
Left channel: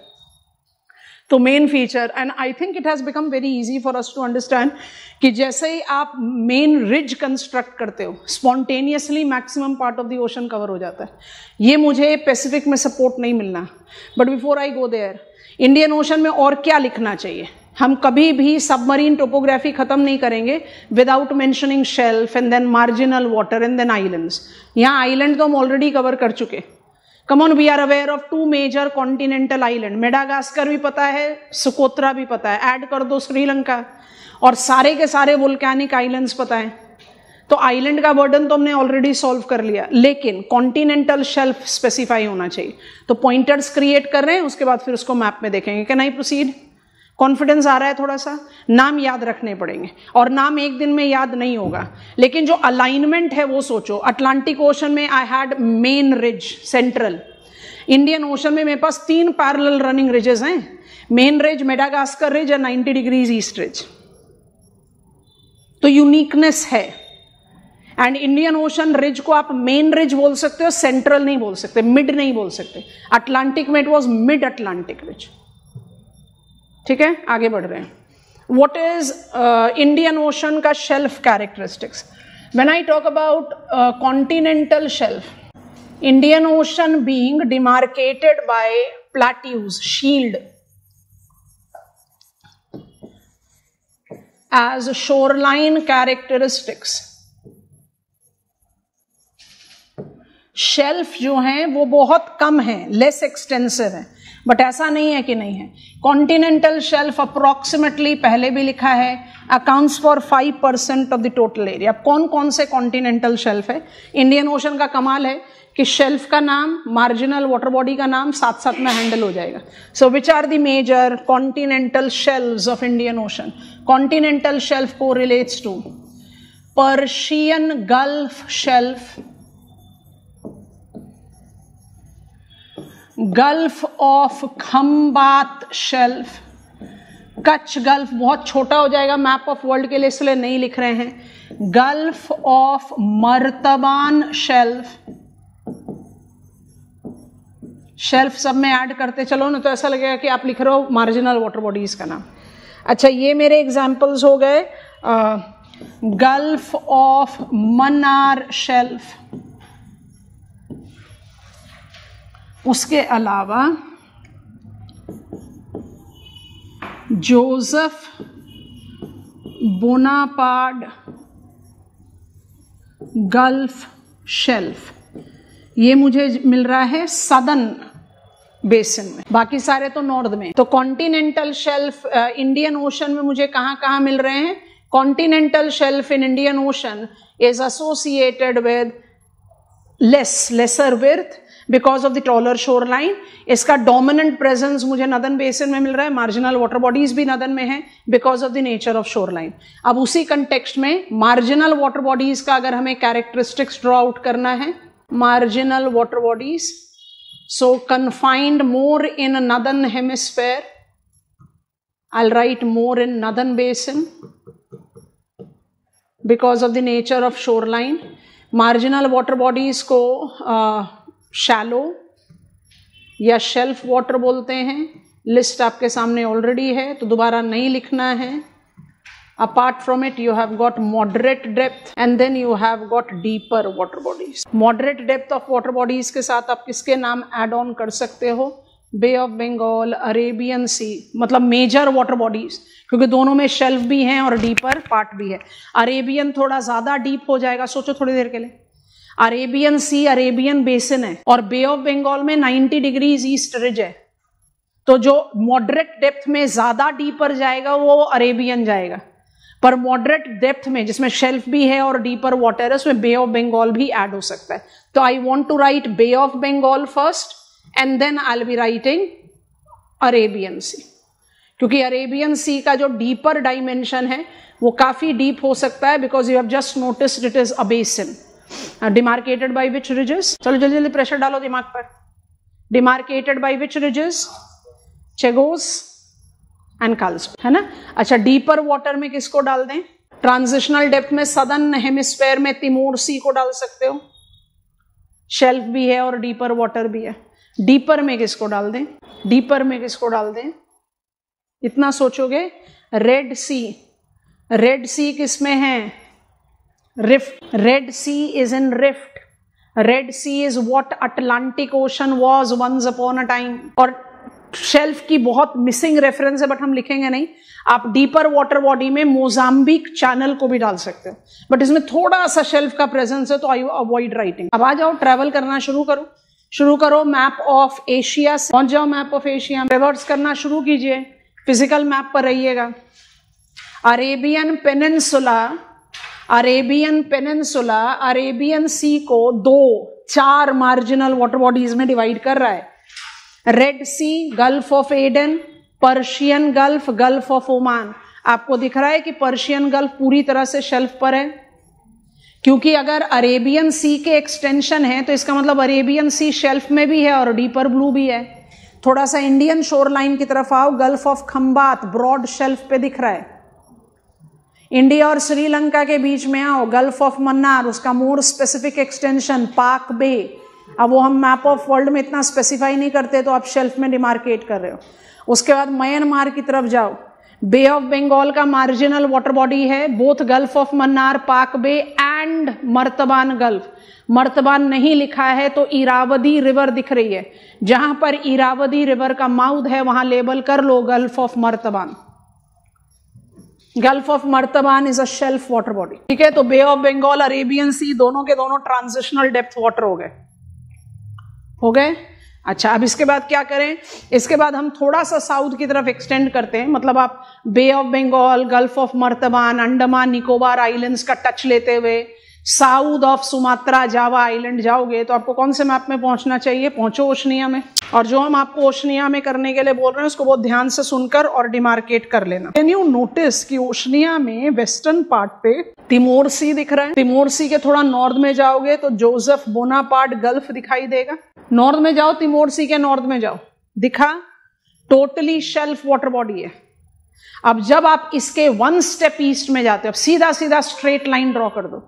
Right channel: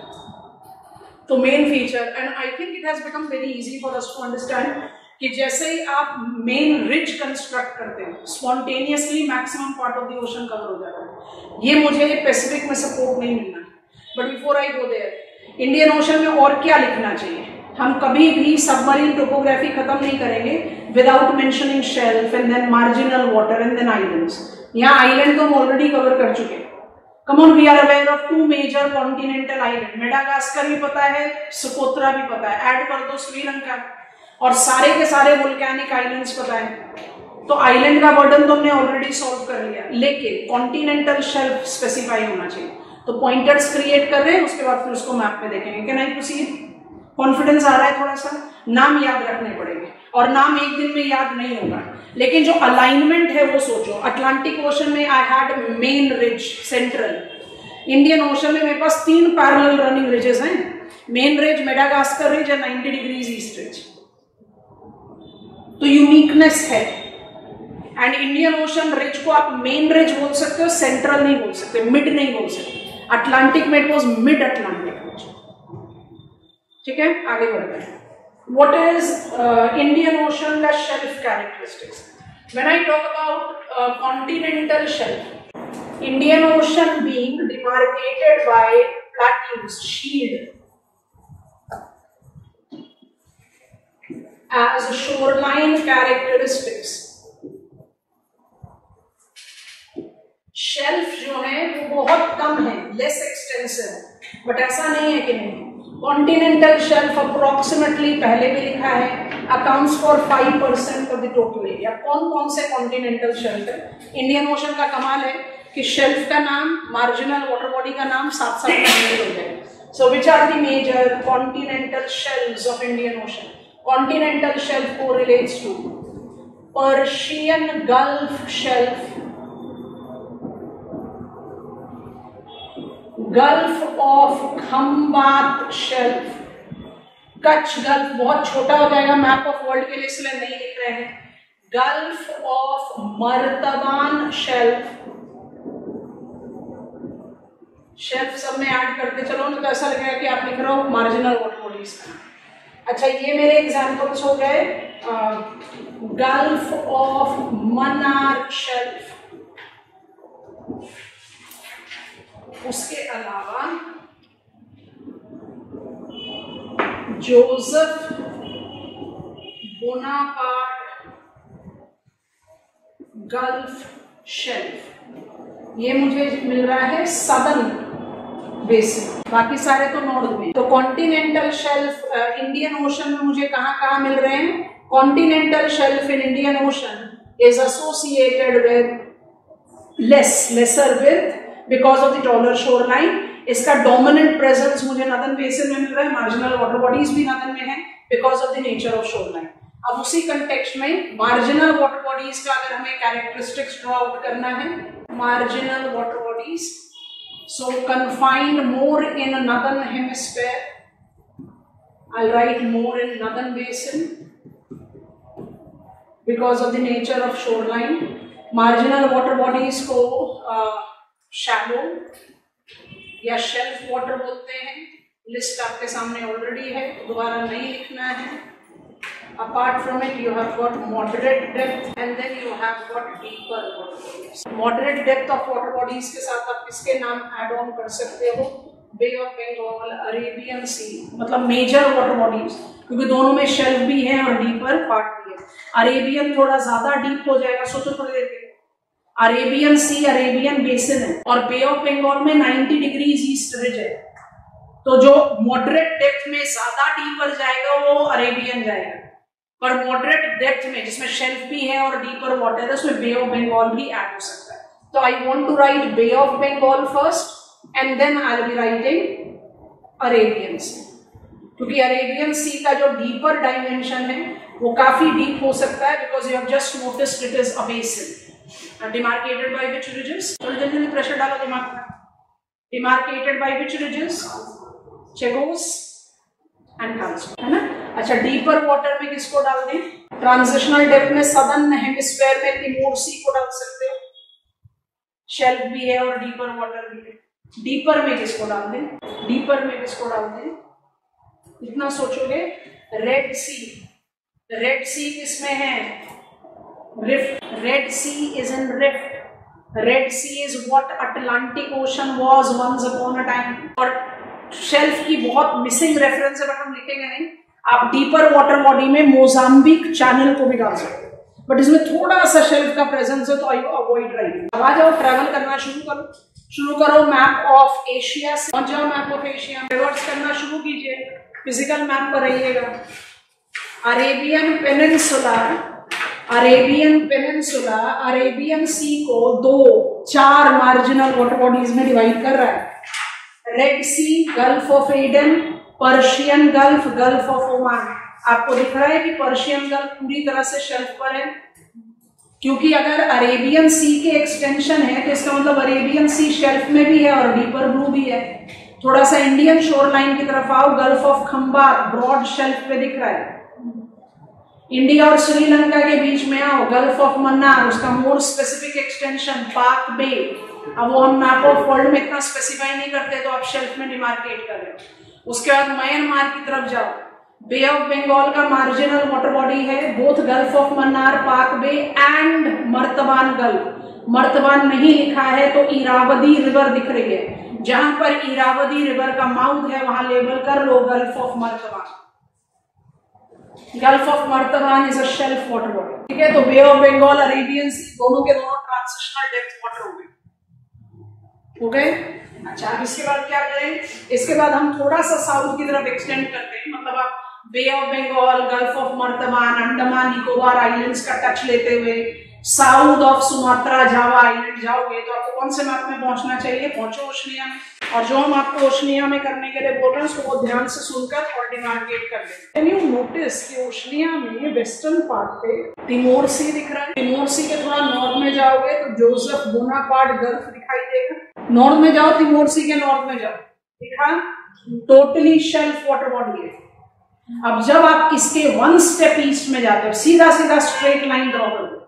तो main feature, and I think it has become very easy for us to understand, कि जैसे ही आप मेन रिज कंस्ट्रक्ट करते हो, spontaneously maximum part of the ocean cover हो जाता है. ये मुझे पैसिफिक में सपोर्ट नहीं मिलना, but before I go there, Indian ocean में और क्या लिखना चाहिए? हम कभी भी सबमरीन टोपोग्राफी खत्म नहीं करेंगे without mentioning shelf and then marginal water and then islands. यहाँ आइलैंड तो हम ऑलरेडी कवर कर चुके. Come on, we are aware of two major continental island. Madagascar भी पता है, सुकोत्रा भी पता है. ऐड कर दो श्रीलंका, और सारे के सारे वोल्केनिक आइलैंड्स पता है. तो आइलैंड का बर्डन तो हमने ऑलरेडी सॉल्व कर लिया, लेकिन कॉन्टिनेंटल शेल्फ स्पेसिफाई होना चाहिए. तो पॉइंटर्स क्रिएट कर रहे हैं, उसके बाद फिर उसको मैप में देखेंगे. कि नहीं प्रोसीड? कॉन्फिडेंस आ रहा है थोड़ा सा? नाम याद रखने पड़ेंगे, और नाम एक दिन में याद नहीं होगा, लेकिन जो अलाइनमेंट है वो सोचो. अटलांटिक ओशन में I had main ridge central. Indian ocean में मेरे पास 3 पैरेलल रनिंग रिजेस हैं. मेन रिज, मेडागास्कर रिज और 90 डिग्रीज ईस्ट रिज. तो यूनिकनेस है. एंड इंडियन ओशन रिज को आप मेन रिज बोल सकते हो, सेंट्रल नहीं बोल सकते, मिड नहीं बोल सकते. अटलांटिक में it was mid Atlantic ridge. ठीक है, आगे बढ़ रहे हैं. व्हाट इज इंडियन ओशन का shelf characteristics? When I talk about continental shelf, Indian Ocean being demarcated by plateaus, shield, as shoreline characteristics. Shelf जो है वो बहुत कम है, लेस एक्सटेंसिव है. बट ऐसा नहीं है कि नहीं है। कॉन्टिनेंटल शेल्फ अप्रोक्सीमेटली पहले भी लिखा है, accounts for 5% of the total area. कौन कौन से कॉन्टिनेंटल शेल्फ है? इंडियन ओशन का कमाल है कि शेल्फ का नाम, मार्जिनल वाटर बॉडी का नाम साथ साथ में हैंडल हो जाएगा। So which are the major continental shelves of Indian Ocean? Continental shelf correlates to Persian Gulf shelf, Gulf of Khambhat shelf, Kutch gulf बहुत छोटा हो जाएगा मैप ऑफ वर्ल्ड के लिए इसलिए नहीं लिख रहे हैं, gulf of Martaban shelf. Shelf सब में ऐड करते चलो ना तो ऐसा लगेगा कि आप लिख रहे हो मार्जिनल वाटर बॉडीज का नाम। अच्छा, ये मेरे एग्जाम्पल्स हो गए। गल्फ ऑफ मन्नार शेल्फ, उसके अलावा जोसेफ बोनापार्ड गल्फ शेल्फ, ये मुझे मिल रहा है सदर्न बेसिन, बाकी सारे तो नॉर्थ में। तो कॉन्टिनेंटल शेल्फ इंडियन ओशन में मुझे कहां कहां मिल रहे हैं? Continental shelf in Indian ocean is associated with lesser width because of the taller shore line. इसका डोमिनेंट प्रेजेंस मुझे नदर्न बेसिन में मिल रहा है, मार्जिनल वाटर बॉडीज भी नदर्न में है because of the nature of shore line. अब उसी कंटेक्स्ट में मार्जिनल वाटर बॉडीज का अगर हमें कैरेक्टरिस्टिक्स ड्रॉ आउट करना है, marginal water bodies, so confined more in northern hemisphere, I'll write more in northern basin because of the nature of shoreline. Marginal water bodies को shallow या shelf water बोलते हैं। लिस्ट आपके सामने ऑलरेडी है तो दोबारा नहीं लिखना है। Apart from it, you have got moderate depth and then you have got deeper water bodies. Moderate depth of water bodies के साथ आप किसके नाम add on कर सकते हो? बे ऑफ बंगाल, अरेबियन सी, मतलब मेजर वाटर बॉडीज, क्योंकि दोनों में शेल्फ भी है और डीपर पार्ट भी है। अरेबियन थोड़ा ज्यादा डीप हो जाएगा, सोचो थोड़ी देर के लिए। अरेबियन सी अरेबियन बेसिन है और बे ऑफ बंगाल में 90 डिग्रीज ईस्ट रिज है, तो जो मॉडरेट डेप्थ में ज्यादा डीपर जाएगा वो अरेबियन जाएगा, पर मॉडरेट डेप्थ में जिसमें शेल्फ भी है और डीपर वाटर है उसमें बे ऑफ बंगाल भी ऐड हो सकता है। तो I want to write Bay of Bengal first and then I will be writing Arabian Sea, क्योंकि अरेबियन सी का जो डीपर डायमेंशन है वो काफी डीप हो सकता है because you have just noticed it is a basin demarcated by which ridges. चलो जल्दी जल्दी प्रेशर डालो दिमाग पर। Demarcated by which ridges? Chagos and Carlsberg, है ना। अच्छा, डीपर वाटर में किसको डाल दें? ट्रांजिशनल डेप्थ में सदर्न हेमिस्फेयर में तिमोर सी को डाल सकते हो, शेल्फ भी है और डीपर वाटर भी है। डीपर में किसको डाल दें? डीपर में किसको डाल दें? इतना सोचोगे। रेड सी, रेड सी किसमें है? Rift. Red Sea is in rift. Red Sea is what Atlantic ocean was once upon a time. और शेल्फ की बहुत मिसिंग रेफरेंस है बट हम लिखेंगे नहीं। आप डीपर वाटर बॉडी में मोजाम्बिक चैनल को भी डाल सकते हैं, बट इसमें थोड़ा सा शेल्फ का प्रेजेंस है तो आई अवॉइड राइटिंग। अब आ जाओ, ट्रेवल करना शुरू करो। मैप ऑफ एशिया पहुंच जाओ। मैप ऑफ एशिया रिवर्स करना शुरू कीजिए, फिजिकल मैप पर रहिएगा। अरेबियन पेनिनसुला अरेबियन सी को 4 मार्जिनल वाटर बॉडीज में डिवाइड कर रहा है। Red Sea, Gulf of Aden, Persian Gulf, Gulf of Oman. आपको दिख रहा है कि पर्शियन गल्फ पूरी तरह से शेल्फ पर है, क्योंकि अगर अरेबियन सी के एक्सटेंशन है तो इसका मतलब अरेबियन सी शेल्फ में भी है और डीपर ब्लू भी है। थोड़ा सा इंडियन शोर लाइन की तरफ आओ, Gulf of Khambhat broad shelf पे दिख रहा है। इंडिया और श्रीलंका के बीच में आओ, गल्फ ऑफ मन्नार, उसका मोर स्पेसिफिक एक्सटेंशन पाक बे। अब वो हम मैप ऑफ वर्ल्ड में इतना स्पेसिफाई नहीं करते तो आप शेल्फ में डिमार्केट कर रहे हो। उसके बाद म्यांमार की तरफ जाओ, बे ऑफ बंगाल का मार्जिनल वाटर बॉडी है, बोथ गल्फ ऑफ मन्नार, पाक बे एंड मर्तबान गल्फ। मर्तबान नहीं लिखा है तो इरावदी रिवर दिख रही है, जहां पर इरावदी रिवर का माउथ है वहां लेबल कर लो Gulf of Martaban. Gulf of Martaban is a shelf water body, ठीक है। तो Bay of Bengal, Arabian Sea, दोनों के दोनों ट्रांजिशनल डेप्थ वाटर हो गए। अच्छा, अब इसके बाद क्या करें? इसके बाद हम थोड़ा सा साउथ की तरफ एक्सटेंड करते हैं, मतलब आप Bay of Bengal, Gulf of Martaban, Andaman Nicobar islands का टच लेते हुए south of Sumatra, Java island जाओगे तो आपको कौन से मैप में पहुंचना चाहिए? पहुंचो ओशनिया में। और जो हम आपको ओशनिया में करने के लिए बोल रहे हैं उसको बहुत ध्यान से सुनकर और डिमार्केट कर लेना। कैन यू नोटिस कि ओशनिया में वेस्टर्न पार्ट पे तिमोर सी दिख रहा है। तिमोर सी के थोड़ा नॉर्थ में जाओगे तो जोसेफ बोनापार्ट गल्फ दिखाई देगा। नॉर्थ में जाओ, तिमोर सी के नॉर्थ में जाओ, दिखा? टोटली शेल्फ वाटर बॉडी है। अब जब आप इसके वन स्टेप ईस्ट में जाते हो, सीधा सीधा स्ट्रेट लाइन ड्रॉ कर दो।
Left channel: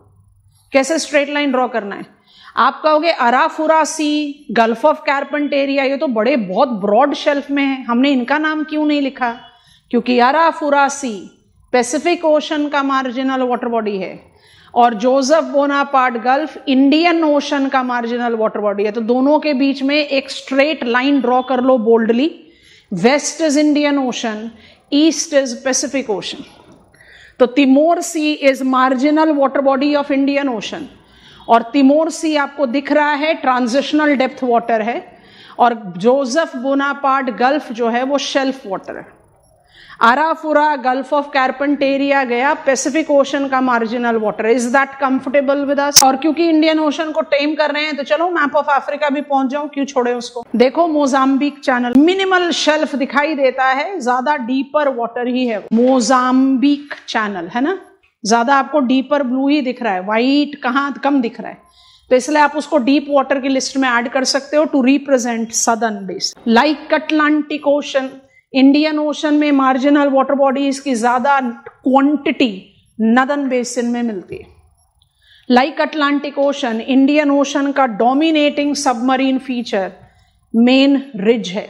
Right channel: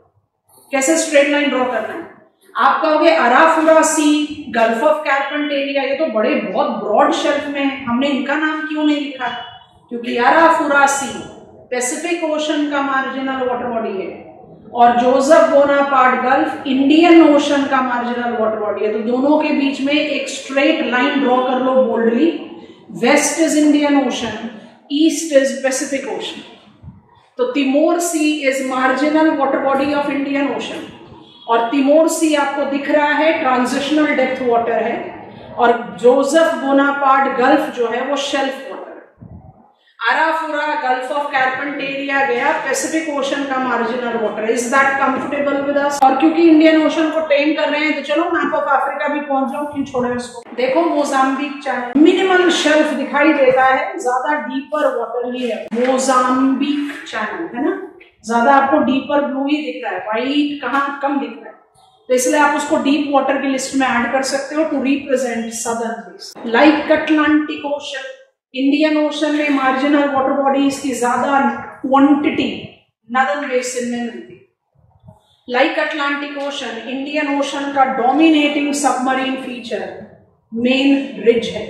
कैसे स्ट्रेट लाइन ड्रॉ करना है? आप कहोगे अराफुरा सी, गल्फ ऑफ कार्पेंटेरिया, ये तो बड़े बहुत ब्रॉड शेल्फ में है, हमने इनका नाम क्यों नहीं लिखा? क्योंकि अराफुरा सी पैसिफिक ओशन का मार्जिनल वाटर बॉडी है और Joseph Bonaparte gulf Indian ocean का मार्जिनल वाटर बॉडी है। तो दोनों के बीच में एक स्ट्रेट लाइन ड्रॉ कर लो boldly. West is Indian Ocean, east is Pacific Ocean. तो Timor Sea is marginal water body of Indian Ocean और तिमोर सी आपको दिख रहा है ट्रांजिशनल डेप्थ वाटर है और जोसेफ बोनापार्ट गल्फ जो है वो शेल्फ वाटर है। अराफुरा गल्फ ऑफ कार्पेंटेरिया गया पैसिफिक ओशन का marginal water. Is that comfortable with us? और क्योंकि इंडियन ओशन को टेम कर रहे हैं तो चलो मैप ऑफ अफ्रीका भी पहुंच जाओ, क्यों छोड़े उसको। देखो मोजाम्बिक चैनल, मिनिमल शेल्फ दिखाई देता है, ज्यादा डीपर वाटर ही है। मोजाम्बिक चैनल है ना, ज्यादा आपको डीपर ब्लू ही दिख रहा है, व्हाइट कहाँ कम दिख रहा है, तो इसलिए आप उसको डीप वाटर की लिस्ट में ऐड कर सकते हो to represent southern basin. Like Atlantic Ocean, Indian ocean में मार्जिनल वाटर बॉडीज की ज्यादा क्वांटिटी नदर्न बेसिन में मिलती है। Like Atlantic Ocean, Indian ocean का dominating submarine feature main ridge है।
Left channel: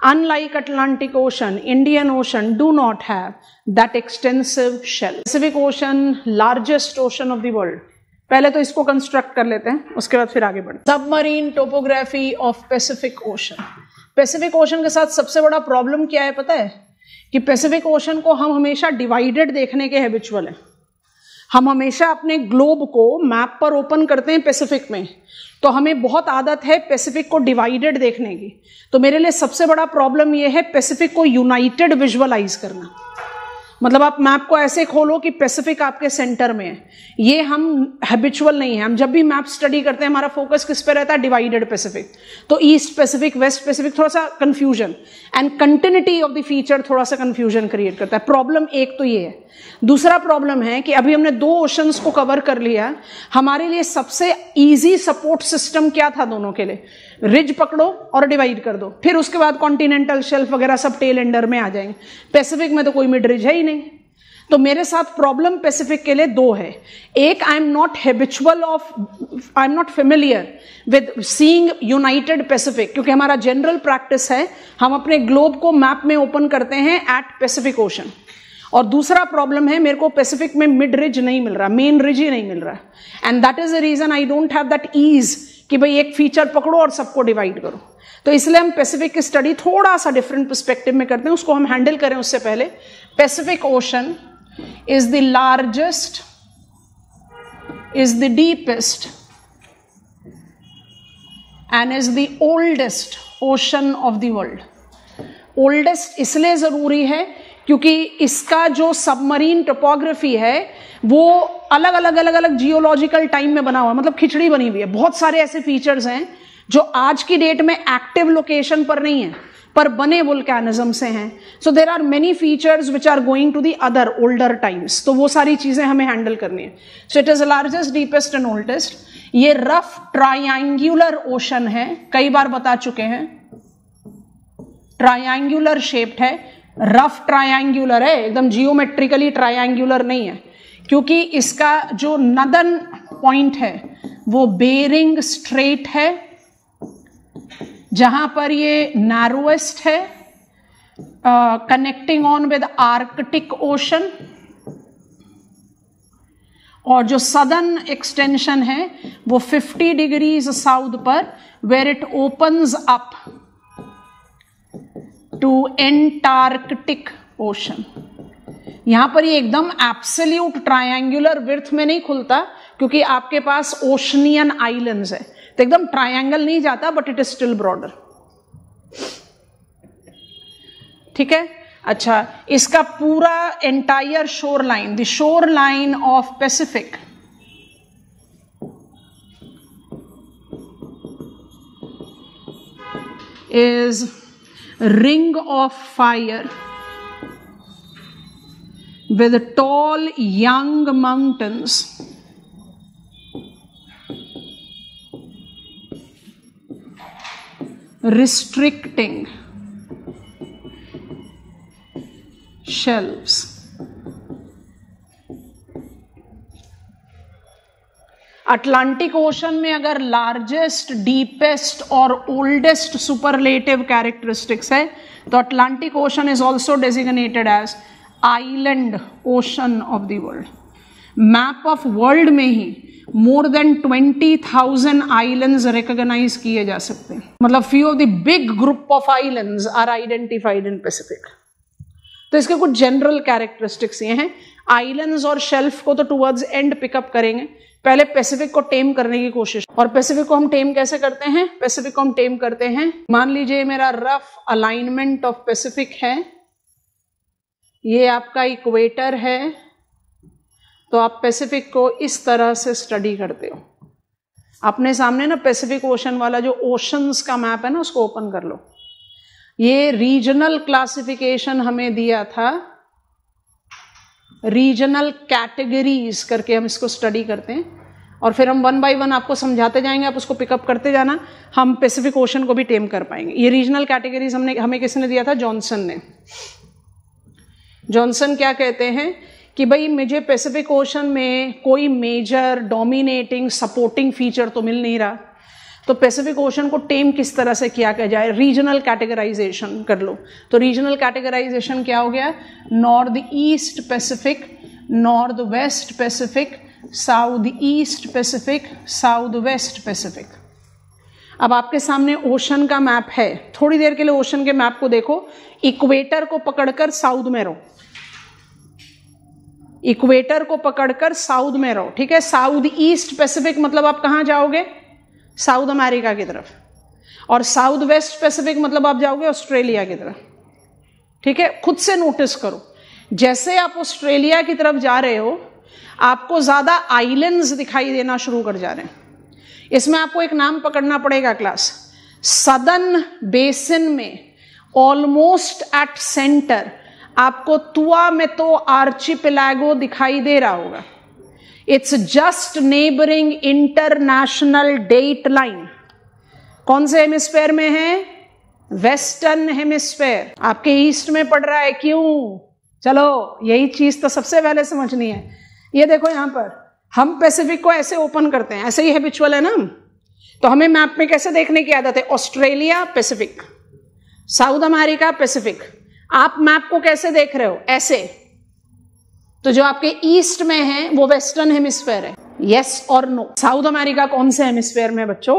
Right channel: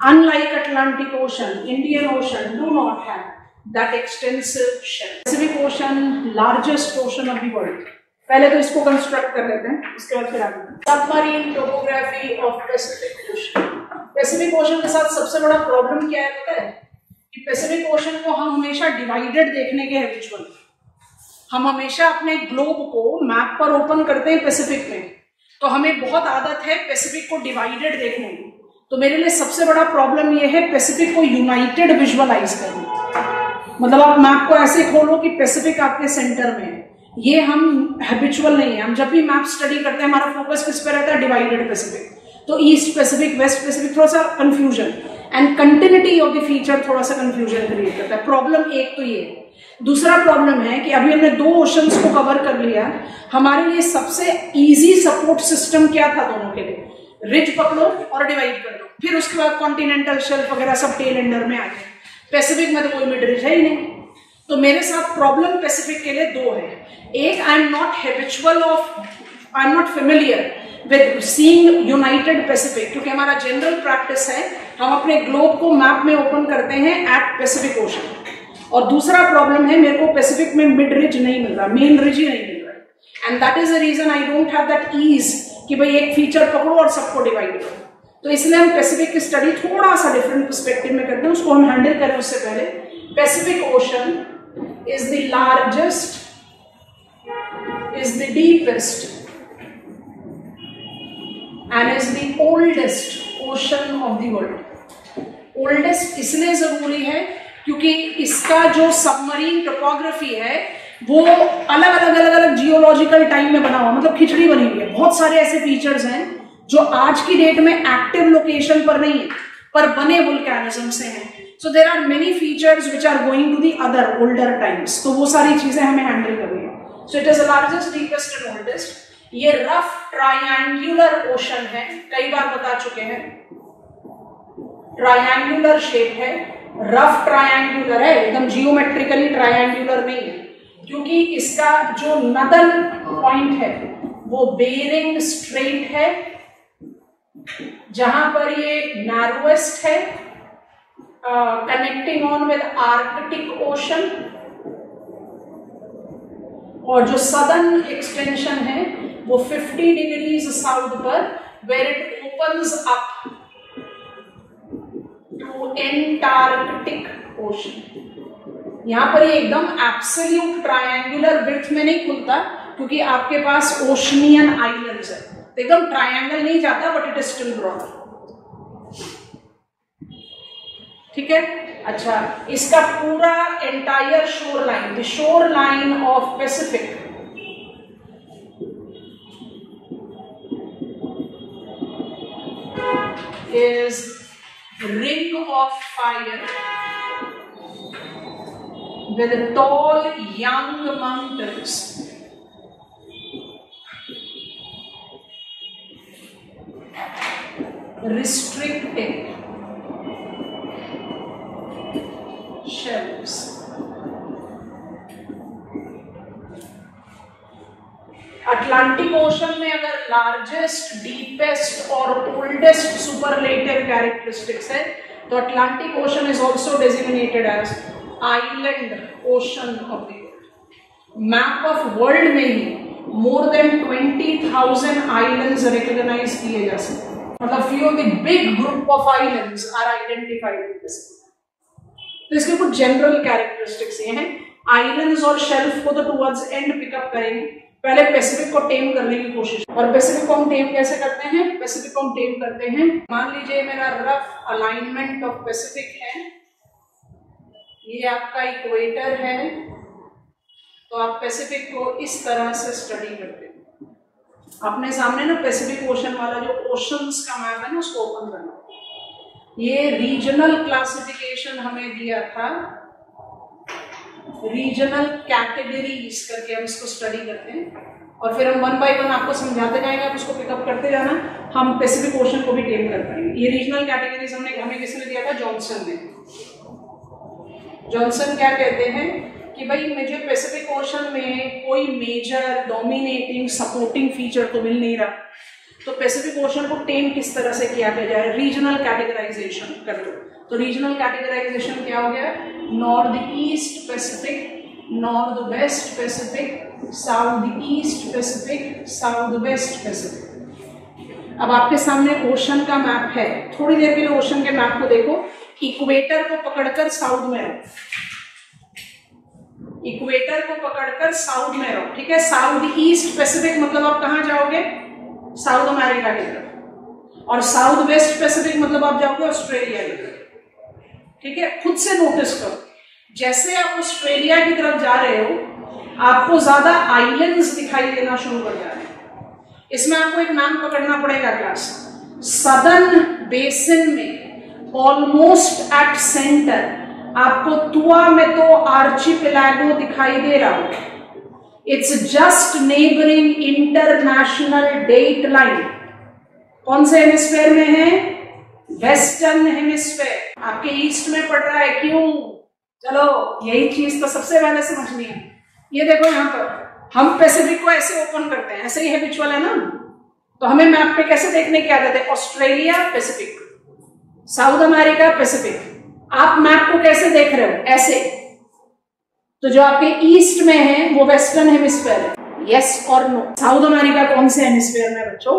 Unlike Atlantic Ocean, Indian Ocean do not have that extensive shelf. Pacific Ocean largest ocean of the world. पहले तो इसको कंस्ट्रक्ट कर लेते हैं, उसके बाद फिर आगे बढ़ते हैं। Submarine topography of Pacific ocean. Pacific ocean के साथ सबसे बड़ा प्रॉब्लम क्या है पता है? कि पैसिफिक ओशन को हम हमेशा डिवाइडेड देखने के हैबिचुअल हैं। हम हमेशा अपने ग्लोब को मैप पर ओपन करते हैं पैसिफिक में, तो हमें बहुत आदत है पैसिफिक को डिवाइडेड देखने की। तो मेरे लिए सबसे बड़ा प्रॉब्लम यह है पैसिफिक को यूनाइटेड विजुअलाइज करना। मतलब आप मैप को ऐसे खोलो कि पैसिफिक आपके सेंटर में है। ये हम हैबिचुअल नहीं है। हम जब भी मैप स्टडी करते हैं हमारा फोकस किस पे रहता है? Divided Pacific. तो ईस्ट पैसिफिक, वेस्ट पैसिफिक, थोड़ा सा confusion and continuity of the feature थोड़ा सा कंफ्यूजन क्रिएट करता है। प्रॉब्लम एक तो ये है। दूसरा प्रॉब्लम है कि अभी हमने 2 ओशंस को कवर कर लिया, हमारे लिए सबसे इजी सपोर्ट सिस्टम क्या था दोनों के लिए? रिज पकड़ो और डिवाइड कर दो, फिर उसके बाद कॉन्टिनेंटल शेल्फ वगैरह सब टेल एंडर में आ जाएंगे। पैसिफिक में तो कोई मिड रिज है ही नहीं। तो मेरे साथ प्रॉब्लम पैसिफिक के लिए 2 है। एक, I am not habitual of, I am not familiar with seeing United Pacific, क्योंकि हमारा जनरल प्रैक्टिस है हम अपने ग्लोब को मैप में ओपन करते हैं एट पैसिफिक ओशन। और दूसरा प्रॉब्लम है मेरे को पैसिफिक में मिड रिज नहीं मिल रहा, मेन रिज ही नहीं मिल रहा, and that is the reason I don't have that ease कि भाई एक फीचर पकड़ो और सबको डिवाइड करो। तो इसलिए हम पैसिफिक की स्टडी थोड़ा सा डिफरेंट पर्सपेक्टिव में करते हैं, उसको हम हैंडल करें उससे पहले। Pacific ocean is the largest, is the deepest and is the oldest ocean of the world. Oldest इसलिए जरूरी है क्योंकि इसका जो सबमरीन टोपोग्राफी है वो अलग अलग जियोलॉजिकल टाइम में बना हुआ, मतलब खिचड़ी बनी हुई है। बहुत सारे ऐसे फीचर्स हैं जो आज की डेट में एक्टिव लोकेशन पर नहीं है पर बने वोल्केनिज्म से हैं। So there are many features which are going to the other older times, तो वो सारी चीजें हमें हैंडल करनी है। So it is the largest, deepest and oldest. ये रफ ट्रायंगुलर ओशन है, कई बार बता चुके हैं। ट्रायंगुलर शेप्ड है, रफ ट्रायंगुलर है, एकदम जियोमेट्रिकली ट्रायंगुलर नहीं है, क्योंकि इसका जो नदर्न पॉइंट है वो बेरिंग स्ट्रेट है, जहां पर ये नैरोएस्ट है, connecting on with Arctic ocean. और जो सदर्न एक्सटेंशन है वो 50 डिग्रीज साउथ पर, where it opens up to Antarctic ocean. यहां पर ये एकदम एब्सोल्यूट ट्रायंगुलर विड्थ में नहीं खुलता, क्योंकि आपके पास ओशनियन आइलैंड्स है। एकदम ट्रायंगल नहीं जाता, but it is still broader. ठीक है, अच्छा, इसका पूरा entire shore line, the shore line of Pacific is ring of fire with tall young mountains restricting shelves. Atlantic ocean में अगर लार्जेस्ट, डीपेस्ट और ओल्डेस्ट सुपरलेटिव कैरेक्टरिस्टिक्स है, तो Atlantic ocean is also designated as island ocean of the world. Map of world में ही मोर देन 20,000 आइलैंड्स रिकॉग्नाइज किए जा सकते हैं। मतलब few of the big group of islands are identified in Pacific. तो इसके कुछ जनरल कैरेक्टरिस्टिक्स ये हैं। आइलैंड्स और शेल्फ को तो टुवर्ड्स एंड पिकअप करेंगे, पहले पैसिफिक को टेम करने की कोशिश। और पैसिफिक को हम टेम कैसे करते हैं? पैसिफिक को हम टेम करते हैं, मान लीजिए मेरा रफ अलाइनमेंट ऑफ पैसिफिक है, ये आपका इक्वेटर है, तो आप पैसिफिक को इस तरह से स्टडी करते हो। अपने सामने ना पैसिफिक ओशन वाला जो ओशंस का मैप है ना, उसको ओपन कर लो। ये रीजनल क्लासिफिकेशन हमें दिया था, रीजनल कैटेगरीज करके हम इसको स्टडी करते हैं, और फिर हम 1 बाय 1 आपको समझाते जाएंगे, आप उसको पिकअप करते जाना, हम पैसिफिक ओशन को भी टेम कर पाएंगे। ये रीजनल कैटेगरीज हमें किसने दिया था? जॉनसन ने। जॉनसन क्या कहते हैं कि भाई मुझे पैसिफिक ओशन में कोई मेजर डोमिनेटिंग सपोर्टिंग फीचर तो मिल नहीं रहा, तो पैसिफिक ओशन को टेम किस तरह से किया जाए? रीजनल कैटेगराइजेशन कर लो। तो रीजनल कैटेगराइजेशन क्या हो गया? North east Pacific, north west Pacific, south east Pacific, south west Pacific. अब आपके सामने ओशन का मैप है, थोड़ी देर के लिए ओशन के मैप को देखो। इक्वेटर को पकड़कर साउथ में रहो, इक्वेटर को पकड़कर साउथ में रहो, ठीक है। साउथ ईस्ट पैसिफिक मतलब आप कहां जाओगे? साउथ अमेरिका की तरफ। और साउथ वेस्ट पैसिफिक मतलब आप जाओगे ऑस्ट्रेलिया की तरफ, ठीक है। खुद से नोटिस करो, जैसे आप ऑस्ट्रेलिया की तरफ जा रहे हो, आपको ज्यादा आइलैंड्स दिखाई देना शुरू कर जा रहे हैं। इसमें आपको एक नाम पकड़ना पड़ेगा क्लास। सदर्न बेसिन में ऑलमोस्ट एट सेंटर आपको तुआमेतो आर्चिपेलागो दिखाई दे रहा होगा। It's just neighbouring international date line. कौन से हेमिस्फेयर में है? Western hemisphere. आपके ईस्ट में पड़ रहा है, क्यों? चलो यही चीज तो सबसे पहले समझनी है। ये देखो यहां पर हम पैसिफिक को ऐसे ओपन करते हैं, ऐसे ही हैबिचुअल है ना। तो हमें मैप पे कैसे देखने की आदत है? Australia Pacific, south America Pacific. आप मैप को कैसे देख रहे हो? ऐसे। तो जो आपके ईस्ट में है वो वेस्टर्न हेमिस्फेयर है, यस और नो। साउथ अमेरिका कौन से हेमिस्फेयर में बच्चों?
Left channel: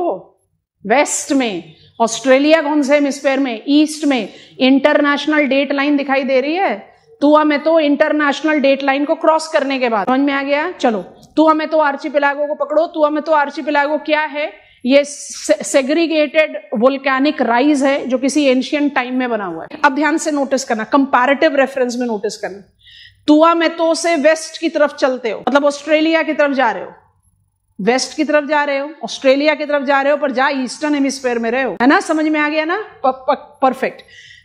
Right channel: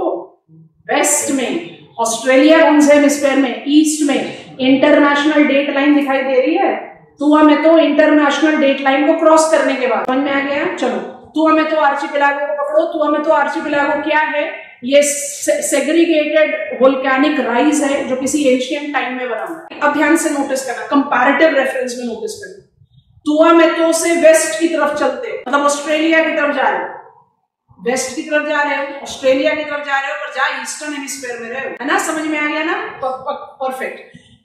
वेस्ट में। ऑस्ट्रेलिया कौन से हेमिस्फेयर में? ईस्ट में। इंटरनेशनल डेट लाइन दिखाई दे रही है, तो हमें तो इंटरनेशनल डेट लाइन को क्रॉस करने के बाद समझ में आ गया। चलो, तो हमें तो आर्चिपेलागो को पकड़ो। तो हमें तो आर्चिपेलागो क्या है? ये सेग्रीगेटेड वोल्केनिक राइज है जो किसी एंशिएंट टाइम में बना हुआ है। अब ध्यान से नोटिस करना, कंपैरेटिव रेफरेंस में नोटिस करना। तुआमेतो से वेस्ट की तरफ चलते हो, मतलब ऑस्ट्रेलिया की तरफ जा रहे हो, वेस्ट की तरफ जा रहे हो, ऑस्ट्रेलिया की तरफ जा रहे हो, पर जा ईस्टर्न हेमिस्फेयर में रहे हो, है ना। समझ में आ गया ना? परफेक्ट।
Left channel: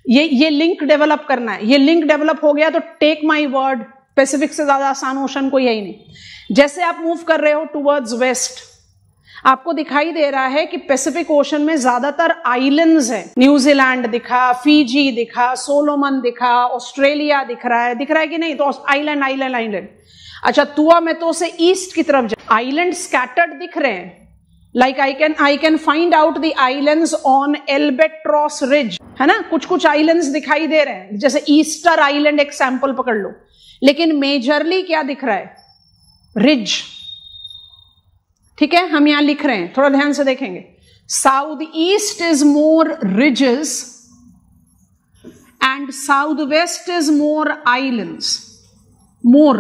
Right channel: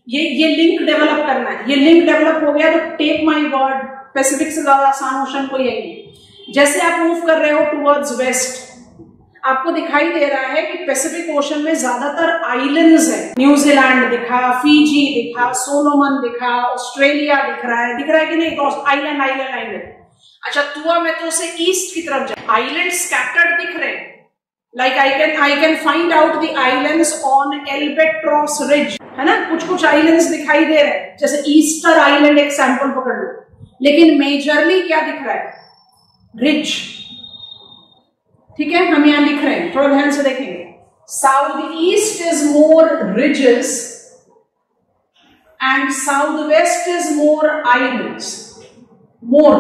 ये लिंक डेवलप करना है। ये लिंक डेवलप हो गया तो टेक माई वर्ड, पैसिफिक से ज्यादा आसान ओशन को यही नहीं। जैसे आप मूव कर रहे हो टुवर्ड्स वेस्ट, आपको दिखाई दे रहा है कि पैसिफिक ओशन में ज्यादातर आइलैंड्स है। न्यूजीलैंड दिखा, फीजी दिखा, सोलोमन दिखा, ऑस्ट्रेलिया दिख रहा है कि नहीं? तो आइलैंड आइलैंड आइलैंड। अच्छा, तुआमेतो से ईस्ट की तरफ जाए, आइलैंड स्कैटर्ड दिख रहे हैं। Like I can find out the islands on albatross ridge, है ना। कुछ आइलैंड्स दिखाई दे रहे हैं, जैसे ईस्टर आइलैंड एक सैंपल पकड़ लो। लेकिन मेजरली क्या दिख रहा है? रिज, ठीक है। हम यहां लिख रहे हैं, थोड़ा ध्यान से देखेंगे। South east is more ridges and south west is more islands. More,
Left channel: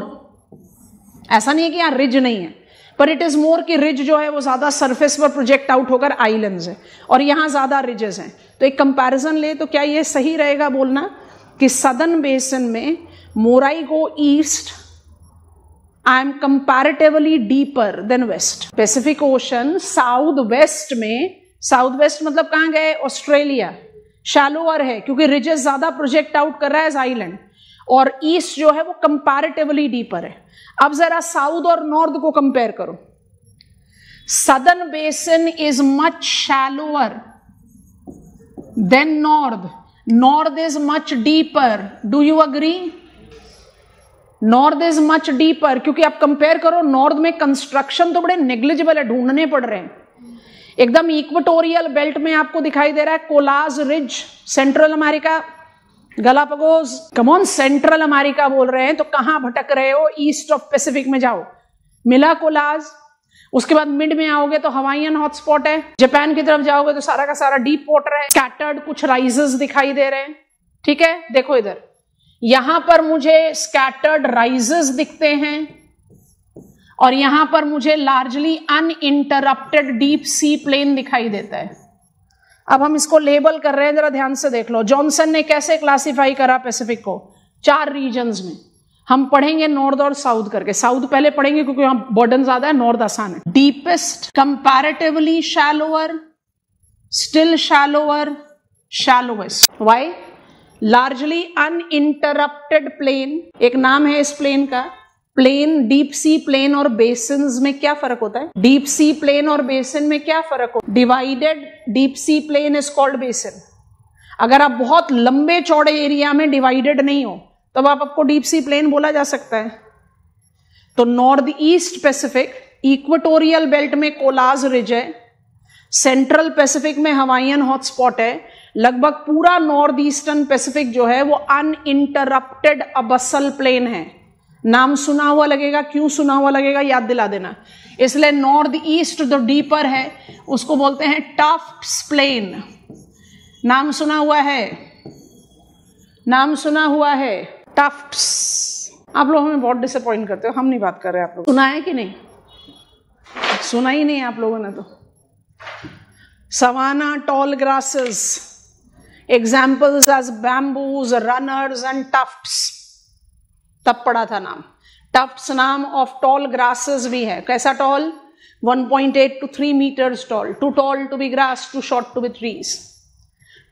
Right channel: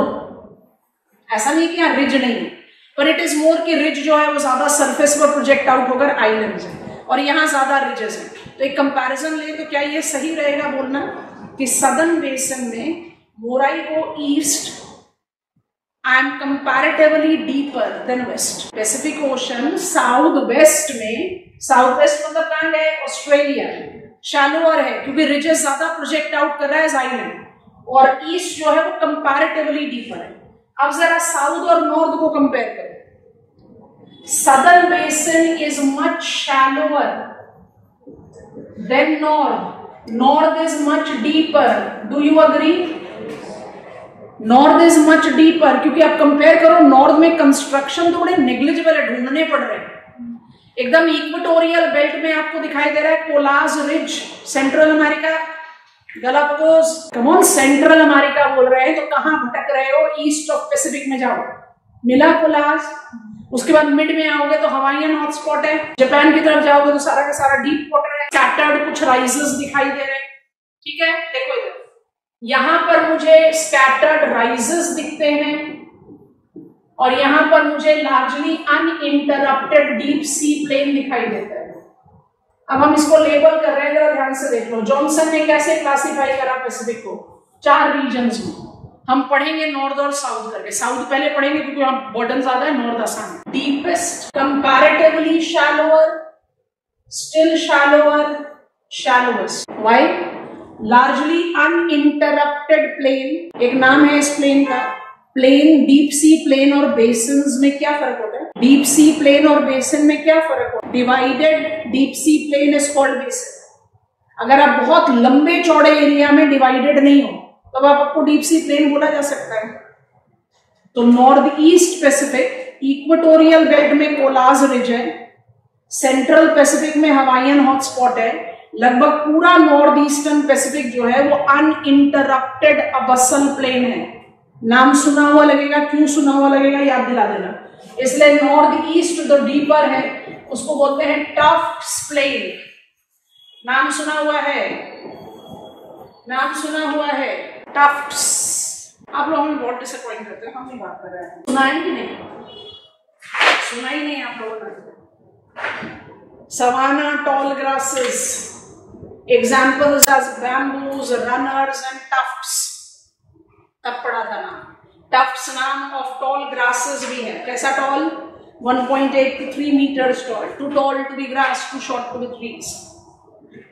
ऐसा नहीं कि यहां रिज नहीं है, पर इट इज मोर कि रिज जो है वो ज्यादा सरफेस पर प्रोजेक्ट आउट होकर आइलैंड्स हैं और यहां ज्यादा रिजेस हैं। तो एक कंपैरिजन ले तो क्या ये सही रहेगा बोलना कि सदर्न बेसिन में more I go east and comparatively deeper than west. Pacific ocean south west में, साउथ वेस्ट मतलब कहां गए, ऑस्ट्रेलिया, शैलोअर है क्योंकि रिजेस ज्यादा प्रोजेक्ट आउट कर रहा है एज आइलैंड, और ईस्ट जो है वो कंपैरेटिवली डीपर है। अब जरा साउथ और नॉर्थ को कंपेयर करो। Southern basin is much shallower than north, north is much deeper. Do you agree? North is much deeper क्योंकि आप कंपेयर करो, नॉर्थ में कंस्ट्रक्शन तो बड़े नेग्लिजिबल है, ढूंढने पड़ रहे हैं। एकदम इक्वेटोरियल बेल्ट में आपको दिखाई दे रहा है collage ridge, central America, Galapagos, come on central America बोल रहे हैं तो कहां भटक रहे हो? ईस्ट ऑफ पैसिफिक में जाओ, मिला कोलाज। उसके बाद मिड में आओगे तो हवाईयन हॉटस्पॉट है, जापान की तरफ जाओगे तो सारा का सारा डीप वाटर है, स्कैटर्ड कुछ राइजेस दिखाई दे रहे हैं। ठीक है, देखो इधर, यहां पर मुझे स्कैटर्ड राइजेस दिखते हैं और यहां पर मुझे largely uninterrupted deep sea plain दिखाई देता है। अब हम इसको लेबल कर रहे हैं, जरा ध्यान से देख लो। जॉनसन ने कैसे क्लासिफाई करा पैसिफिक को? 4 रीजन्स में। हम पढ़ेंगे नॉर्थ और साउथ करके, साउथ पहले पढ़ेंगे क्योंकि वहां बर्डन ज्यादा है, नॉर्थ आसान है। Deepest, comparatively shallower, still shallower, shallowest. Why? Largely uninterrupted plain, एक नाम है इस प्लेन का। प्लेन, डीप सी प्लेन और बेसिन्स में क्या फर्क होता है? डीप सी प्लेन और बेसिन में क्या फर्क होता है? Divided deep sea plain is called basin. अगर आप बहुत लंबे चौड़े एरिया में डिवाइडेड नहीं हो तब आपको डीप सी प्लेन बोला जा सकता है। तो north east Pacific equatorial belt में कोलाज रिज है, सेंट्रल पैसिफिक में हवाईयन हॉटस्पॉट है, लगभग पूरा नॉर्थ ईस्टर्न पैसिफिक जो है वो अनइंटरप्टेड अबसल प्लेन है। नाम सुना हुआ लगेगा, क्यों सुना हुआ लगेगा याद दिला देना। इसलिए नॉर्थ ईस्ट जो डीपर है उसको बोलते हैं टफ्ट्स प्लेन। नाम सुना हुआ है, नाम सुना हुआ है, टफ्ट्स। आप लोगों में बहुत डिसअपॉइंट करते हो, हम नहीं बात कर रहे हैं। आप लोग सुना है कि नहीं? सुना ही नहीं आप लोगों ने तो। Savanna tall grasses, examples as bamboos, runners and tufts. तब पढ़ा था नाम। टफ्ट्स नाम ऑफ टॉल ग्रासेस भी है। कैसा toll? 1.8 to 3 meters tall, too tall to be grass, too short to be trees.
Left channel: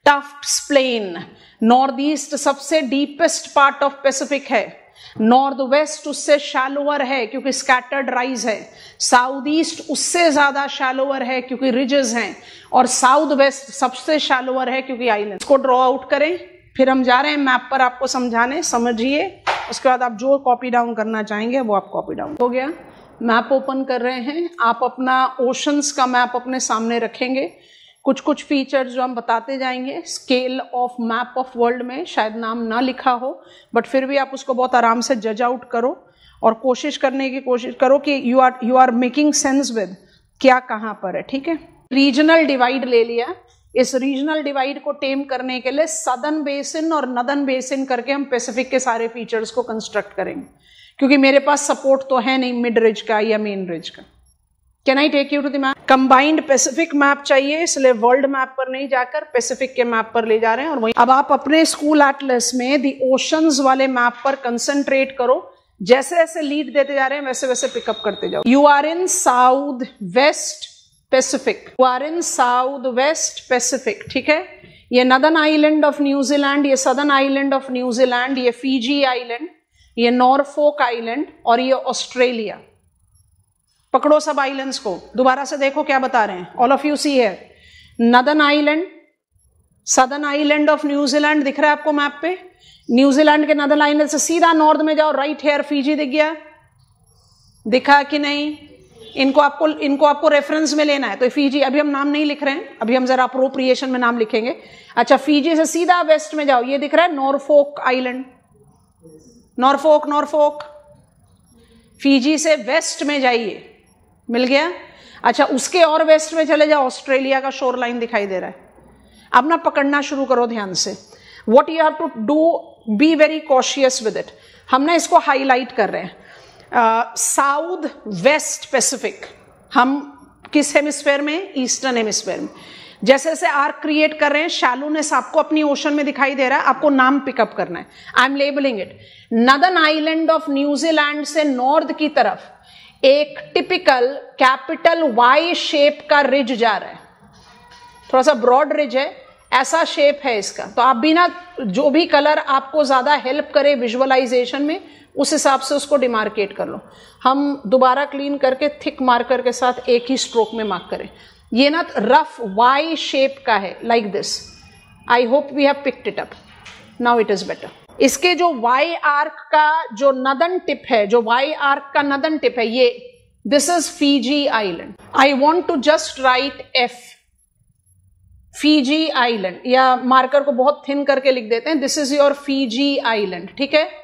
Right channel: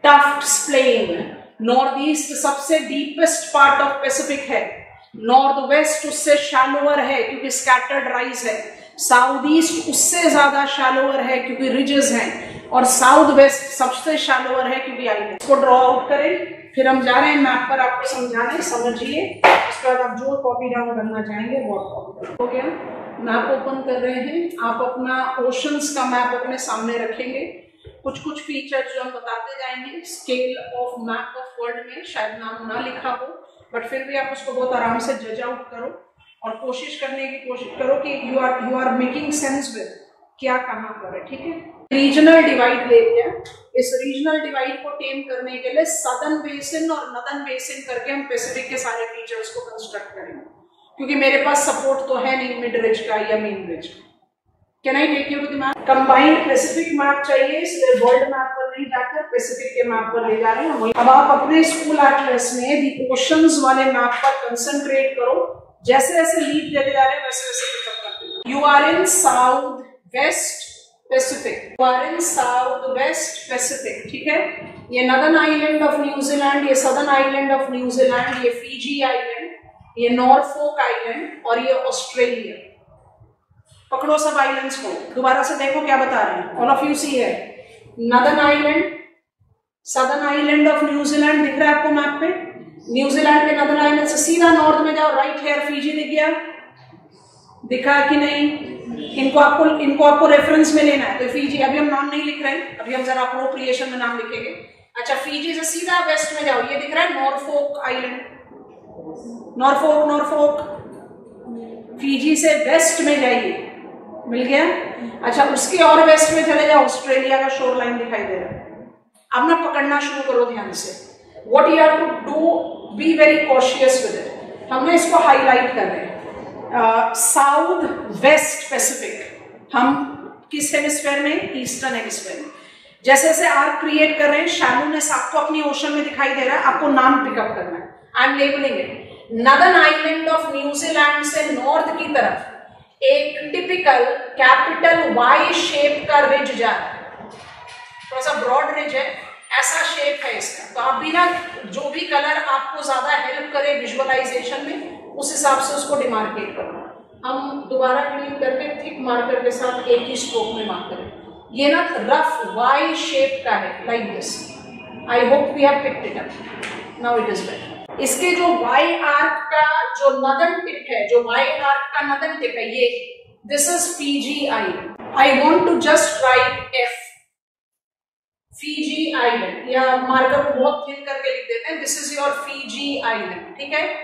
Tufts plain. North east सबसे डीपेस्ट पार्ट ऑफ पैसिफिक है, नॉर्थ वेस्ट उससे शैलोअर है क्योंकि स्कैटर्ड राइज है, साउथ ईस्ट उससे ज्यादा शैलोअर है क्योंकि रिजेस हैं, और साउथ वेस्ट सबसे शैलोअर है क्योंकि आइलैंड। इसको ड्रॉ आउट करें, फिर हम जा रहे हैं मैप पर आपको समझाने, समझिए। उसके बाद आप जो कॉपी डाउन करना चाहेंगे वो आप कॉपी डाउन। हो गया, मैप ओपन कर रहे हैं। आप अपना ओशंस का मैप अपने सामने रखेंगे। कुछ कुछ फीचर्स जो हम बताते जाएंगे। Scale of map of world में शायद नाम ना लिखा हो, बट फिर भी आप उसको बहुत आराम से जज आउट करो और कोशिश करने की कोशिश करो कि you are making sense with क्या कहां पर है। ठीक है, रीजनल डिवाइड ले लिया। इस रीजनल डिवाइड को टेम करने के लिए सदर्न बेसिन और नदर्न बेसिन करके हम पैसिफिक के सारे फीचर्स को कंस्ट्रक्ट करेंगे, क्योंकि मेरे पास सपोर्ट तो है नहीं मिड रिज का या मेन रिज का। Can I take you to the map? Combined Pacific map चाहिए, इसलिए वर्ल्ड मैप पर नहीं जाकर पैसिफिक के मैप पर ले जा रहे हैं। अब आप अपने स्कूल एटलस में द ओशंस वाले मैप पर कंसंट्रेट करो। जैसे जैसे लीड देते जा रहे हैं वैसे वैसे पिकअप करते जाओ। You are in south west Pacific, you are in south west Pacific. ठीक है, ये नदर्न आइलैंड ऑफ न्यूजीलैंड, ये सदर्न आइलैंड ऑफ न्यूजीलैंड, ये फीजी आइलैंड, ये नॉरफोक आइलैंड और ये ऑस्ट्रेलिया। पकड़ो सब आइलैंड्स को, दोबारा से देखो क्या बता रहे हैं। ऑल ऑफ यू सी है northern island, southern island of New Zealand दिख रहा है आपको मैप पे। न्यूजीलैंड के नदर्न आइलैंड से सीधा नॉर्थ में जाओ, राइट हेयर फीजी दिख गया, दिखा कि नहीं? इनको आपको रेफरेंस में लेना है। तो फीजी, अभी हम नाम नहीं लिख रहे हैं, अभी हम जरा अप्रोप्रिएशन में नाम लिखेंगे। अच्छा, फीजी से सीधा वेस्ट में जाओ, ये दिख रहा है नॉरफोक आइलैंड, नॉरफोक। फीजी से वेस्ट में जाइए, मिल गया। अच्छा, उसके और वेस्ट में चले जाओ, ऑस्ट्रेलिया का शोर लाइन दिखाई दे रहा है। अब ना पकड़ना शुरू करो ध्यान से। What you have to do, be very cautious with it. हमने इसको हाईलाइट कर रहे हैं। साउथ वेस्ट पैसिफिक, हम किस हेमिस्फेयर में? ईस्टर्न हेमिस्फेयर में। जैसे जैसे आर्क क्रिएट कर रहे हैं, शैलोनेस आपको अपनी ओशन में दिखाई दे रहा है, आपको नाम पिकअप करना है। I M labelling it. Northern island of New Zealand से नॉर्थ की तरफ एक टिपिकल कैपिटल वाई शेप का रिज जा रहा है, थोड़ा सा ब्रॉड रिज है, ऐसा शेप है इसका। तो आप भी ना, जो भी कलर आपको ज्यादा हेल्प करे विजुअलाइजेशन में, उस हिसाब से उसको डिमार्केट कर लो। हम दोबारा क्लीन करके थिक मार्कर के साथ एक ही स्ट्रोक में मार्क करें। ये ना रफ वाई शेप का है, like this. I hope we have picked it up, now it is better. इसके जो वाई आर्क का जो नदर्न टिप है, जो वाई आर्क का नदर्न टिप है, ये this is Fiji island. I want to just write F, Fiji island, या मार्कर को बहुत थिन करके लिख देते हैं, this is your Fiji island, ठीक है।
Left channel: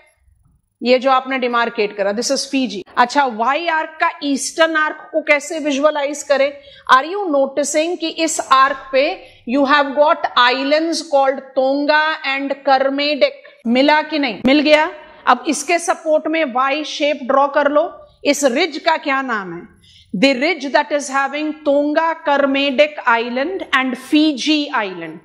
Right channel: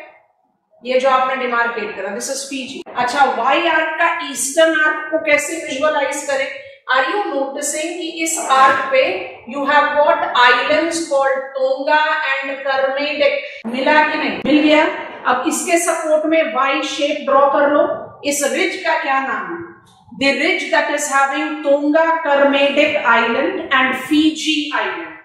ये जो आपने डिमार्केट करा, दिस इज फीजी। अच्छा, वाई आर्क का ईस्टर्न आर्क को कैसे विजुअलाइज करें? आर यू नोटिसिंग कि इस आर्क पे you have got islands called Tonga and Kermadec? मिला कि नहीं? मिल गया। अब इसके सपोर्ट में वाई शेप ड्रॉ कर लो। इस रिज का क्या नाम है? The ridge that is having Tonga, Kermadec island and Fiji island.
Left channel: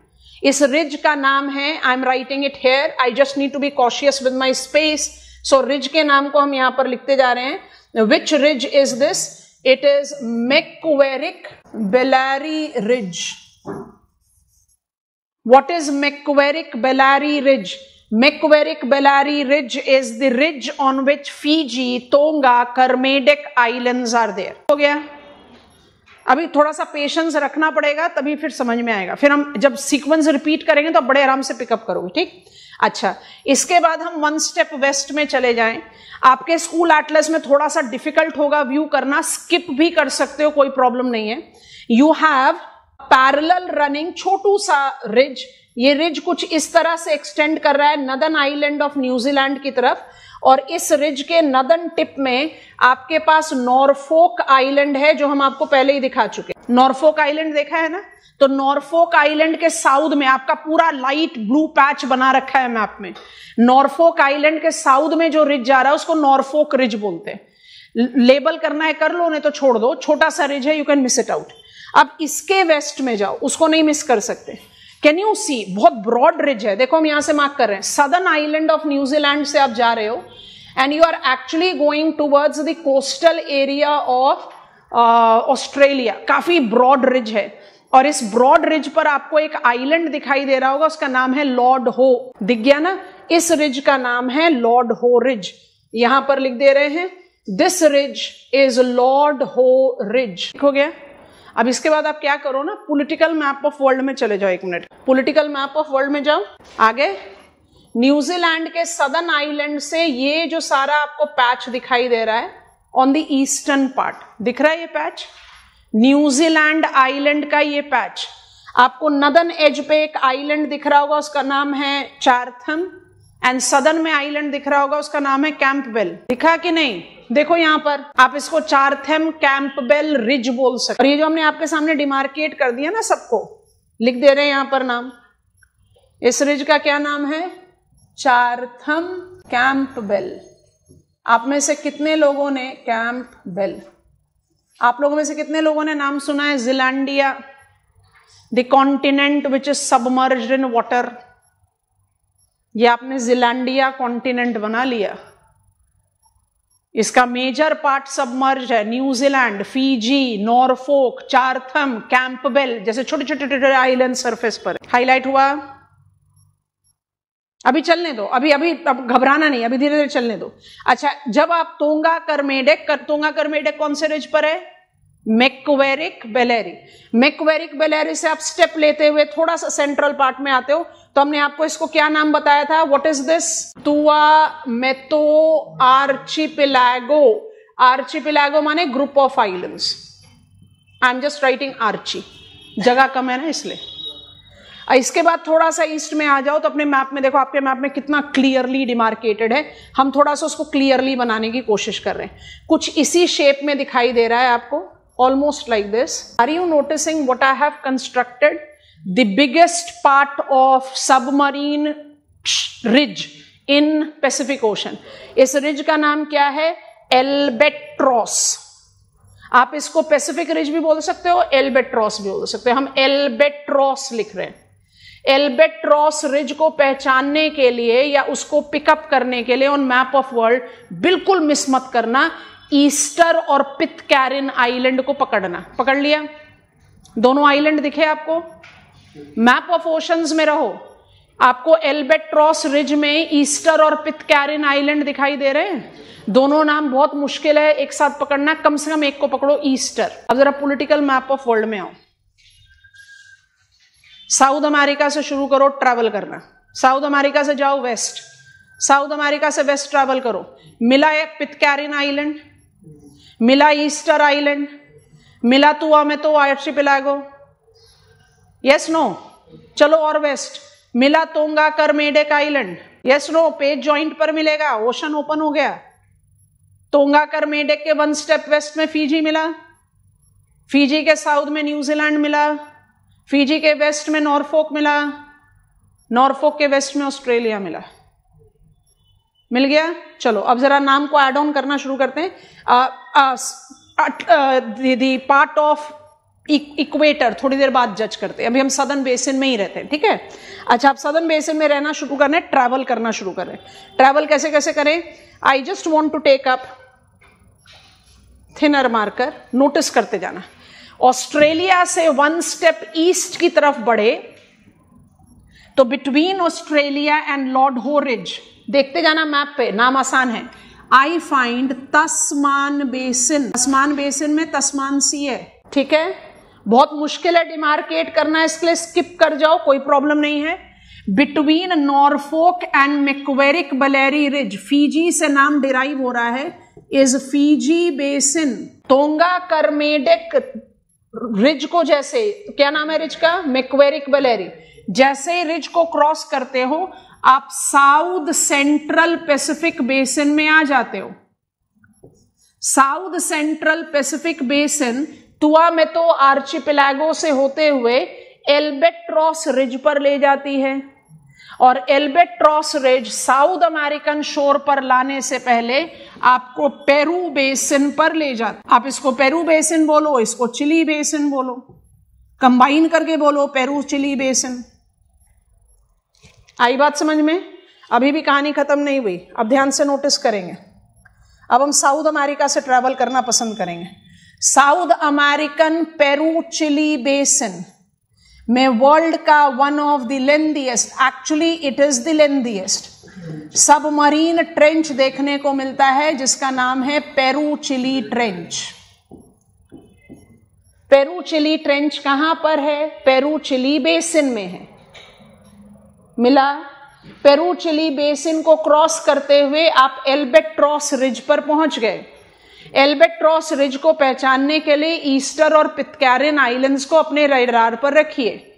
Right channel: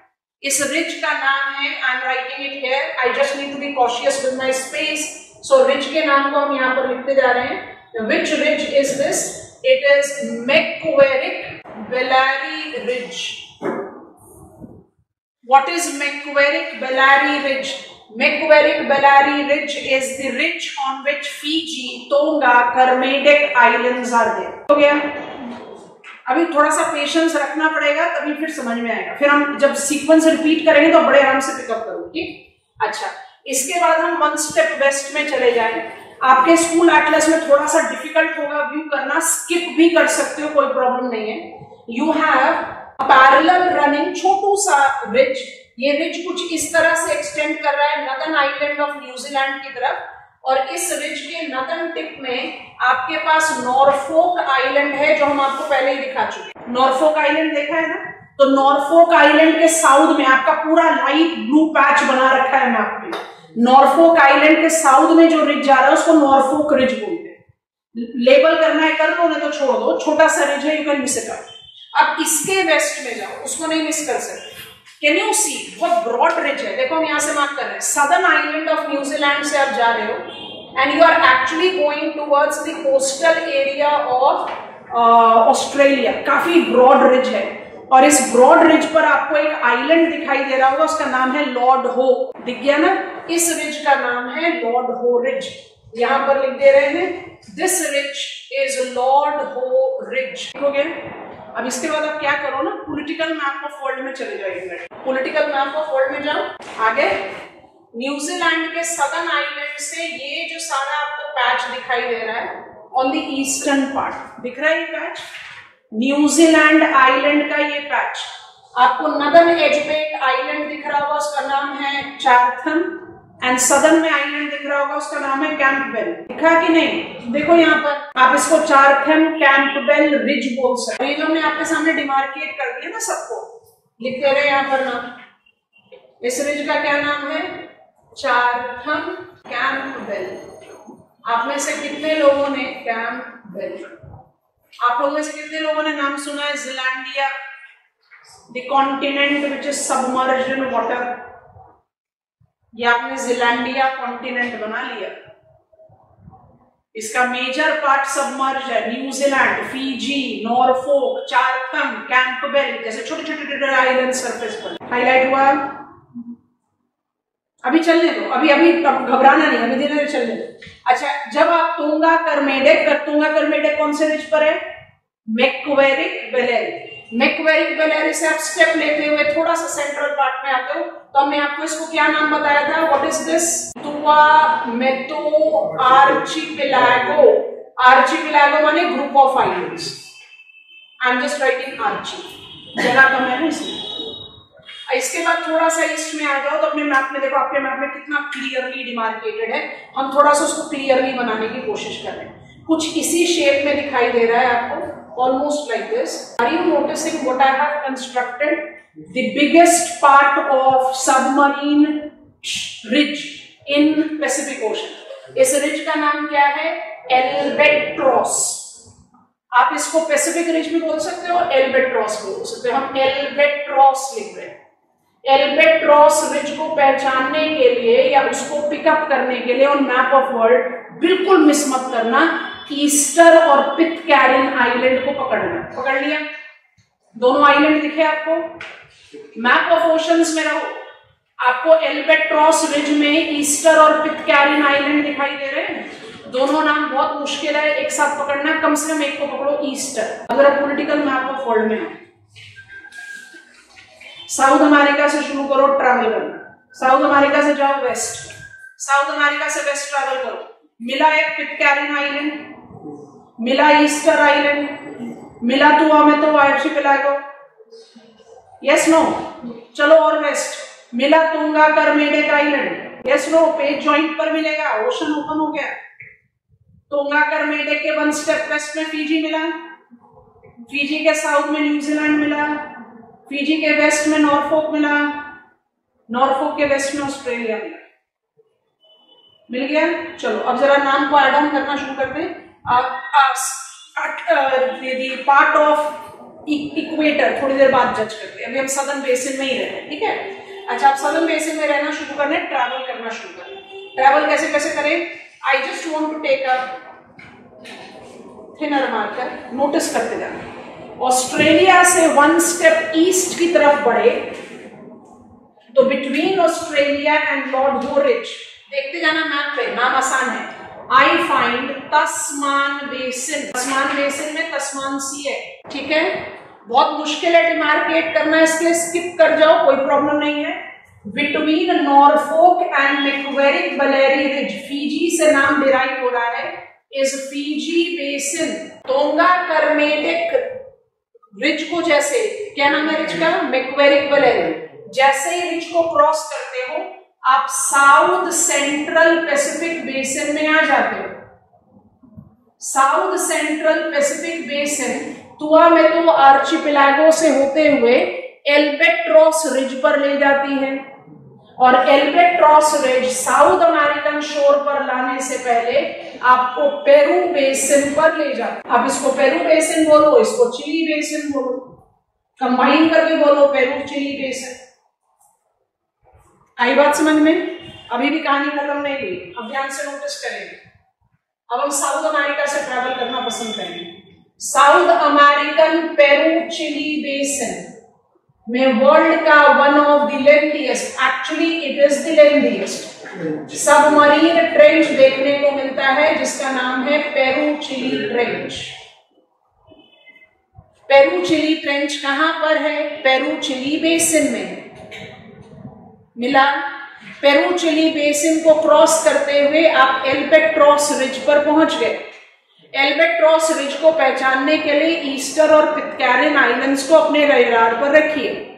इस रिज का नाम है, I am writing it here, I just need to be cautious with my space. So ridge के नाम को हम यहां पर लिखते जा रहे हैं। Which ridge is this? It is Macquarie Ballery ridge. What is Macquarie Ballery ridge? Macquarie Ballery ridge is the ridge on which Fiji, Tonga, Kermadec islands are there. हो गया। अभी थोड़ा सा पेशेंस रखना पड़ेगा, तभी फिर समझ में आएगा। फिर हम जब सीक्वेंस रिपीट करेंगे तो बड़े आराम से पिकअप करोगे, ठीक? अच्छा, इसके बाद हम वन स्टेप वेस्ट में चले जाएं। आपके स्कूल एटलस में थोड़ा सा डिफिकल्ट होगा व्यू करना, स्किप भी कर सकते हो, कोई प्रॉब्लम नहीं है। यू हैव पैरेलल रनिंग छोटू सा रिज। ये रिज कुछ इस तरह से एक्सटेंड कर रहा है नदर्न आइलैंड ऑफ न्यूजीलैंड की तरफ, और इस रिज के नदर्न टिप में आपके पास नॉरफोक आइलैंड है, जो हम आपको पहले ही दिखा चुके हैं। नॉरफोक आइलैंड देखा है ना? तो नॉरफोक आइलैंड के साउथ में आपका पूरा लाइट ब्लू पैच बना रखा है मैप में। नॉरफोक आइलैंड के साउथ में जो रिज जा रहा है उसको नॉरफोक रिज बोलते हैं। लेबल करना है कर लो, नहीं तो छोड़ दो, छोटा सा रिज है, you can miss it out. अब इसके वेस्ट में जाओ, उसको नहीं मिस कर सकते। कैन यू सी? बहुत ब्रॉड रिज है, देखो हम यहां से मार्क कर रहे हैं। सदर्न आइलैंड ऑफ न्यूजीलैंड से आप जा रहे हो and you are actually going towards the coastal area of Australia. काफी ब्रॉड रिज है, और इस ब्रॉड रिज पर आपको एक आइलैंड दिखाई दे रहा होगा, उसका नाम है लॉर्ड हो। दिख गया ना? इस रिज का नाम है लॉर्ड हो रिज। यहां पर लिख दे रहे हैं, this ridge is Lord Howe ridge. हो गया। अब इसके बाद आप क्या करो ना, पॉलिटिकल मैप ऑफ वर्ल्ड में चले जाओ। एक minute, political map of world में जाओ। आगे न्यूजीलैंड के सदर्न आइलैंड से ये जो सारा आपको पैच दिखाई दे रहा है ऑन द ईस्टर्न पार्ट, दिख रहा है ये पैच? न्यूजीलैंड आइलैंड का ये पैच। आपको नदर्न एज पे एक आइलैंड दिख रहा होगा, उसका नाम है चार्थम, एंड सदर्न में आइलैंड दिख रहा होगा, उसका नाम है कैंपबेल। दिखा कि नहीं? देखो यहां पर आप इसको चार्थम कैंपबेल रिज बोल सकते। और ये जो हमने आपके सामने डिमार्केट कर दिया ना, सबको लिख दे रहे हैं यहां पर नाम। इस रिज का क्या नाम है? चार्थम कैंपबेल। आप में से कितने लोगों ने कैंपबेल, आप लोगों में से कितने लोगों ने नाम सुना है Zealandia, the continent which is submerged in water? ये आपने जिलैंडिया कॉन्टिनेंट बना लिया, इसका मेजर पार्ट सबमर्ज है। New Zealand, Fiji, Norfolk, Chatham, Campbell जैसे छोटे छोटे आइलैंड सरफेस पर हाईलाइट हुआ। अभी चलने दो, अभी घबराना नहीं, अभी धीरे धीरे चलने दो। अच्छा, जब आप तोंगा करमेडेक कौन से रिज पर है? मैक्वेरिक बेलेरी। मैक्वेरिक बेलेरी से आप स्टेप लेते हुए थोड़ा सा सेंट्रल पार्ट में आते हो, तो हमने आपको इसको क्या नाम बताया था? What is this? Tuamotu archipelago. Archipelago माने group of islands. I am just writing archi, जगह कम है ना इसलिए। इसके बाद थोड़ा सा ईस्ट में आ जाओ तो अपने मैप में देखो, आपके मैप में कितना क्लियरली डिमार्केटेड है। हम थोड़ा सा उसको क्लियरली बनाने की कोशिश कर रहे हैं। कुछ इसी शेप में दिखाई दे रहा है आपको, almost like this. Are you noticing what I have constructed? The biggest part of submarine ridge in Pacific Ocean. इस रिज का नाम क्या है? एल्बेट्रॉस। आप इसको पैसिफिक रिज भी बोल सकते हो, एल्बेट्रॉस भी बोल सकते हो। हम एल्बेट्रॉस लिख रहे हैं। एल्बेट्रॉस रिज को पहचानने के लिए या उसको पिकअप करने के लिए ऑन मैप ऑफ वर्ल्ड बिल्कुल मिस मत करना, ईस्टर और पिटकैरिन आइलैंड को पकड़ना। पकड़ लिया? दोनों आइलैंड दिखे आपको? मैप ऑफ ओशंस में रहो, आपको एल्बेट्रॉस रिज में ईस्टर और पिटकैरिन आइलैंड दिखाई दे रहे हैं। दोनों नाम बहुत मुश्किल है एक साथ पकड़ना, कम से कम एक को पकड़ो, ईस्टर। अगर आप पॉलिटिकल मैप ऑफ वर्ल्ड में हो, साउथ अमेरिका से शुरू करो ट्रैवल करना, साउथ अमेरिका से जाओ वेस्ट, साउथ अमेरिका से वेस्ट ट्रैवल करो, मिला एक पिटकैरिन आइलैंड, मिला ईस्टर आइलैंड, मिला तुआमेतो आर्चिपेलागो, यस नो? चलो और वेस्ट, मिला Tonga Kermadec island, yes no? Page joint पर मिलेगा, ओशन ओपन हो गया। तोंगा करमेडेक के वन स्टेप वेस्ट में फीजी मिला, फीजी के साउथ में न्यूजीलैंड मिला, फीजी के वेस्ट में नॉर्फोक मिला, नॉर्फोक के वेस्ट में ऑस्ट्रेलिया मिला। मिल गया? चलो अब जरा नाम को एड ऑन करना शुरू करते हैं। पार्ट ऑफ इक्वेटर थोड़ी देर बाद जज करते हैं, अभी हम सदर्न बेसिन में ही रहते हैं, ठीक है? अच्छा, आप सदर्न बेसिन में रहना शुरू कर रहे हैं, ट्रैवल करना शुरू कर रहे हैं। ट्रैवल कैसे कैसे करें? I just want to take up thinner marker, notice करते जाना। ऑस्ट्रेलिया से वन स्टेप ईस्ट की तरफ बढ़े तो between Australia and Lord Howe ridge, देखते जाना मैप पे, नाम आसान है। I find Tasman basin, Tasman basin में तस्मान सी है, ठीक है? बहुत मुश्किल है डिमार्केट करना, इसलिए स्किप कर जाओ, कोई प्रॉब्लम नहीं है। Between नॉर्फोक and मैक्वेरिक Ballery ridge, Fiji से नाम डिराइव हो रहा है, इज फीजी बेसिन। तोंगा करमेडेक रिज को जैसे, क्या नाम है रिज का? मैक्वेरिक बलेरी। जैसे रिज को क्रॉस करते हो आप साउथ सेंट्रल पैसिफिक बेसिन में आ जाते हो। South central Pacific basin तुआमेतो archipelago से होते हुए एल्बेट्रॉस रिज पर ले जाती है, और एल्बेट्रॉस रिज साउथ अमेरिकन शोर पर लाने से पहले आपको पेरू बेसिन पर ले जाती। आप इसको पेरू बेसिन बोलो, इसको चिली बेसिन बोलो, कंबाइन करके बोलो पेरू चिली बेसिन। आई बात समझ में? अभी भी कहानी खत्म नहीं हुई, अब ध्यान से नोटिस करेंगे। अब हम साउथ अमेरिका से ट्रैवल करना पसंद करेंगे। South American Peru Chile basin में वर्ल्ड का one of the lengthiest, actually it is the lengthiest submarine trench देखने को मिलता है, जिसका नाम है Peru Chile trench. Peru Chile trench कहां पर है? पेरू चिली बेसिन में है। मिला? पेरू चिली बेसिन को क्रॉस करते हुए आप एल्बेट्रॉस रिज पर पहुंच गए। एल्बेट्रॉस रिज को पहचानने के लिए ईस्टर और पिटकैरिन आइलैंड्स को अपने रडार पर रखिए।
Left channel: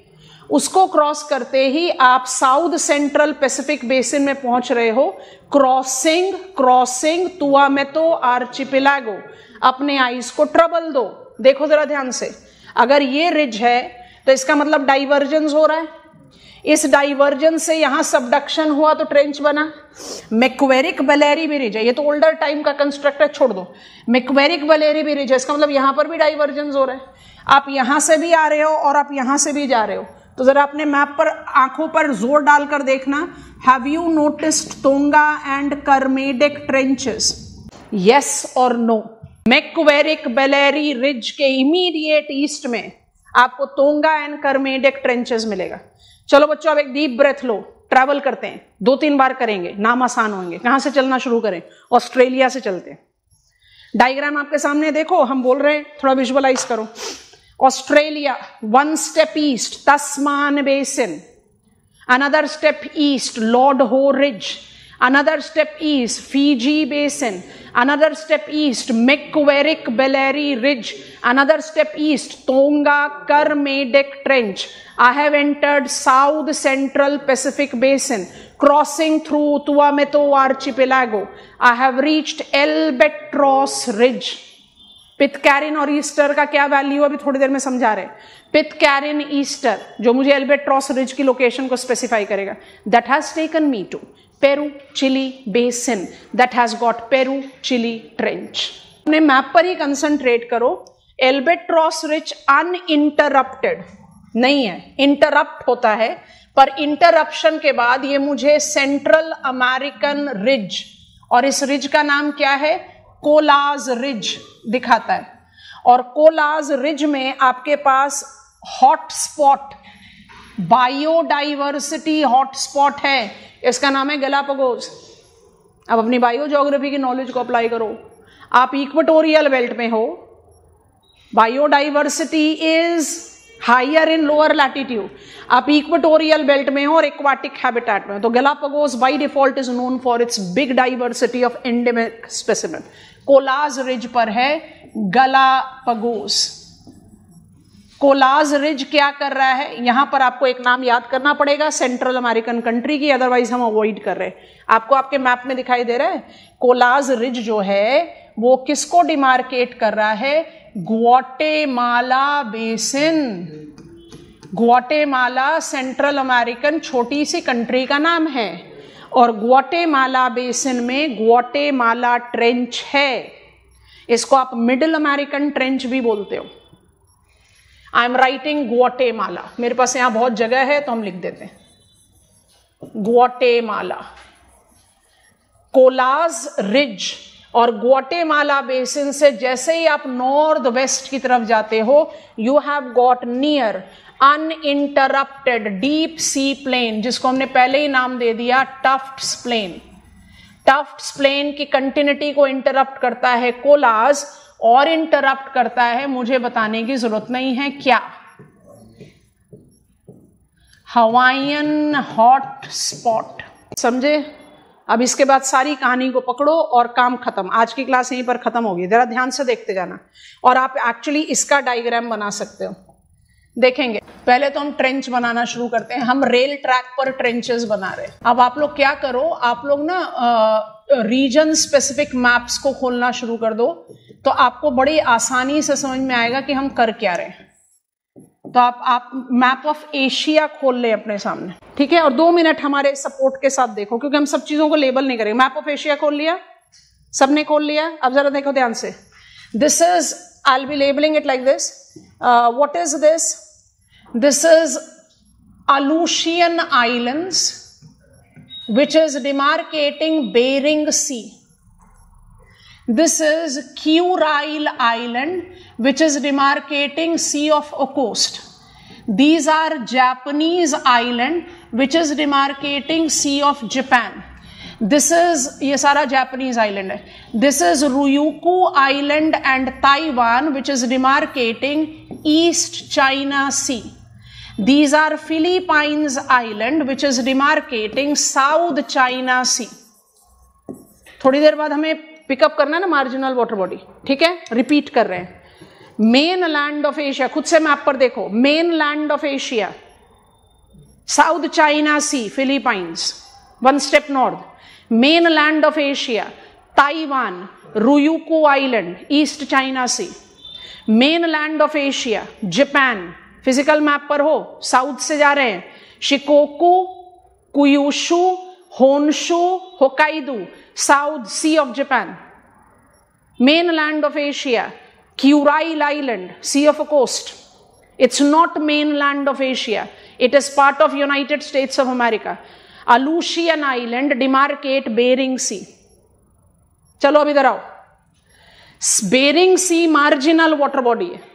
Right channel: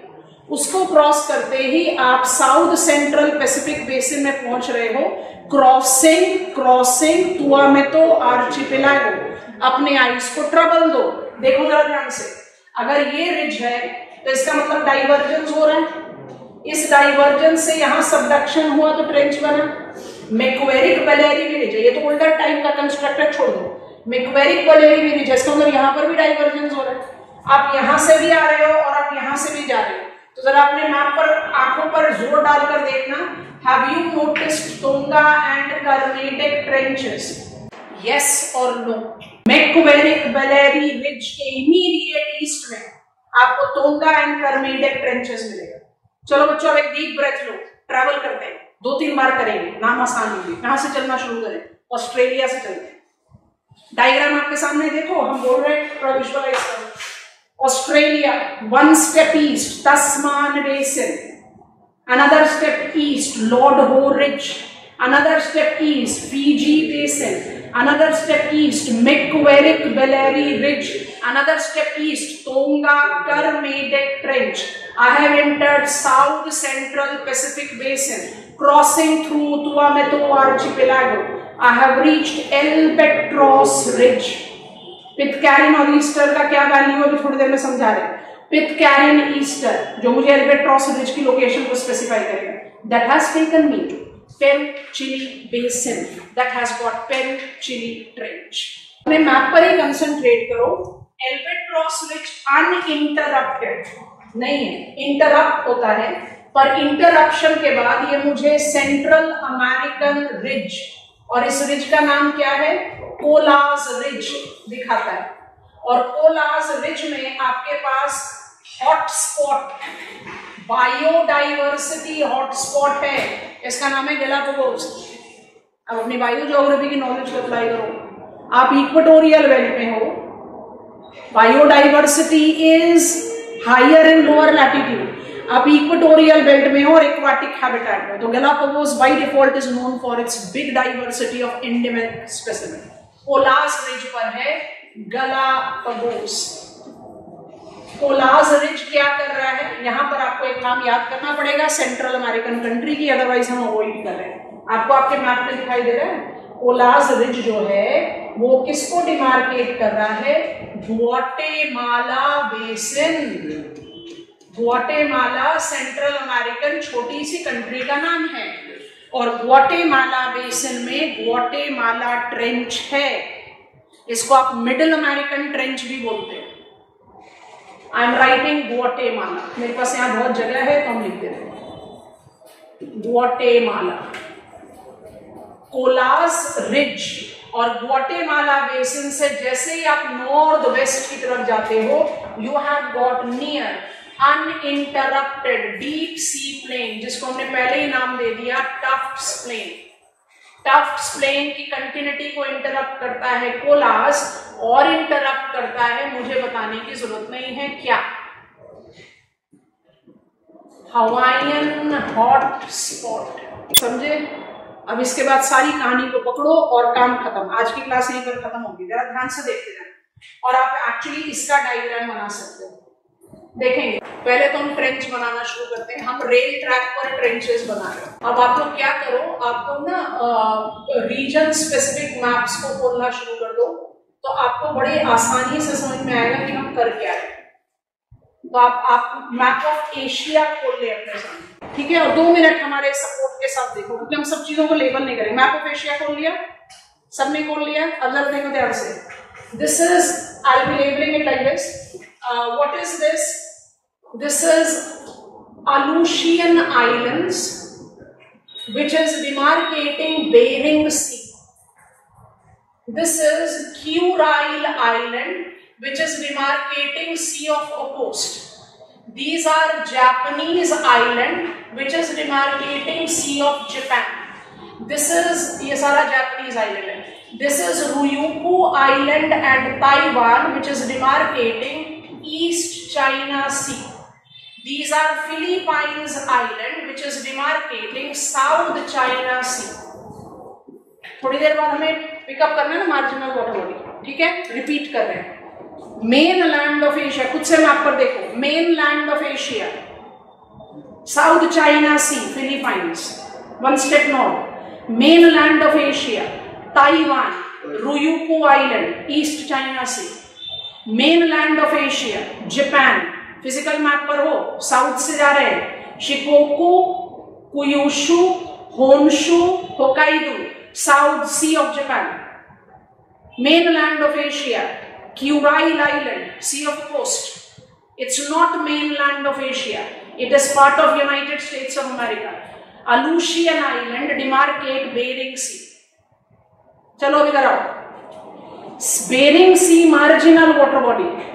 उसको क्रॉस करते ही आप साउथ सेंट्रल पैसिफिक बेसिन में पहुंच रहे हो। Crossing तुआमेतो archipelago. अपने आइस को ट्रबल दो। देखो जरा ध्यान से, अगर ये रिज है तो इसका मतलब डाइवर्जेंस हो रहा है। इस डाइवर्जेंस से यहां सबडक्शन हुआ तो ट्रेंच बना। मैक्वेरिक बलेरी भी रिज है, ये तो ओल्डर टाइम का कंस्ट्रक्ट है, छोड़ दो। मैक्वेरिक बलेरी भी रिज है, इसका मतलब यहां पर भी डाइवर्जेंस हो रहा है। आप यहां से भी आ रहे हो और आप यहां से भी जा रहे हो, तो जरा अपने मैप पर आंखों पर जोर डालकर देखना। Have you noticed Tonga and Kermadec trenches? Yes और नो? मैक्वेरिक बलेरी रिज के इमीडिएट ईस्ट में आपको तोंगा एंड करमेडेक ट्रेंचेस मिलेगा। चलो बच्चों, अब एक डीप ब्रेथ लो, ट्रैवल करते हैं, 2-3 बार करेंगे, नाम आसान होंगे। कहां से चलना शुरू करें? ऑस्ट्रेलिया से चलते हैं। डायग्राम आपके सामने देखो, हम बोल रहे हैं, थोड़ा विजुअलाइज करो। Australia, one step east Tasman basin, another step east Lord Howe ridge, another step east Fiji basin, another step east Macquarie Bellary Ridge, another step east Tonga Kermadec Trench. I have entered South Central Pacific Basin, crossing through Tuameto Archipelago. I have reached Albatross Ridge. पिटकैरिन और ईस्टर का क्या वैल्यू अभी थोड़ी देर में समझा रहे हैं। पिटकैरिन ईस्टर जो मुझे एल्बेट्रॉस रिज की लोकेशन को स्पेसिफाई करेगा, that has taken me to Peru Chile basin that has got Peru Chile trench. अपने मैप पर ही कंसंट्रेट करो। एल्बेट्रॉस रिज अनइंटरप्टेड नहीं है, इंटरप्ट होता है, पर इंटरप्शन के बाद ये मुझे सेंट्रल अमेरिकन रिज, और इस रिज का नाम क्या है, कोलाज रिज दिखाता है। और कोलाज रिज में आपके पास हॉटस्पॉट, बायोडाइवर्सिटी हॉटस्पॉट है, इसका नाम है गैलापागोस। अब अपनी बायो ज्योग्राफी की नॉलेज को अप्लाई करो। आप इक्वेटोरियल बेल्ट में हो, biodiversity is higher in lower latitude, आप इक्वेटोरियल बेल्ट में हो और एक्वाटिक हैबिटेट में। तो Galapagos by default is known for its big diversity of endemic specimen. कोलाज रिज पर है गैलापागोस। कोलाज रिज क्या कर रहा है, यहां पर आपको एक नाम याद करना पड़ेगा सेंट्रल अमेरिकन कंट्री की, अदरवाइज हम अवॉइड कर रहे हैं। आपको आपके मैप में दिखाई दे रहा है कोलाज रिज जो है वो किसको डिमार्केट कर रहा है, Guatemala basin. Guatemala central American छोटी सी कंट्री का नाम है, और ग्वाटेमाला बेसिन में ग्वाटेमाला ट्रेंच है। इसको आप मिडिल अमेरिकन ट्रेंच भी बोलते हो। आई एम राइटिंग ग्वाटेमाला, मेरे पास यहां बहुत जगह है तो हम लिख देते हैं ग्वाटेमाला। कोलाज रिज और ग्वाटेमाला बेसिन से जैसे ही आप नॉर्थ वेस्ट की तरफ जाते हो, you have got near uninterrupted deep sea plain, जिसको हमने पहले ही नाम दे दिया टफ्ट्स प्लेन। टफ्ट्स प्लेन की कंटिन्यूटी को इंटरप्ट करता है कोलाज, और इंटरप्ट करता है, मुझे बताने की जरूरत नहीं है क्या, हवाईयन हॉट स्पॉट। समझे? अब इसके बाद सारी कहानी को पकड़ो और काम खत्म। आज की क्लास यहीं पर खत्म होगी, जरा ध्यान से देखते जाना। और आप एक्चुअली इसका डायग्राम बना सकते हो, देखेंगे। पहले तो हम ट्रेंच बनाना शुरू करते हैं। हम रेल ट्रैक पर ट्रेंचेस बना रहे हैं। अब आप लोग क्या करो, आप लोग ना रीजन स्पेसिफिक मैप्स को खोलना शुरू कर दो, तो आपको बड़ी आसानी से समझ में आएगा कि हम कर क्या रहे हैं। तो आप मैप ऑफ एशिया खोल ले अपने सामने, ठीक है? और 2 मिनट हमारे सपोर्ट के साथ देखो, क्योंकि हम सब चीजों को लेबल नहीं करेंगे। मैप ऑफ एशिया खोल लिया, सबने खोल लिया? अब जरा देखो ध्यान से। This is, I will B labelling it like this. What is this? This is Aleutian Islands, which is demarcating Bering Sea. This is Kurile Island, which is demarcating Sea of Okhotsk. These are Japanese island, which is demarcating Sea of Japan. This is, ये सारा Japanese island है. This is Ryukyu Island and Taiwan, which is demarcating East China Sea. These are Philippines Island, which is demarcating South China Sea. थोड़ी देर बाद हमें पिकअप करना है ना मार्जिनल वाटर बॉडी, ठीक है? रिपीट कर रहे हैं। मेन लैंड ऑफ एशिया, खुद से मैप पर देखो। Main land of Asia, South China Sea, Philippines, 1 step north. Main land of Asia, Taiwan, Ryukyu island, East China Sea. Main land of Asia, Japan, physical map पर हो, साउथ से जा रहे हैं, Shikoku, Kyushu, Honshu, Hokkaido, South Sea of Japan. Main land of Asia, Kuril island, sea of coast. It's not main land of Asia, it is part of United States of America. Aleutian island demarcate bearing सी। चलो अब इधर आओ। बेरिंग सी मार्जिनल वाटर बॉडी है।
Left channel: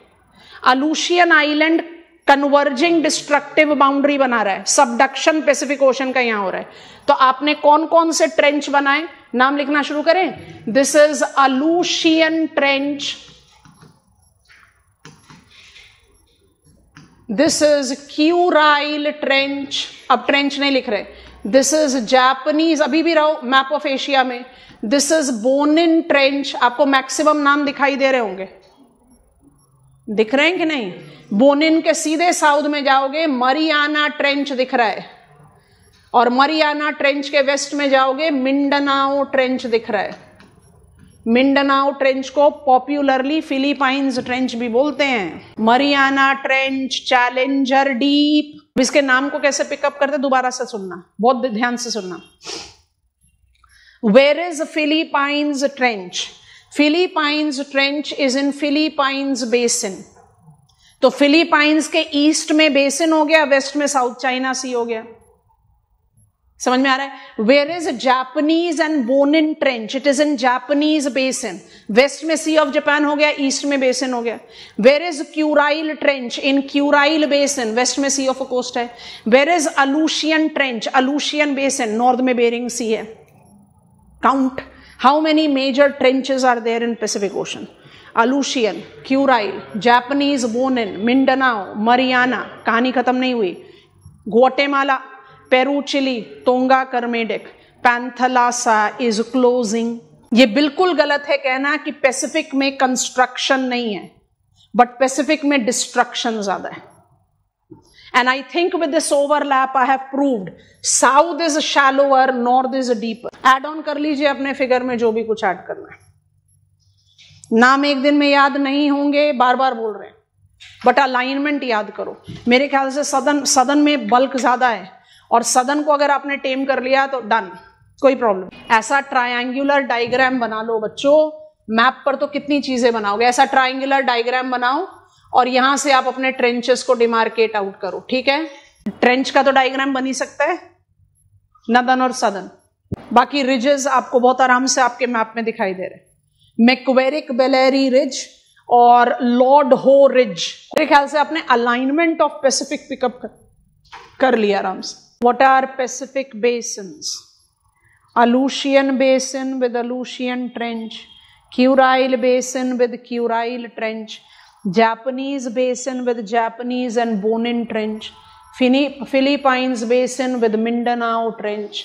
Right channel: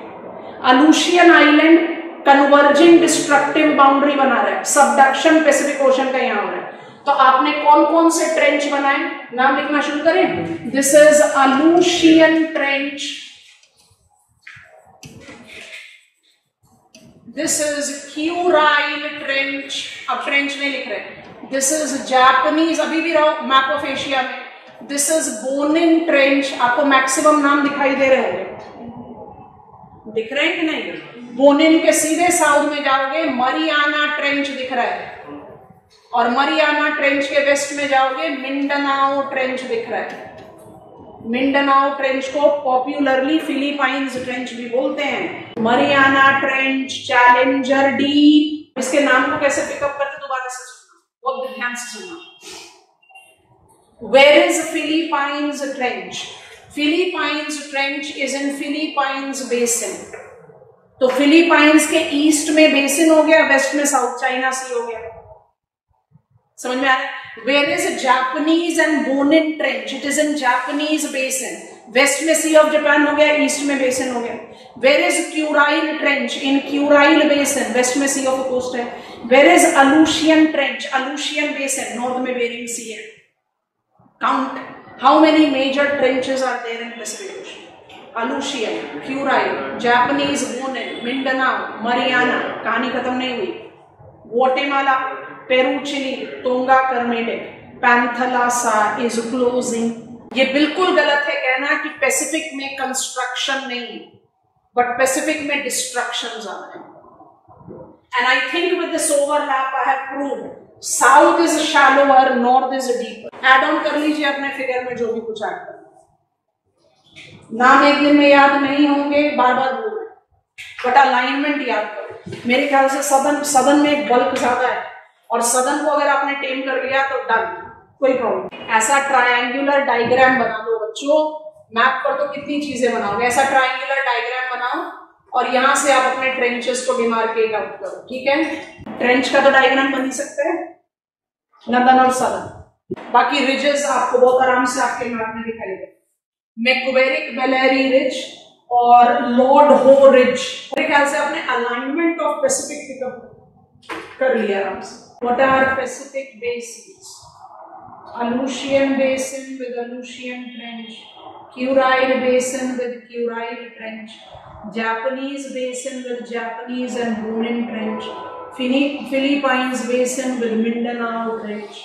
Aleutian island converging destructive boundary बना रहा है, सबडक्शन पैसिफिक ओशन का यहां हो रहा है। तो आपने कौन कौन से ट्रेंच बनाए, नाम लिखना शुरू करें। This is Aleutian trench, this is Kuril trench, अब ट्रेंच नहीं लिख रहे। दिस इज जापानीज, अभी भी रहो मैप ऑफ एशिया में। दिस इज बोनिन ट्रेंच, आपको मैक्सिमम नाम दिखाई दे रहे होंगे, दिख रहे हैं कि नहीं? बोनिन के सीधे साउथ में जाओगे, मरियाना ट्रेंच दिख रहा है, और मरियाना ट्रेंच के वेस्ट में जाओगे, मिंडनाओ ट्रेंच दिख रहा है। मिंडनाओ ट्रेंच को पॉपुलरली फिलीपाइंस ट्रेंच भी बोलते हैं। Mariana trench, challenger deep. इसके नाम को कैसे पिकअप करते, दोबारा से सुनना, बहुत ध्यान से सुनना। Where is Philippines Trench? Philippines Trench is in Philippines Basin. तो फिलीपाइंस के ईस्ट में बेसिन हो गया, वेस्ट में साउथ चाइना सी हो गया। समझ में आ रहा है? Where is Japanese and Bonin trench? It is in Japanese basin. West में सी ऑफ जापान हो गया, ईस्ट में बेसिन हो गया। Where is Kuril trench? In Kuril basin, west में सी ऑफ कोस्ट है। Where is Aleutian trench? Aleutian basin, north में बेरिंग सी है। Count how many major trenches are there in Pacific Ocean? Aleutian, Kuril, Japanese Bonin, Mindanao, Mariana, कहानी खत्म नहीं हुई। Guatemala, Peru, Chile, Tonga, Kermadec, Panthalassa is closing. ये बिल्कुल गलत है कहना कि पैसिफिक में कंस्ट्रक्शन नहीं है, बट पैसिफिक में डिस्ट्रक्शन ज्यादा है। And I think with this overlap I have proved south is shallower, north is deeper. Add on कर लीजिए अपने फिगर में जो भी कुछ ऐड करना है। नाम एक दिन में याद नहीं होंगे, बार बार बोल रहे हैं, बट अलाइनमेंट याद करो। मेरे ख्याल से सदन में बल्क ज्यादा है, और सदन को अगर आपने टेम कर लिया तो डन, कोई प्रॉब्लम। ऐसा ट्रायंगुलर डायग्राम बना लो बच्चों, मैप पर तो कितनी चीजें बनाओगे। ऐसा ट्रायंगुलर डायग्राम बनाओ और यहां से आप अपने ट्रेंचेस को डिमार्केट आउट करो, ठीक है। ट्रेंच का तो डायग्राम बन ही सकता है, नदन और सदन। बाकी रिजेस आपको बहुत आराम से आपके मैप में दिखाई दे रहे हैं। मैक्वेरिक बेलेरी रिज और लॉर्ड हो रिज। मेरे ख्याल से आपने अलाइनमेंट ऑफ पैसिफिक पिकअप कर लिया आराम से। What are Pacific basins? Aleutian Basin with Aleutian Trench, Kurile Basin with Kurile Trench, Japanese Basin with Japanese and Bonin Trench, Philippines Basin with Mindanao Trench,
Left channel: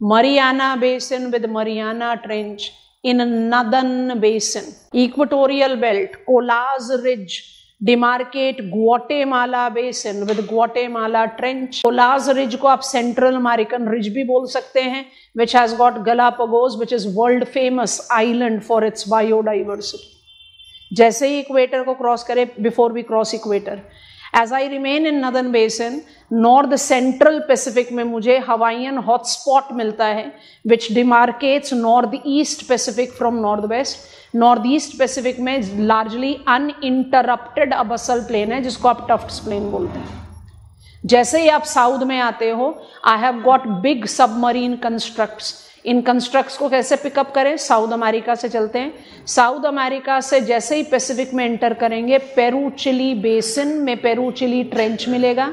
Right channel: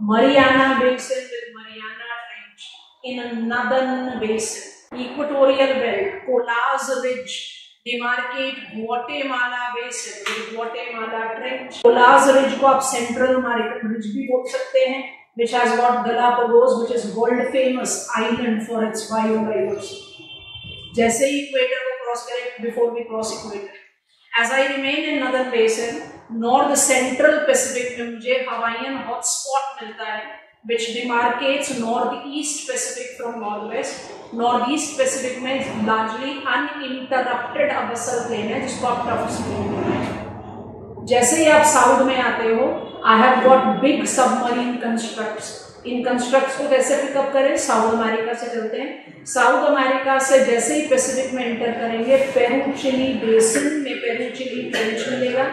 Mariana Basin with Mariana Trench, in Northern Basin, Equatorial Belt, Colas Ridge, demarcate Guatemala Basin with Guatemala Trench. Colas Ridge को आप Central American Ridge भी बोल सकते हैं, which has got Galapagos, which is world famous island for its biodiversity. जैसे ही इक्वेटर को क्रॉस करें, before we cross equator, as I remain in Northern Basin, North Central Pacific में मुझे Hawaiian hotspot मिलता है, which demarcates Northeast Pacific from Northwest. Northeast Pacific में largely uninterrupted abyssal plain है, जिसको आप Tufts Plain बोलते हैं। जैसे ही आप साउथ में आते हो, I have got big submarine constructs. In constructs को कैसे पिकअप करें? साउथ अमेरिका से चलते हैं। साउथ अमेरिका से जैसे ही पैसिफिक में एंटर करेंगे, पेरू चिली बेसिन में पेरू चिली ट्रेंच मिलेगा।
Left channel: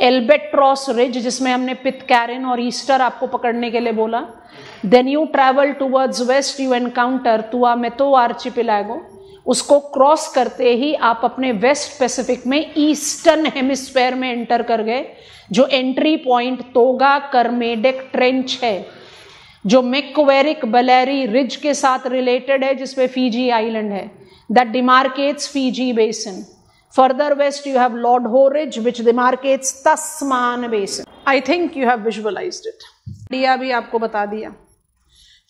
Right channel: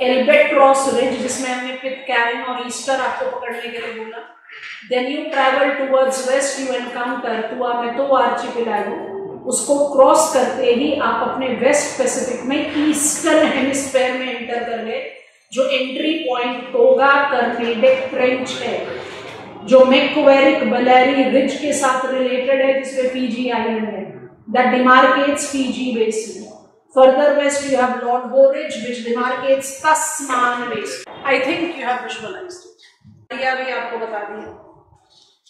एल्बेट्रॉस रिज, जिसमें हमने पिटकैरन और ईस्टर आपको पकड़ने के लिए बोला। Then you travel towards west, you encounter Tuamotu archipelago. उसको क्रॉस करते ही आप अपने वेस्ट पैसिफिक में ईस्टर्न हेमिस्फेयर में एंटर कर गए, जो entry point Tonga Kermadec trench है, जो मैक्वेरिक बेलेरी रिज के साथ रिलेटेड है, जिसमें फीजी आइलैंड है, that demarcates Fiji basin. Further west you have Lord Howe ridge which demarcates Tasman basin. I think you have visualised it. यह भी आपको बता दिया।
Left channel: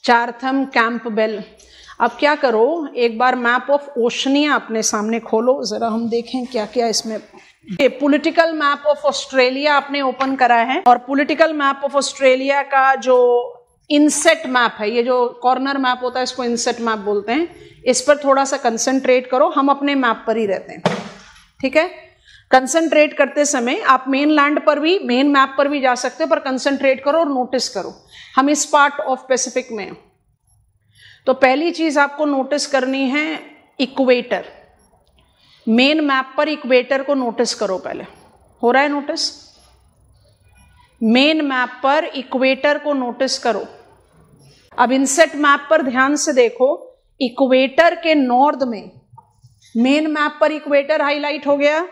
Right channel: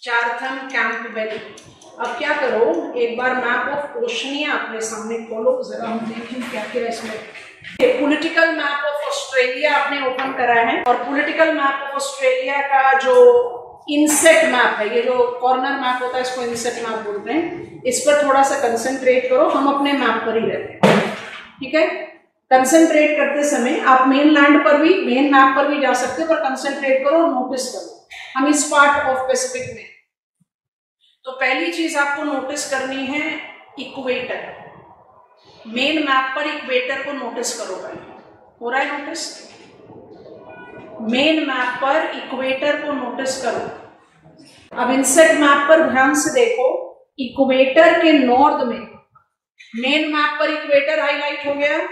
Chatham Campbell. अब क्या करो, एक बार मैप ऑफ ओशनिया अपने सामने खोलो, जरा हम देखें क्या क्या इसमें। पॉलिटिकल मैप ऑफ ऑस्ट्रेलिया आपने ओपन करा है, और पॉलिटिकल मैप ऑफ ऑस्ट्रेलिया का जो इनसेट मैप है, ये जो कॉर्नर मैप होता है, इसको इनसेट मैप बोलते हैं। इस पर थोड़ा सा कंसंट्रेट करो, हम अपने मैप पर ही रहते हैं, ठीक है। कंसंट्रेट करते समय आप मेन लैंड पर भी, मेन मैप पर भी जा सकते हो, पर कंसंट्रेट करो, नोटिस करो। हम इस पार्ट ऑफ पैसिफिक में, तो पहली चीज आपको नोटिस करनी है इक्वेटर। मेन मैप पर इक्वेटर को नोटिस करो। पहले हो रहा है नोटिस? मेन मैप पर इक्वेटर को नोटिस करो। अब इनसेट मैप पर ध्यान से देखो, इक्वेटर के नॉर्थ में, मेन मैप पर इक्वेटर हाईलाइट हो गया,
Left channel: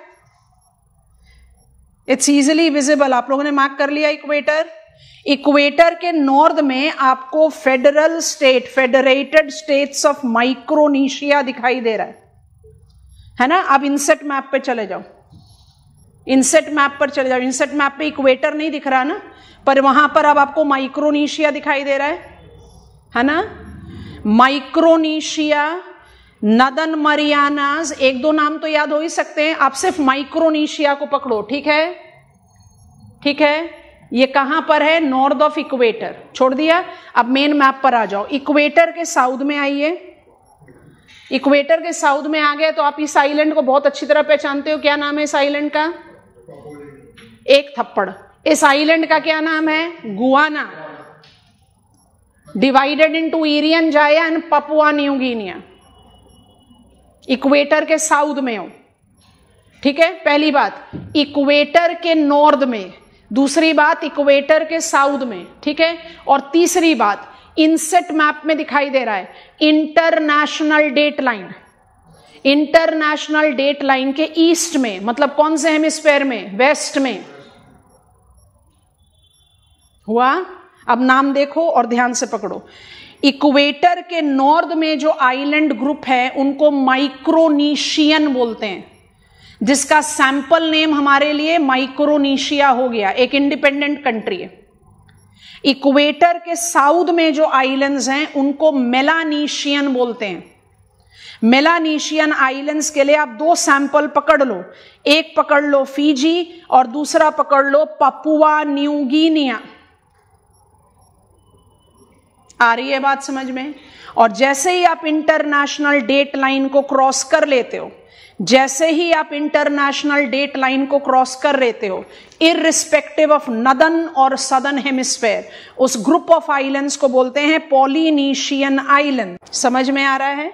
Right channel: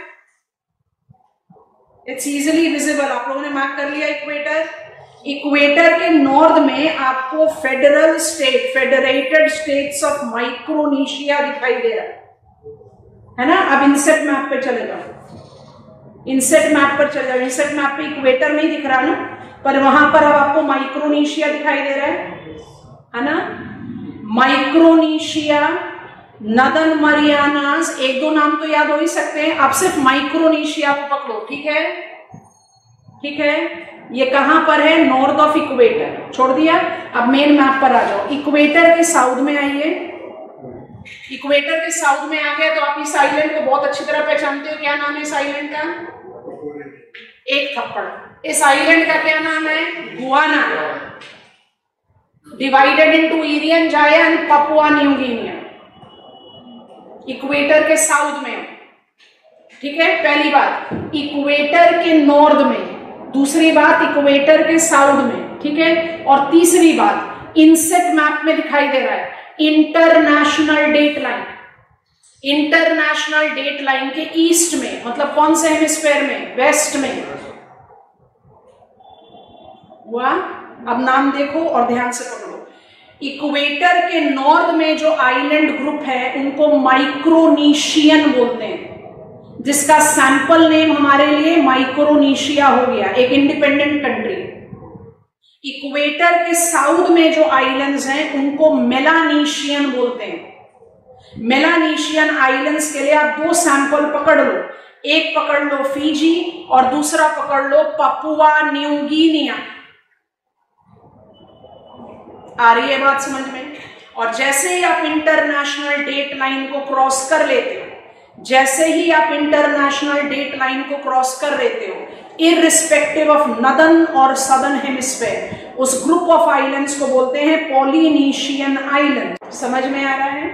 इट्स इजीली विजिबल। आप लोगों ने मार्क कर लिया इक्वेटर। इक्वेटर के नॉर्थ में आपको federal state, federated States of Micronesia दिखाई दे रहा है ना। अब इनसेट मैप पे चले जाओ, इनसेट मैप पर चले जाओ। इनसेट मैप पे इक्वेटर नहीं दिख रहा ना, पर वहां पर अब आपको माइक्रोनेशिया दिखाई दे रहा है ना। माइक्रोनेशिया, नदन मरियानास, एक दो नाम तो याद हो ही सकते हैं। अब सिर्फ माइक्रोनेशिया को पकड़ो, ठीक है, ठीक है। ये कहां पर है? North of equator. छोड़ दिया। अब मेन मैप पर आ जाओ। इक्वेटर के साउथ में आइए। इक्वेटर के साउथ में आ गया तो आप इस आइलैंड को बहुत अच्छी तरह पहचानते हो। क्या नाम है इस आइलैंड का? एक थप्पड़। इस आइलैंड का क्या नाम है? गुआना। डिवाइडेड इनटू ईरियन जाया and Papua New Guinea. Equator के साउथ में हो, ठीक है। पहली बात इक्वेटर के नॉर्थ में, दूसरी बात इक्वेटर के साउथ में, ठीक है। और तीसरी बात इनसेट मैप में दिखाई दे रहा है international date line. International date line के ईस्ट में, मतलब कौन से हेमिस्फेयर में? वेस्ट में हुआ। अब नाम देखो और ध्यान से पकड़ो। इक्वेटर के नॉर्थ में जो आइलैंड ग्रुप है उनको माइक्रोनेशियन बोलते हैं, जिसका सैंपल नेम हमारे लिए माइक्रोनेशिया हो गया, एक इंडिपेंडेंट कंट्री है। इक्वेटर के साउथ में जो आइलैंड्स हैं उनको मेलानेशियन बोलते हैं। मेलानेशियन आइलैंड्स के लिए आप दो सैंपल पकड़ लो, एक पकड़ लो फिजी और दूसरा पकड़ लो पपुआ न्यू गिनिया। आ रही है बात समझ में? और जैसे ही आप इंटरनेशनल डेट लाइन को क्रॉस कर लेते हो, जैसे ही आप इंटरनेशनल डेट लाइन को क्रॉस कर लेते हो, इररिस्पेक्टिव ऑफ नॉर्दर्न और सदर्न हेमिस्फेयर, उस ग्रुप ऑफ आइलैंड्स को बोलते हैं पॉलिनेशियन आइलैंड। समझ में आ रहा है?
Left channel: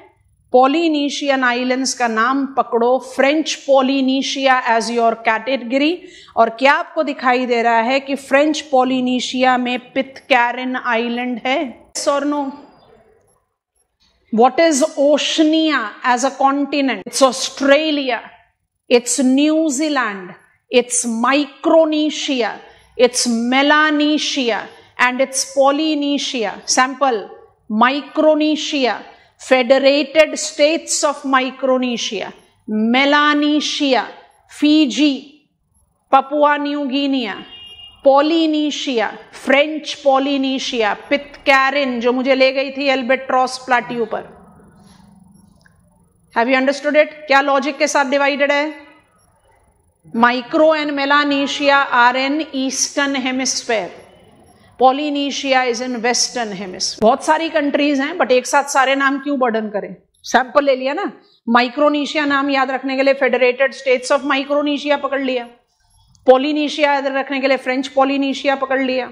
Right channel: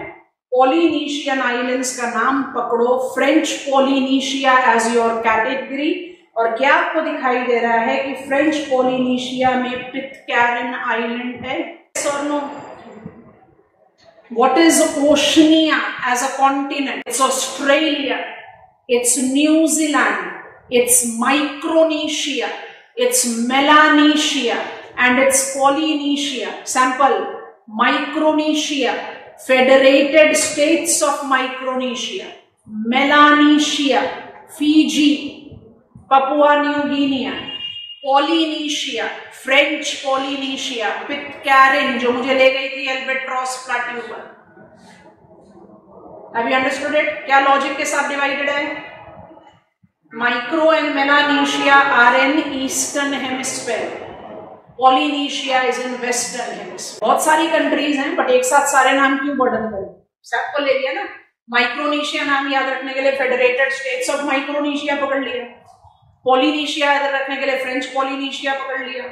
पॉलिनेशियन आइलैंड्स का नाम पकड़ो, French Polynesia as your category. और क्या आपको दिखाई दे रहा है कि फ्रेंच पॉलिनेशिया में पिटकैरन आइलैंड है? यस और no? What is Oceania as a continent? It's Australia, it's New Zealand, it's Micronesia, it's Melanesia, and it's Polynesia. Sample: Micronesia, Federated States of Micronesia, Melanesia, Fiji, Papua New Guinea, Polynesia, French Polynesia, Pitcairn जो मुझे ले गई थी एल्बेट्रॉस प्लेट्यू पर। Have you understood it? क्या लॉजिक के साथ डिवाइडेड है? Micro and Melanesia are in eastern hemisphere, Polynesia is in western hemisphere. बहुत सारी कंट्रीज हैं बट एक साथ सारे नाम क्यों बर्डन करें? सैंपल ले लिया ना। माइक्रोनेशिया नाम याद रखने के लिए फेडरेटेड स्टेट्स ऑफ माइक्रोनेशिया पकड़ लिया, पॉलिनेशिया याद रखने के लिए फ्रेंच पॉलिनेशिया पकड़ लिया।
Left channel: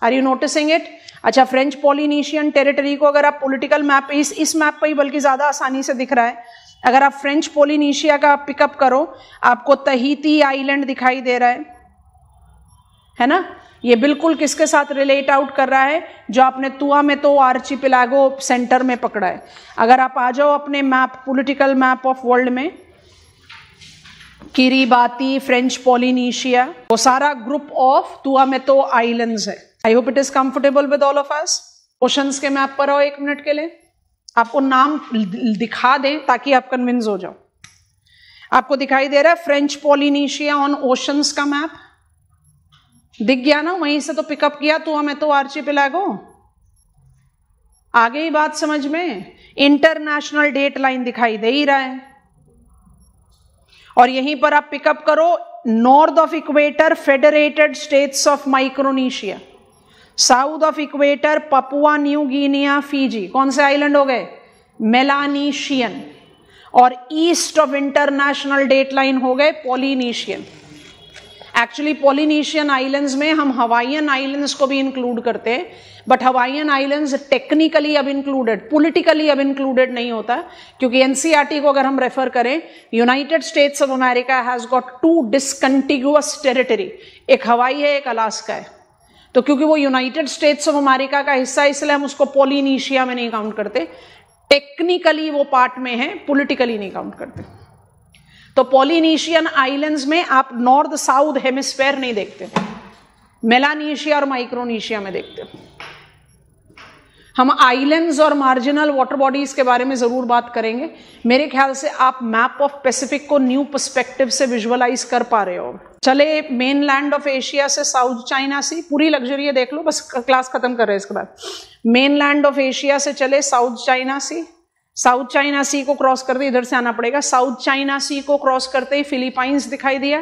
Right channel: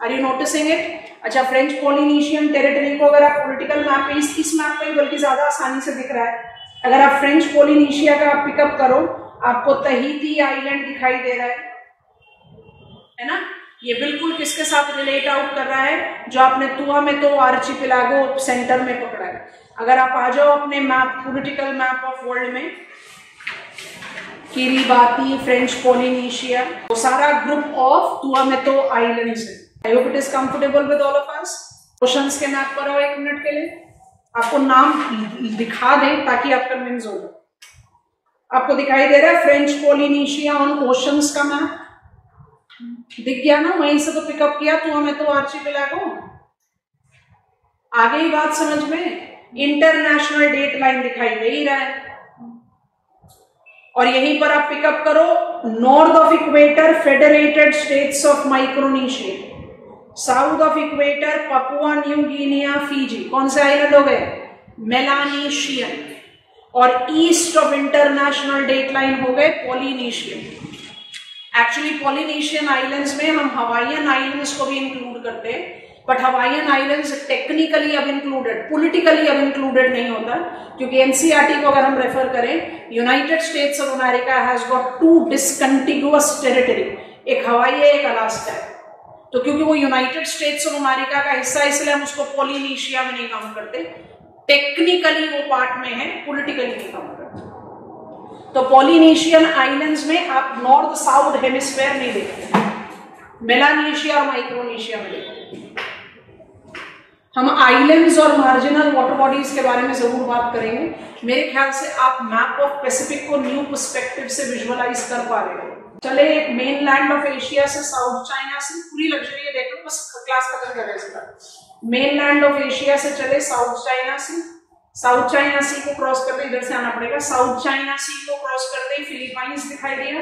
Are you noticing it? अच्छा, फ्रेंच पॉलिनेशियन टेरिटरी को अगर आप पॉलिटिकल मैप पे, इस मैप पे बल्कि ज्यादा आसानी से दिख रहा है, अगर आप फ्रेंच पॉलिनेशिया का पिकअप करो, आपको तहीती आइलैंड दिखाई दे रहा है ना? ये बिल्कुल किसके साथ रिलेट आउट कर रहा है? जो आपने तुआमेतो आर्चिपेलागो सेंटर में पकड़ा है। अगर आप आ जाओ अपने map, political map of world में, किरिबाती, फ्रेंच पॉलिनेशिया, वो सारा ग्रुप ऑफ तुआमेतो आइलैंड्स है। I hope it is comfortable with all of us. Oceans के मैप पर आओ एक मिनट के लिए, आपको नाम दिखा दे ताकि आप कन्विंस हो जाओ। आपको दिखाई दे रहा है फ्रेंच पॉलिनेशिया ऑन ओशंस का मैप? दिख गया ना? वहीं से तो पिकअप किया तुआमेतो आर्चिपेलागो। आ गई बात समझ में? इंटरनेशनल डेट लाइन दिखाई दे ही रहा है और यहीं पर आप पिकअप करो north of equator Federated States of Micronesia, south of equator Papua New Guinea, Fiji. कौन से आइलैंड हो गए? मेलानेशियन। और east of international date line हो गए पॉलिनेशियन। एक्चुअली पॉलिनेशियन आइलैंड्स में हम हवाईयन आइलैंड्स को भी इंक्लूड करते हैं, बट हवाईयन आइलैंड्स टेक्निकली अब इंक्लूडेड, पॉलिटिकली अब इंक्लूडेड नहीं होता, क्योंकि एनसीईआरटी को अगर हम रेफर करें, United States of America has got two discontiguous territory, एक हवाई है, एक अलास्का है। तो क्योंकि वो यूनाइटेड स्टेट्स ऑफ अमेरिका का हिस्सा है, इसलिए हम उसको पॉलिनेशिया में नहीं काउंट करते। टेक्निकली वो पार्ट में है, पॉलिटिकली नहीं काउंट करते। तो पॉलिनेशियन आइलैंड्स में आप नॉर्थ साउथ हेमिस्फेयर नहीं देखते, मेलानेशिया और माइक्रोनेशिया में देखते। हम आइलैंड्स और मार्जिनल वाटर बॉडीज के बारे में जरूर बात करेंगे। मेरे ख्याल से आप मैप ऑफ पैसिफिक को न्यू पर्सपेक्टिव से विजुअलाइज कर पा रहे हो। चले एक मेन लैंड ऑफ एशिया से साउथ चाइना सी, पूरी लग्जरी देख लो, बस क्लास खत्म कर रहे हैं इसके बाद। मेन लैंड ऑफ एशिया से चले साउथ चाइना सी, साउथ चाइना सी को क्रॉस करते इधर से आना पड़ेगा। साउथ चाइना सी को क्रॉस करते ही फिलीपाइंस दिखाई दिया,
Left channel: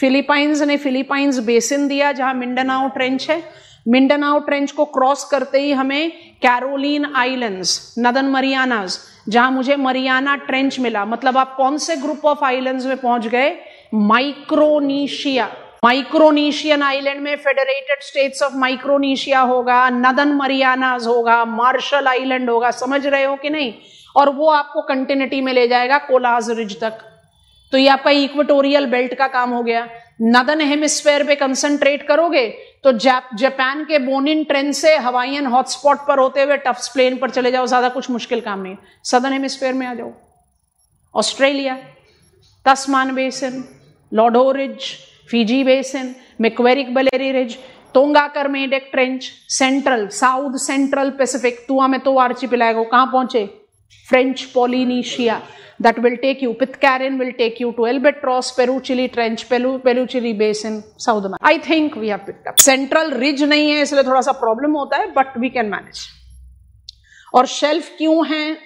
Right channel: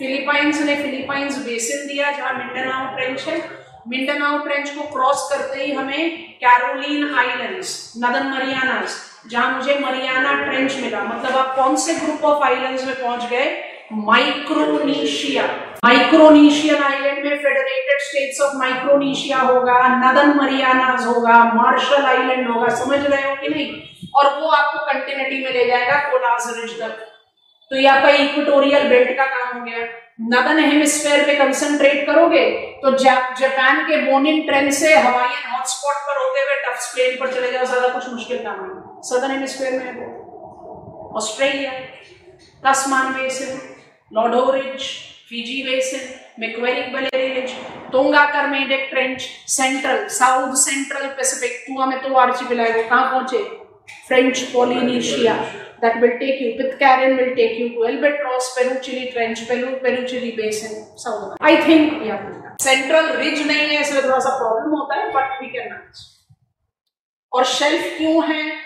फिलीपाइंस ने फिलीपाइंस बेसिन दिया जहां मिंडानाओ ट्रेंच है। मिंडानाओ ट्रेंच को क्रॉस करते ही हमें कैरोलिन आइलैंड्स, नदन मरियानास, जहां मुझे मरियाना ट्रेंच मिला। मतलब आप कौन से ग्रुप ऑफ आइलैंड्स में पहुंच गए? माइक्रोनेशिया। माइक्रोनेशियन आइलैंड में फेडरेटेड स्टेट्स ऑफ माइक्रोनेशिया होगा, नदन मरियानास होगा, मार्शल आइलैंड होगा। समझ रहे हो कि नहीं? और वो आपको कंटिन्यूटी में ले जाएगा कोलाज रिज तक। तो ये आपका इक्वेटोरियल बेल्ट का काम हो गया। नदन हेमिस्फेयर पे कंसंट्रेट करोगे तो जापान के बोनिन ट्रेंच से हवाईयन हॉटस्पॉट पर होते हुए टफ्स प्लेन पर चले जाओ, ज्यादा कुछ मुश्किल काम नहीं। सदर्न हेमिस्फेयर में आ जाओ, Australia, Tasman basin, Lord Howe ridge, Fiji basin, Macquarie बेलेरी ridge, Tonga Kermadec trench, central south central Pacific, Tuamotu archipelago. कहां पहुंचे? French Polynesia. That will take you, Pitcairn will take you to Albatross, Peru Chile Trench, Peru Chile Basin, South America. I think we have picked up. Central ridge नहीं है इसलिए थोड़ा सा प्रॉब्लम होता है, but we can manage. और शेल्फ क्यों है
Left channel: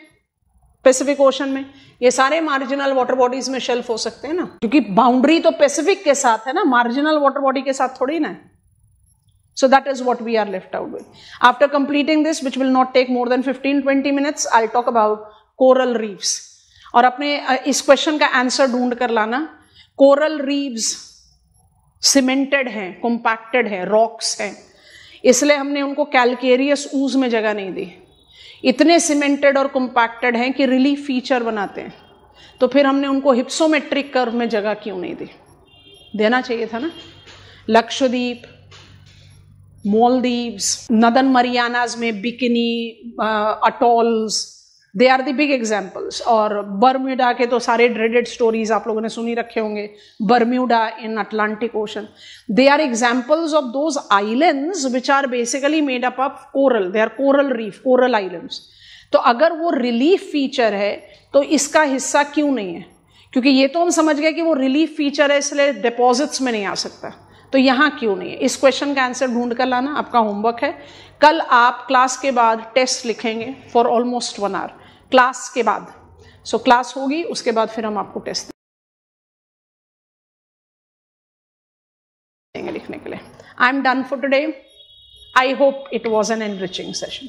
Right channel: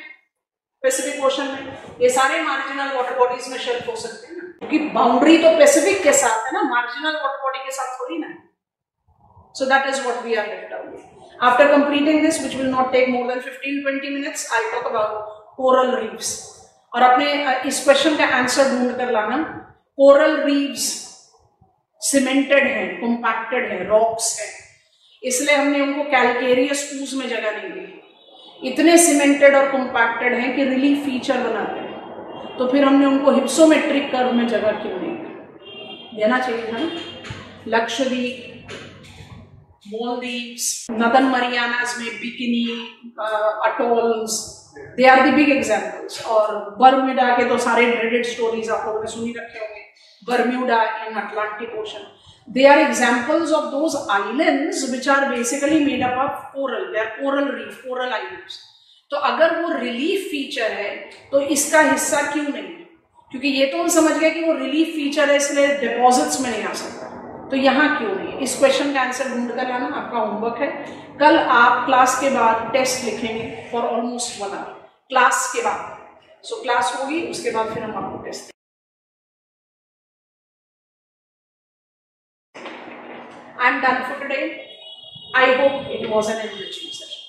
पैसिफिक ओशन में? ये सारे मार्जिनल वाटर बॉडीज में शेल्फ हो सकते हैं ना, क्योंकि बाउंड्री तो पैसिफिक के साथ है ना, मार्जिनल वाटर बॉडी के साथ थोड़ी ना। So that is what we are left out with. After completing this, which will not take more than 15-20 minutes, I'll talk about coral reefs. और अपने इस क्वेश्चन का आंसर ढूंढ कर लाना। कोरल रीव्स सीमेंटेड है, कॉम्पैक्टेड है, रॉक्स है, इसलिए हमने उनको कैल्केरियस ऊज में जगह नहीं दी। इतने सीमेंटेड और कॉम्पैक्टेड हैं कि रिलीफ फीचर बनाते हैं, तो फिर हमने उनको हिप्सोमेट्रिक कर्व में जगह क्यों नहीं दी? देना चाहिए था ना। लक्षद्वीप, मालदीव्स, नदन मरियानास में Bikini atolls, they are the big examples. और बर्म्यूडा के तो सारे ड्रेडेड स्टोरीज आप लोगों ने सुनी रखे होंगे। Bermuda in Atlantic ocean, they are examples of those islands which are basically made up of coral. They are coral reef, coral islands. तो अगर वो रिलीफ फीचर है तो इसका हिस्सा क्यों नहीं है? क्योंकि ये तो हम समझ गए कि वो रिलीफ फीचर है इसलिए डिपॉजिट्स में नहीं आ सकता, तो यहां क्यों नहीं है? इस क्वेश्चन का आंसर ढूंढ कर लाना आपका होमवर्क है। कल आप क्लास के बाद टेस्ट लिखेंगे फॉर ऑलमोस्ट 1 आवर क्लास के बाद। सो क्लास होगी, उसके बाद फिर हम आपको टेस्ट देंगे लिखने के लिए। I am done for today. I hope it was an enriching session.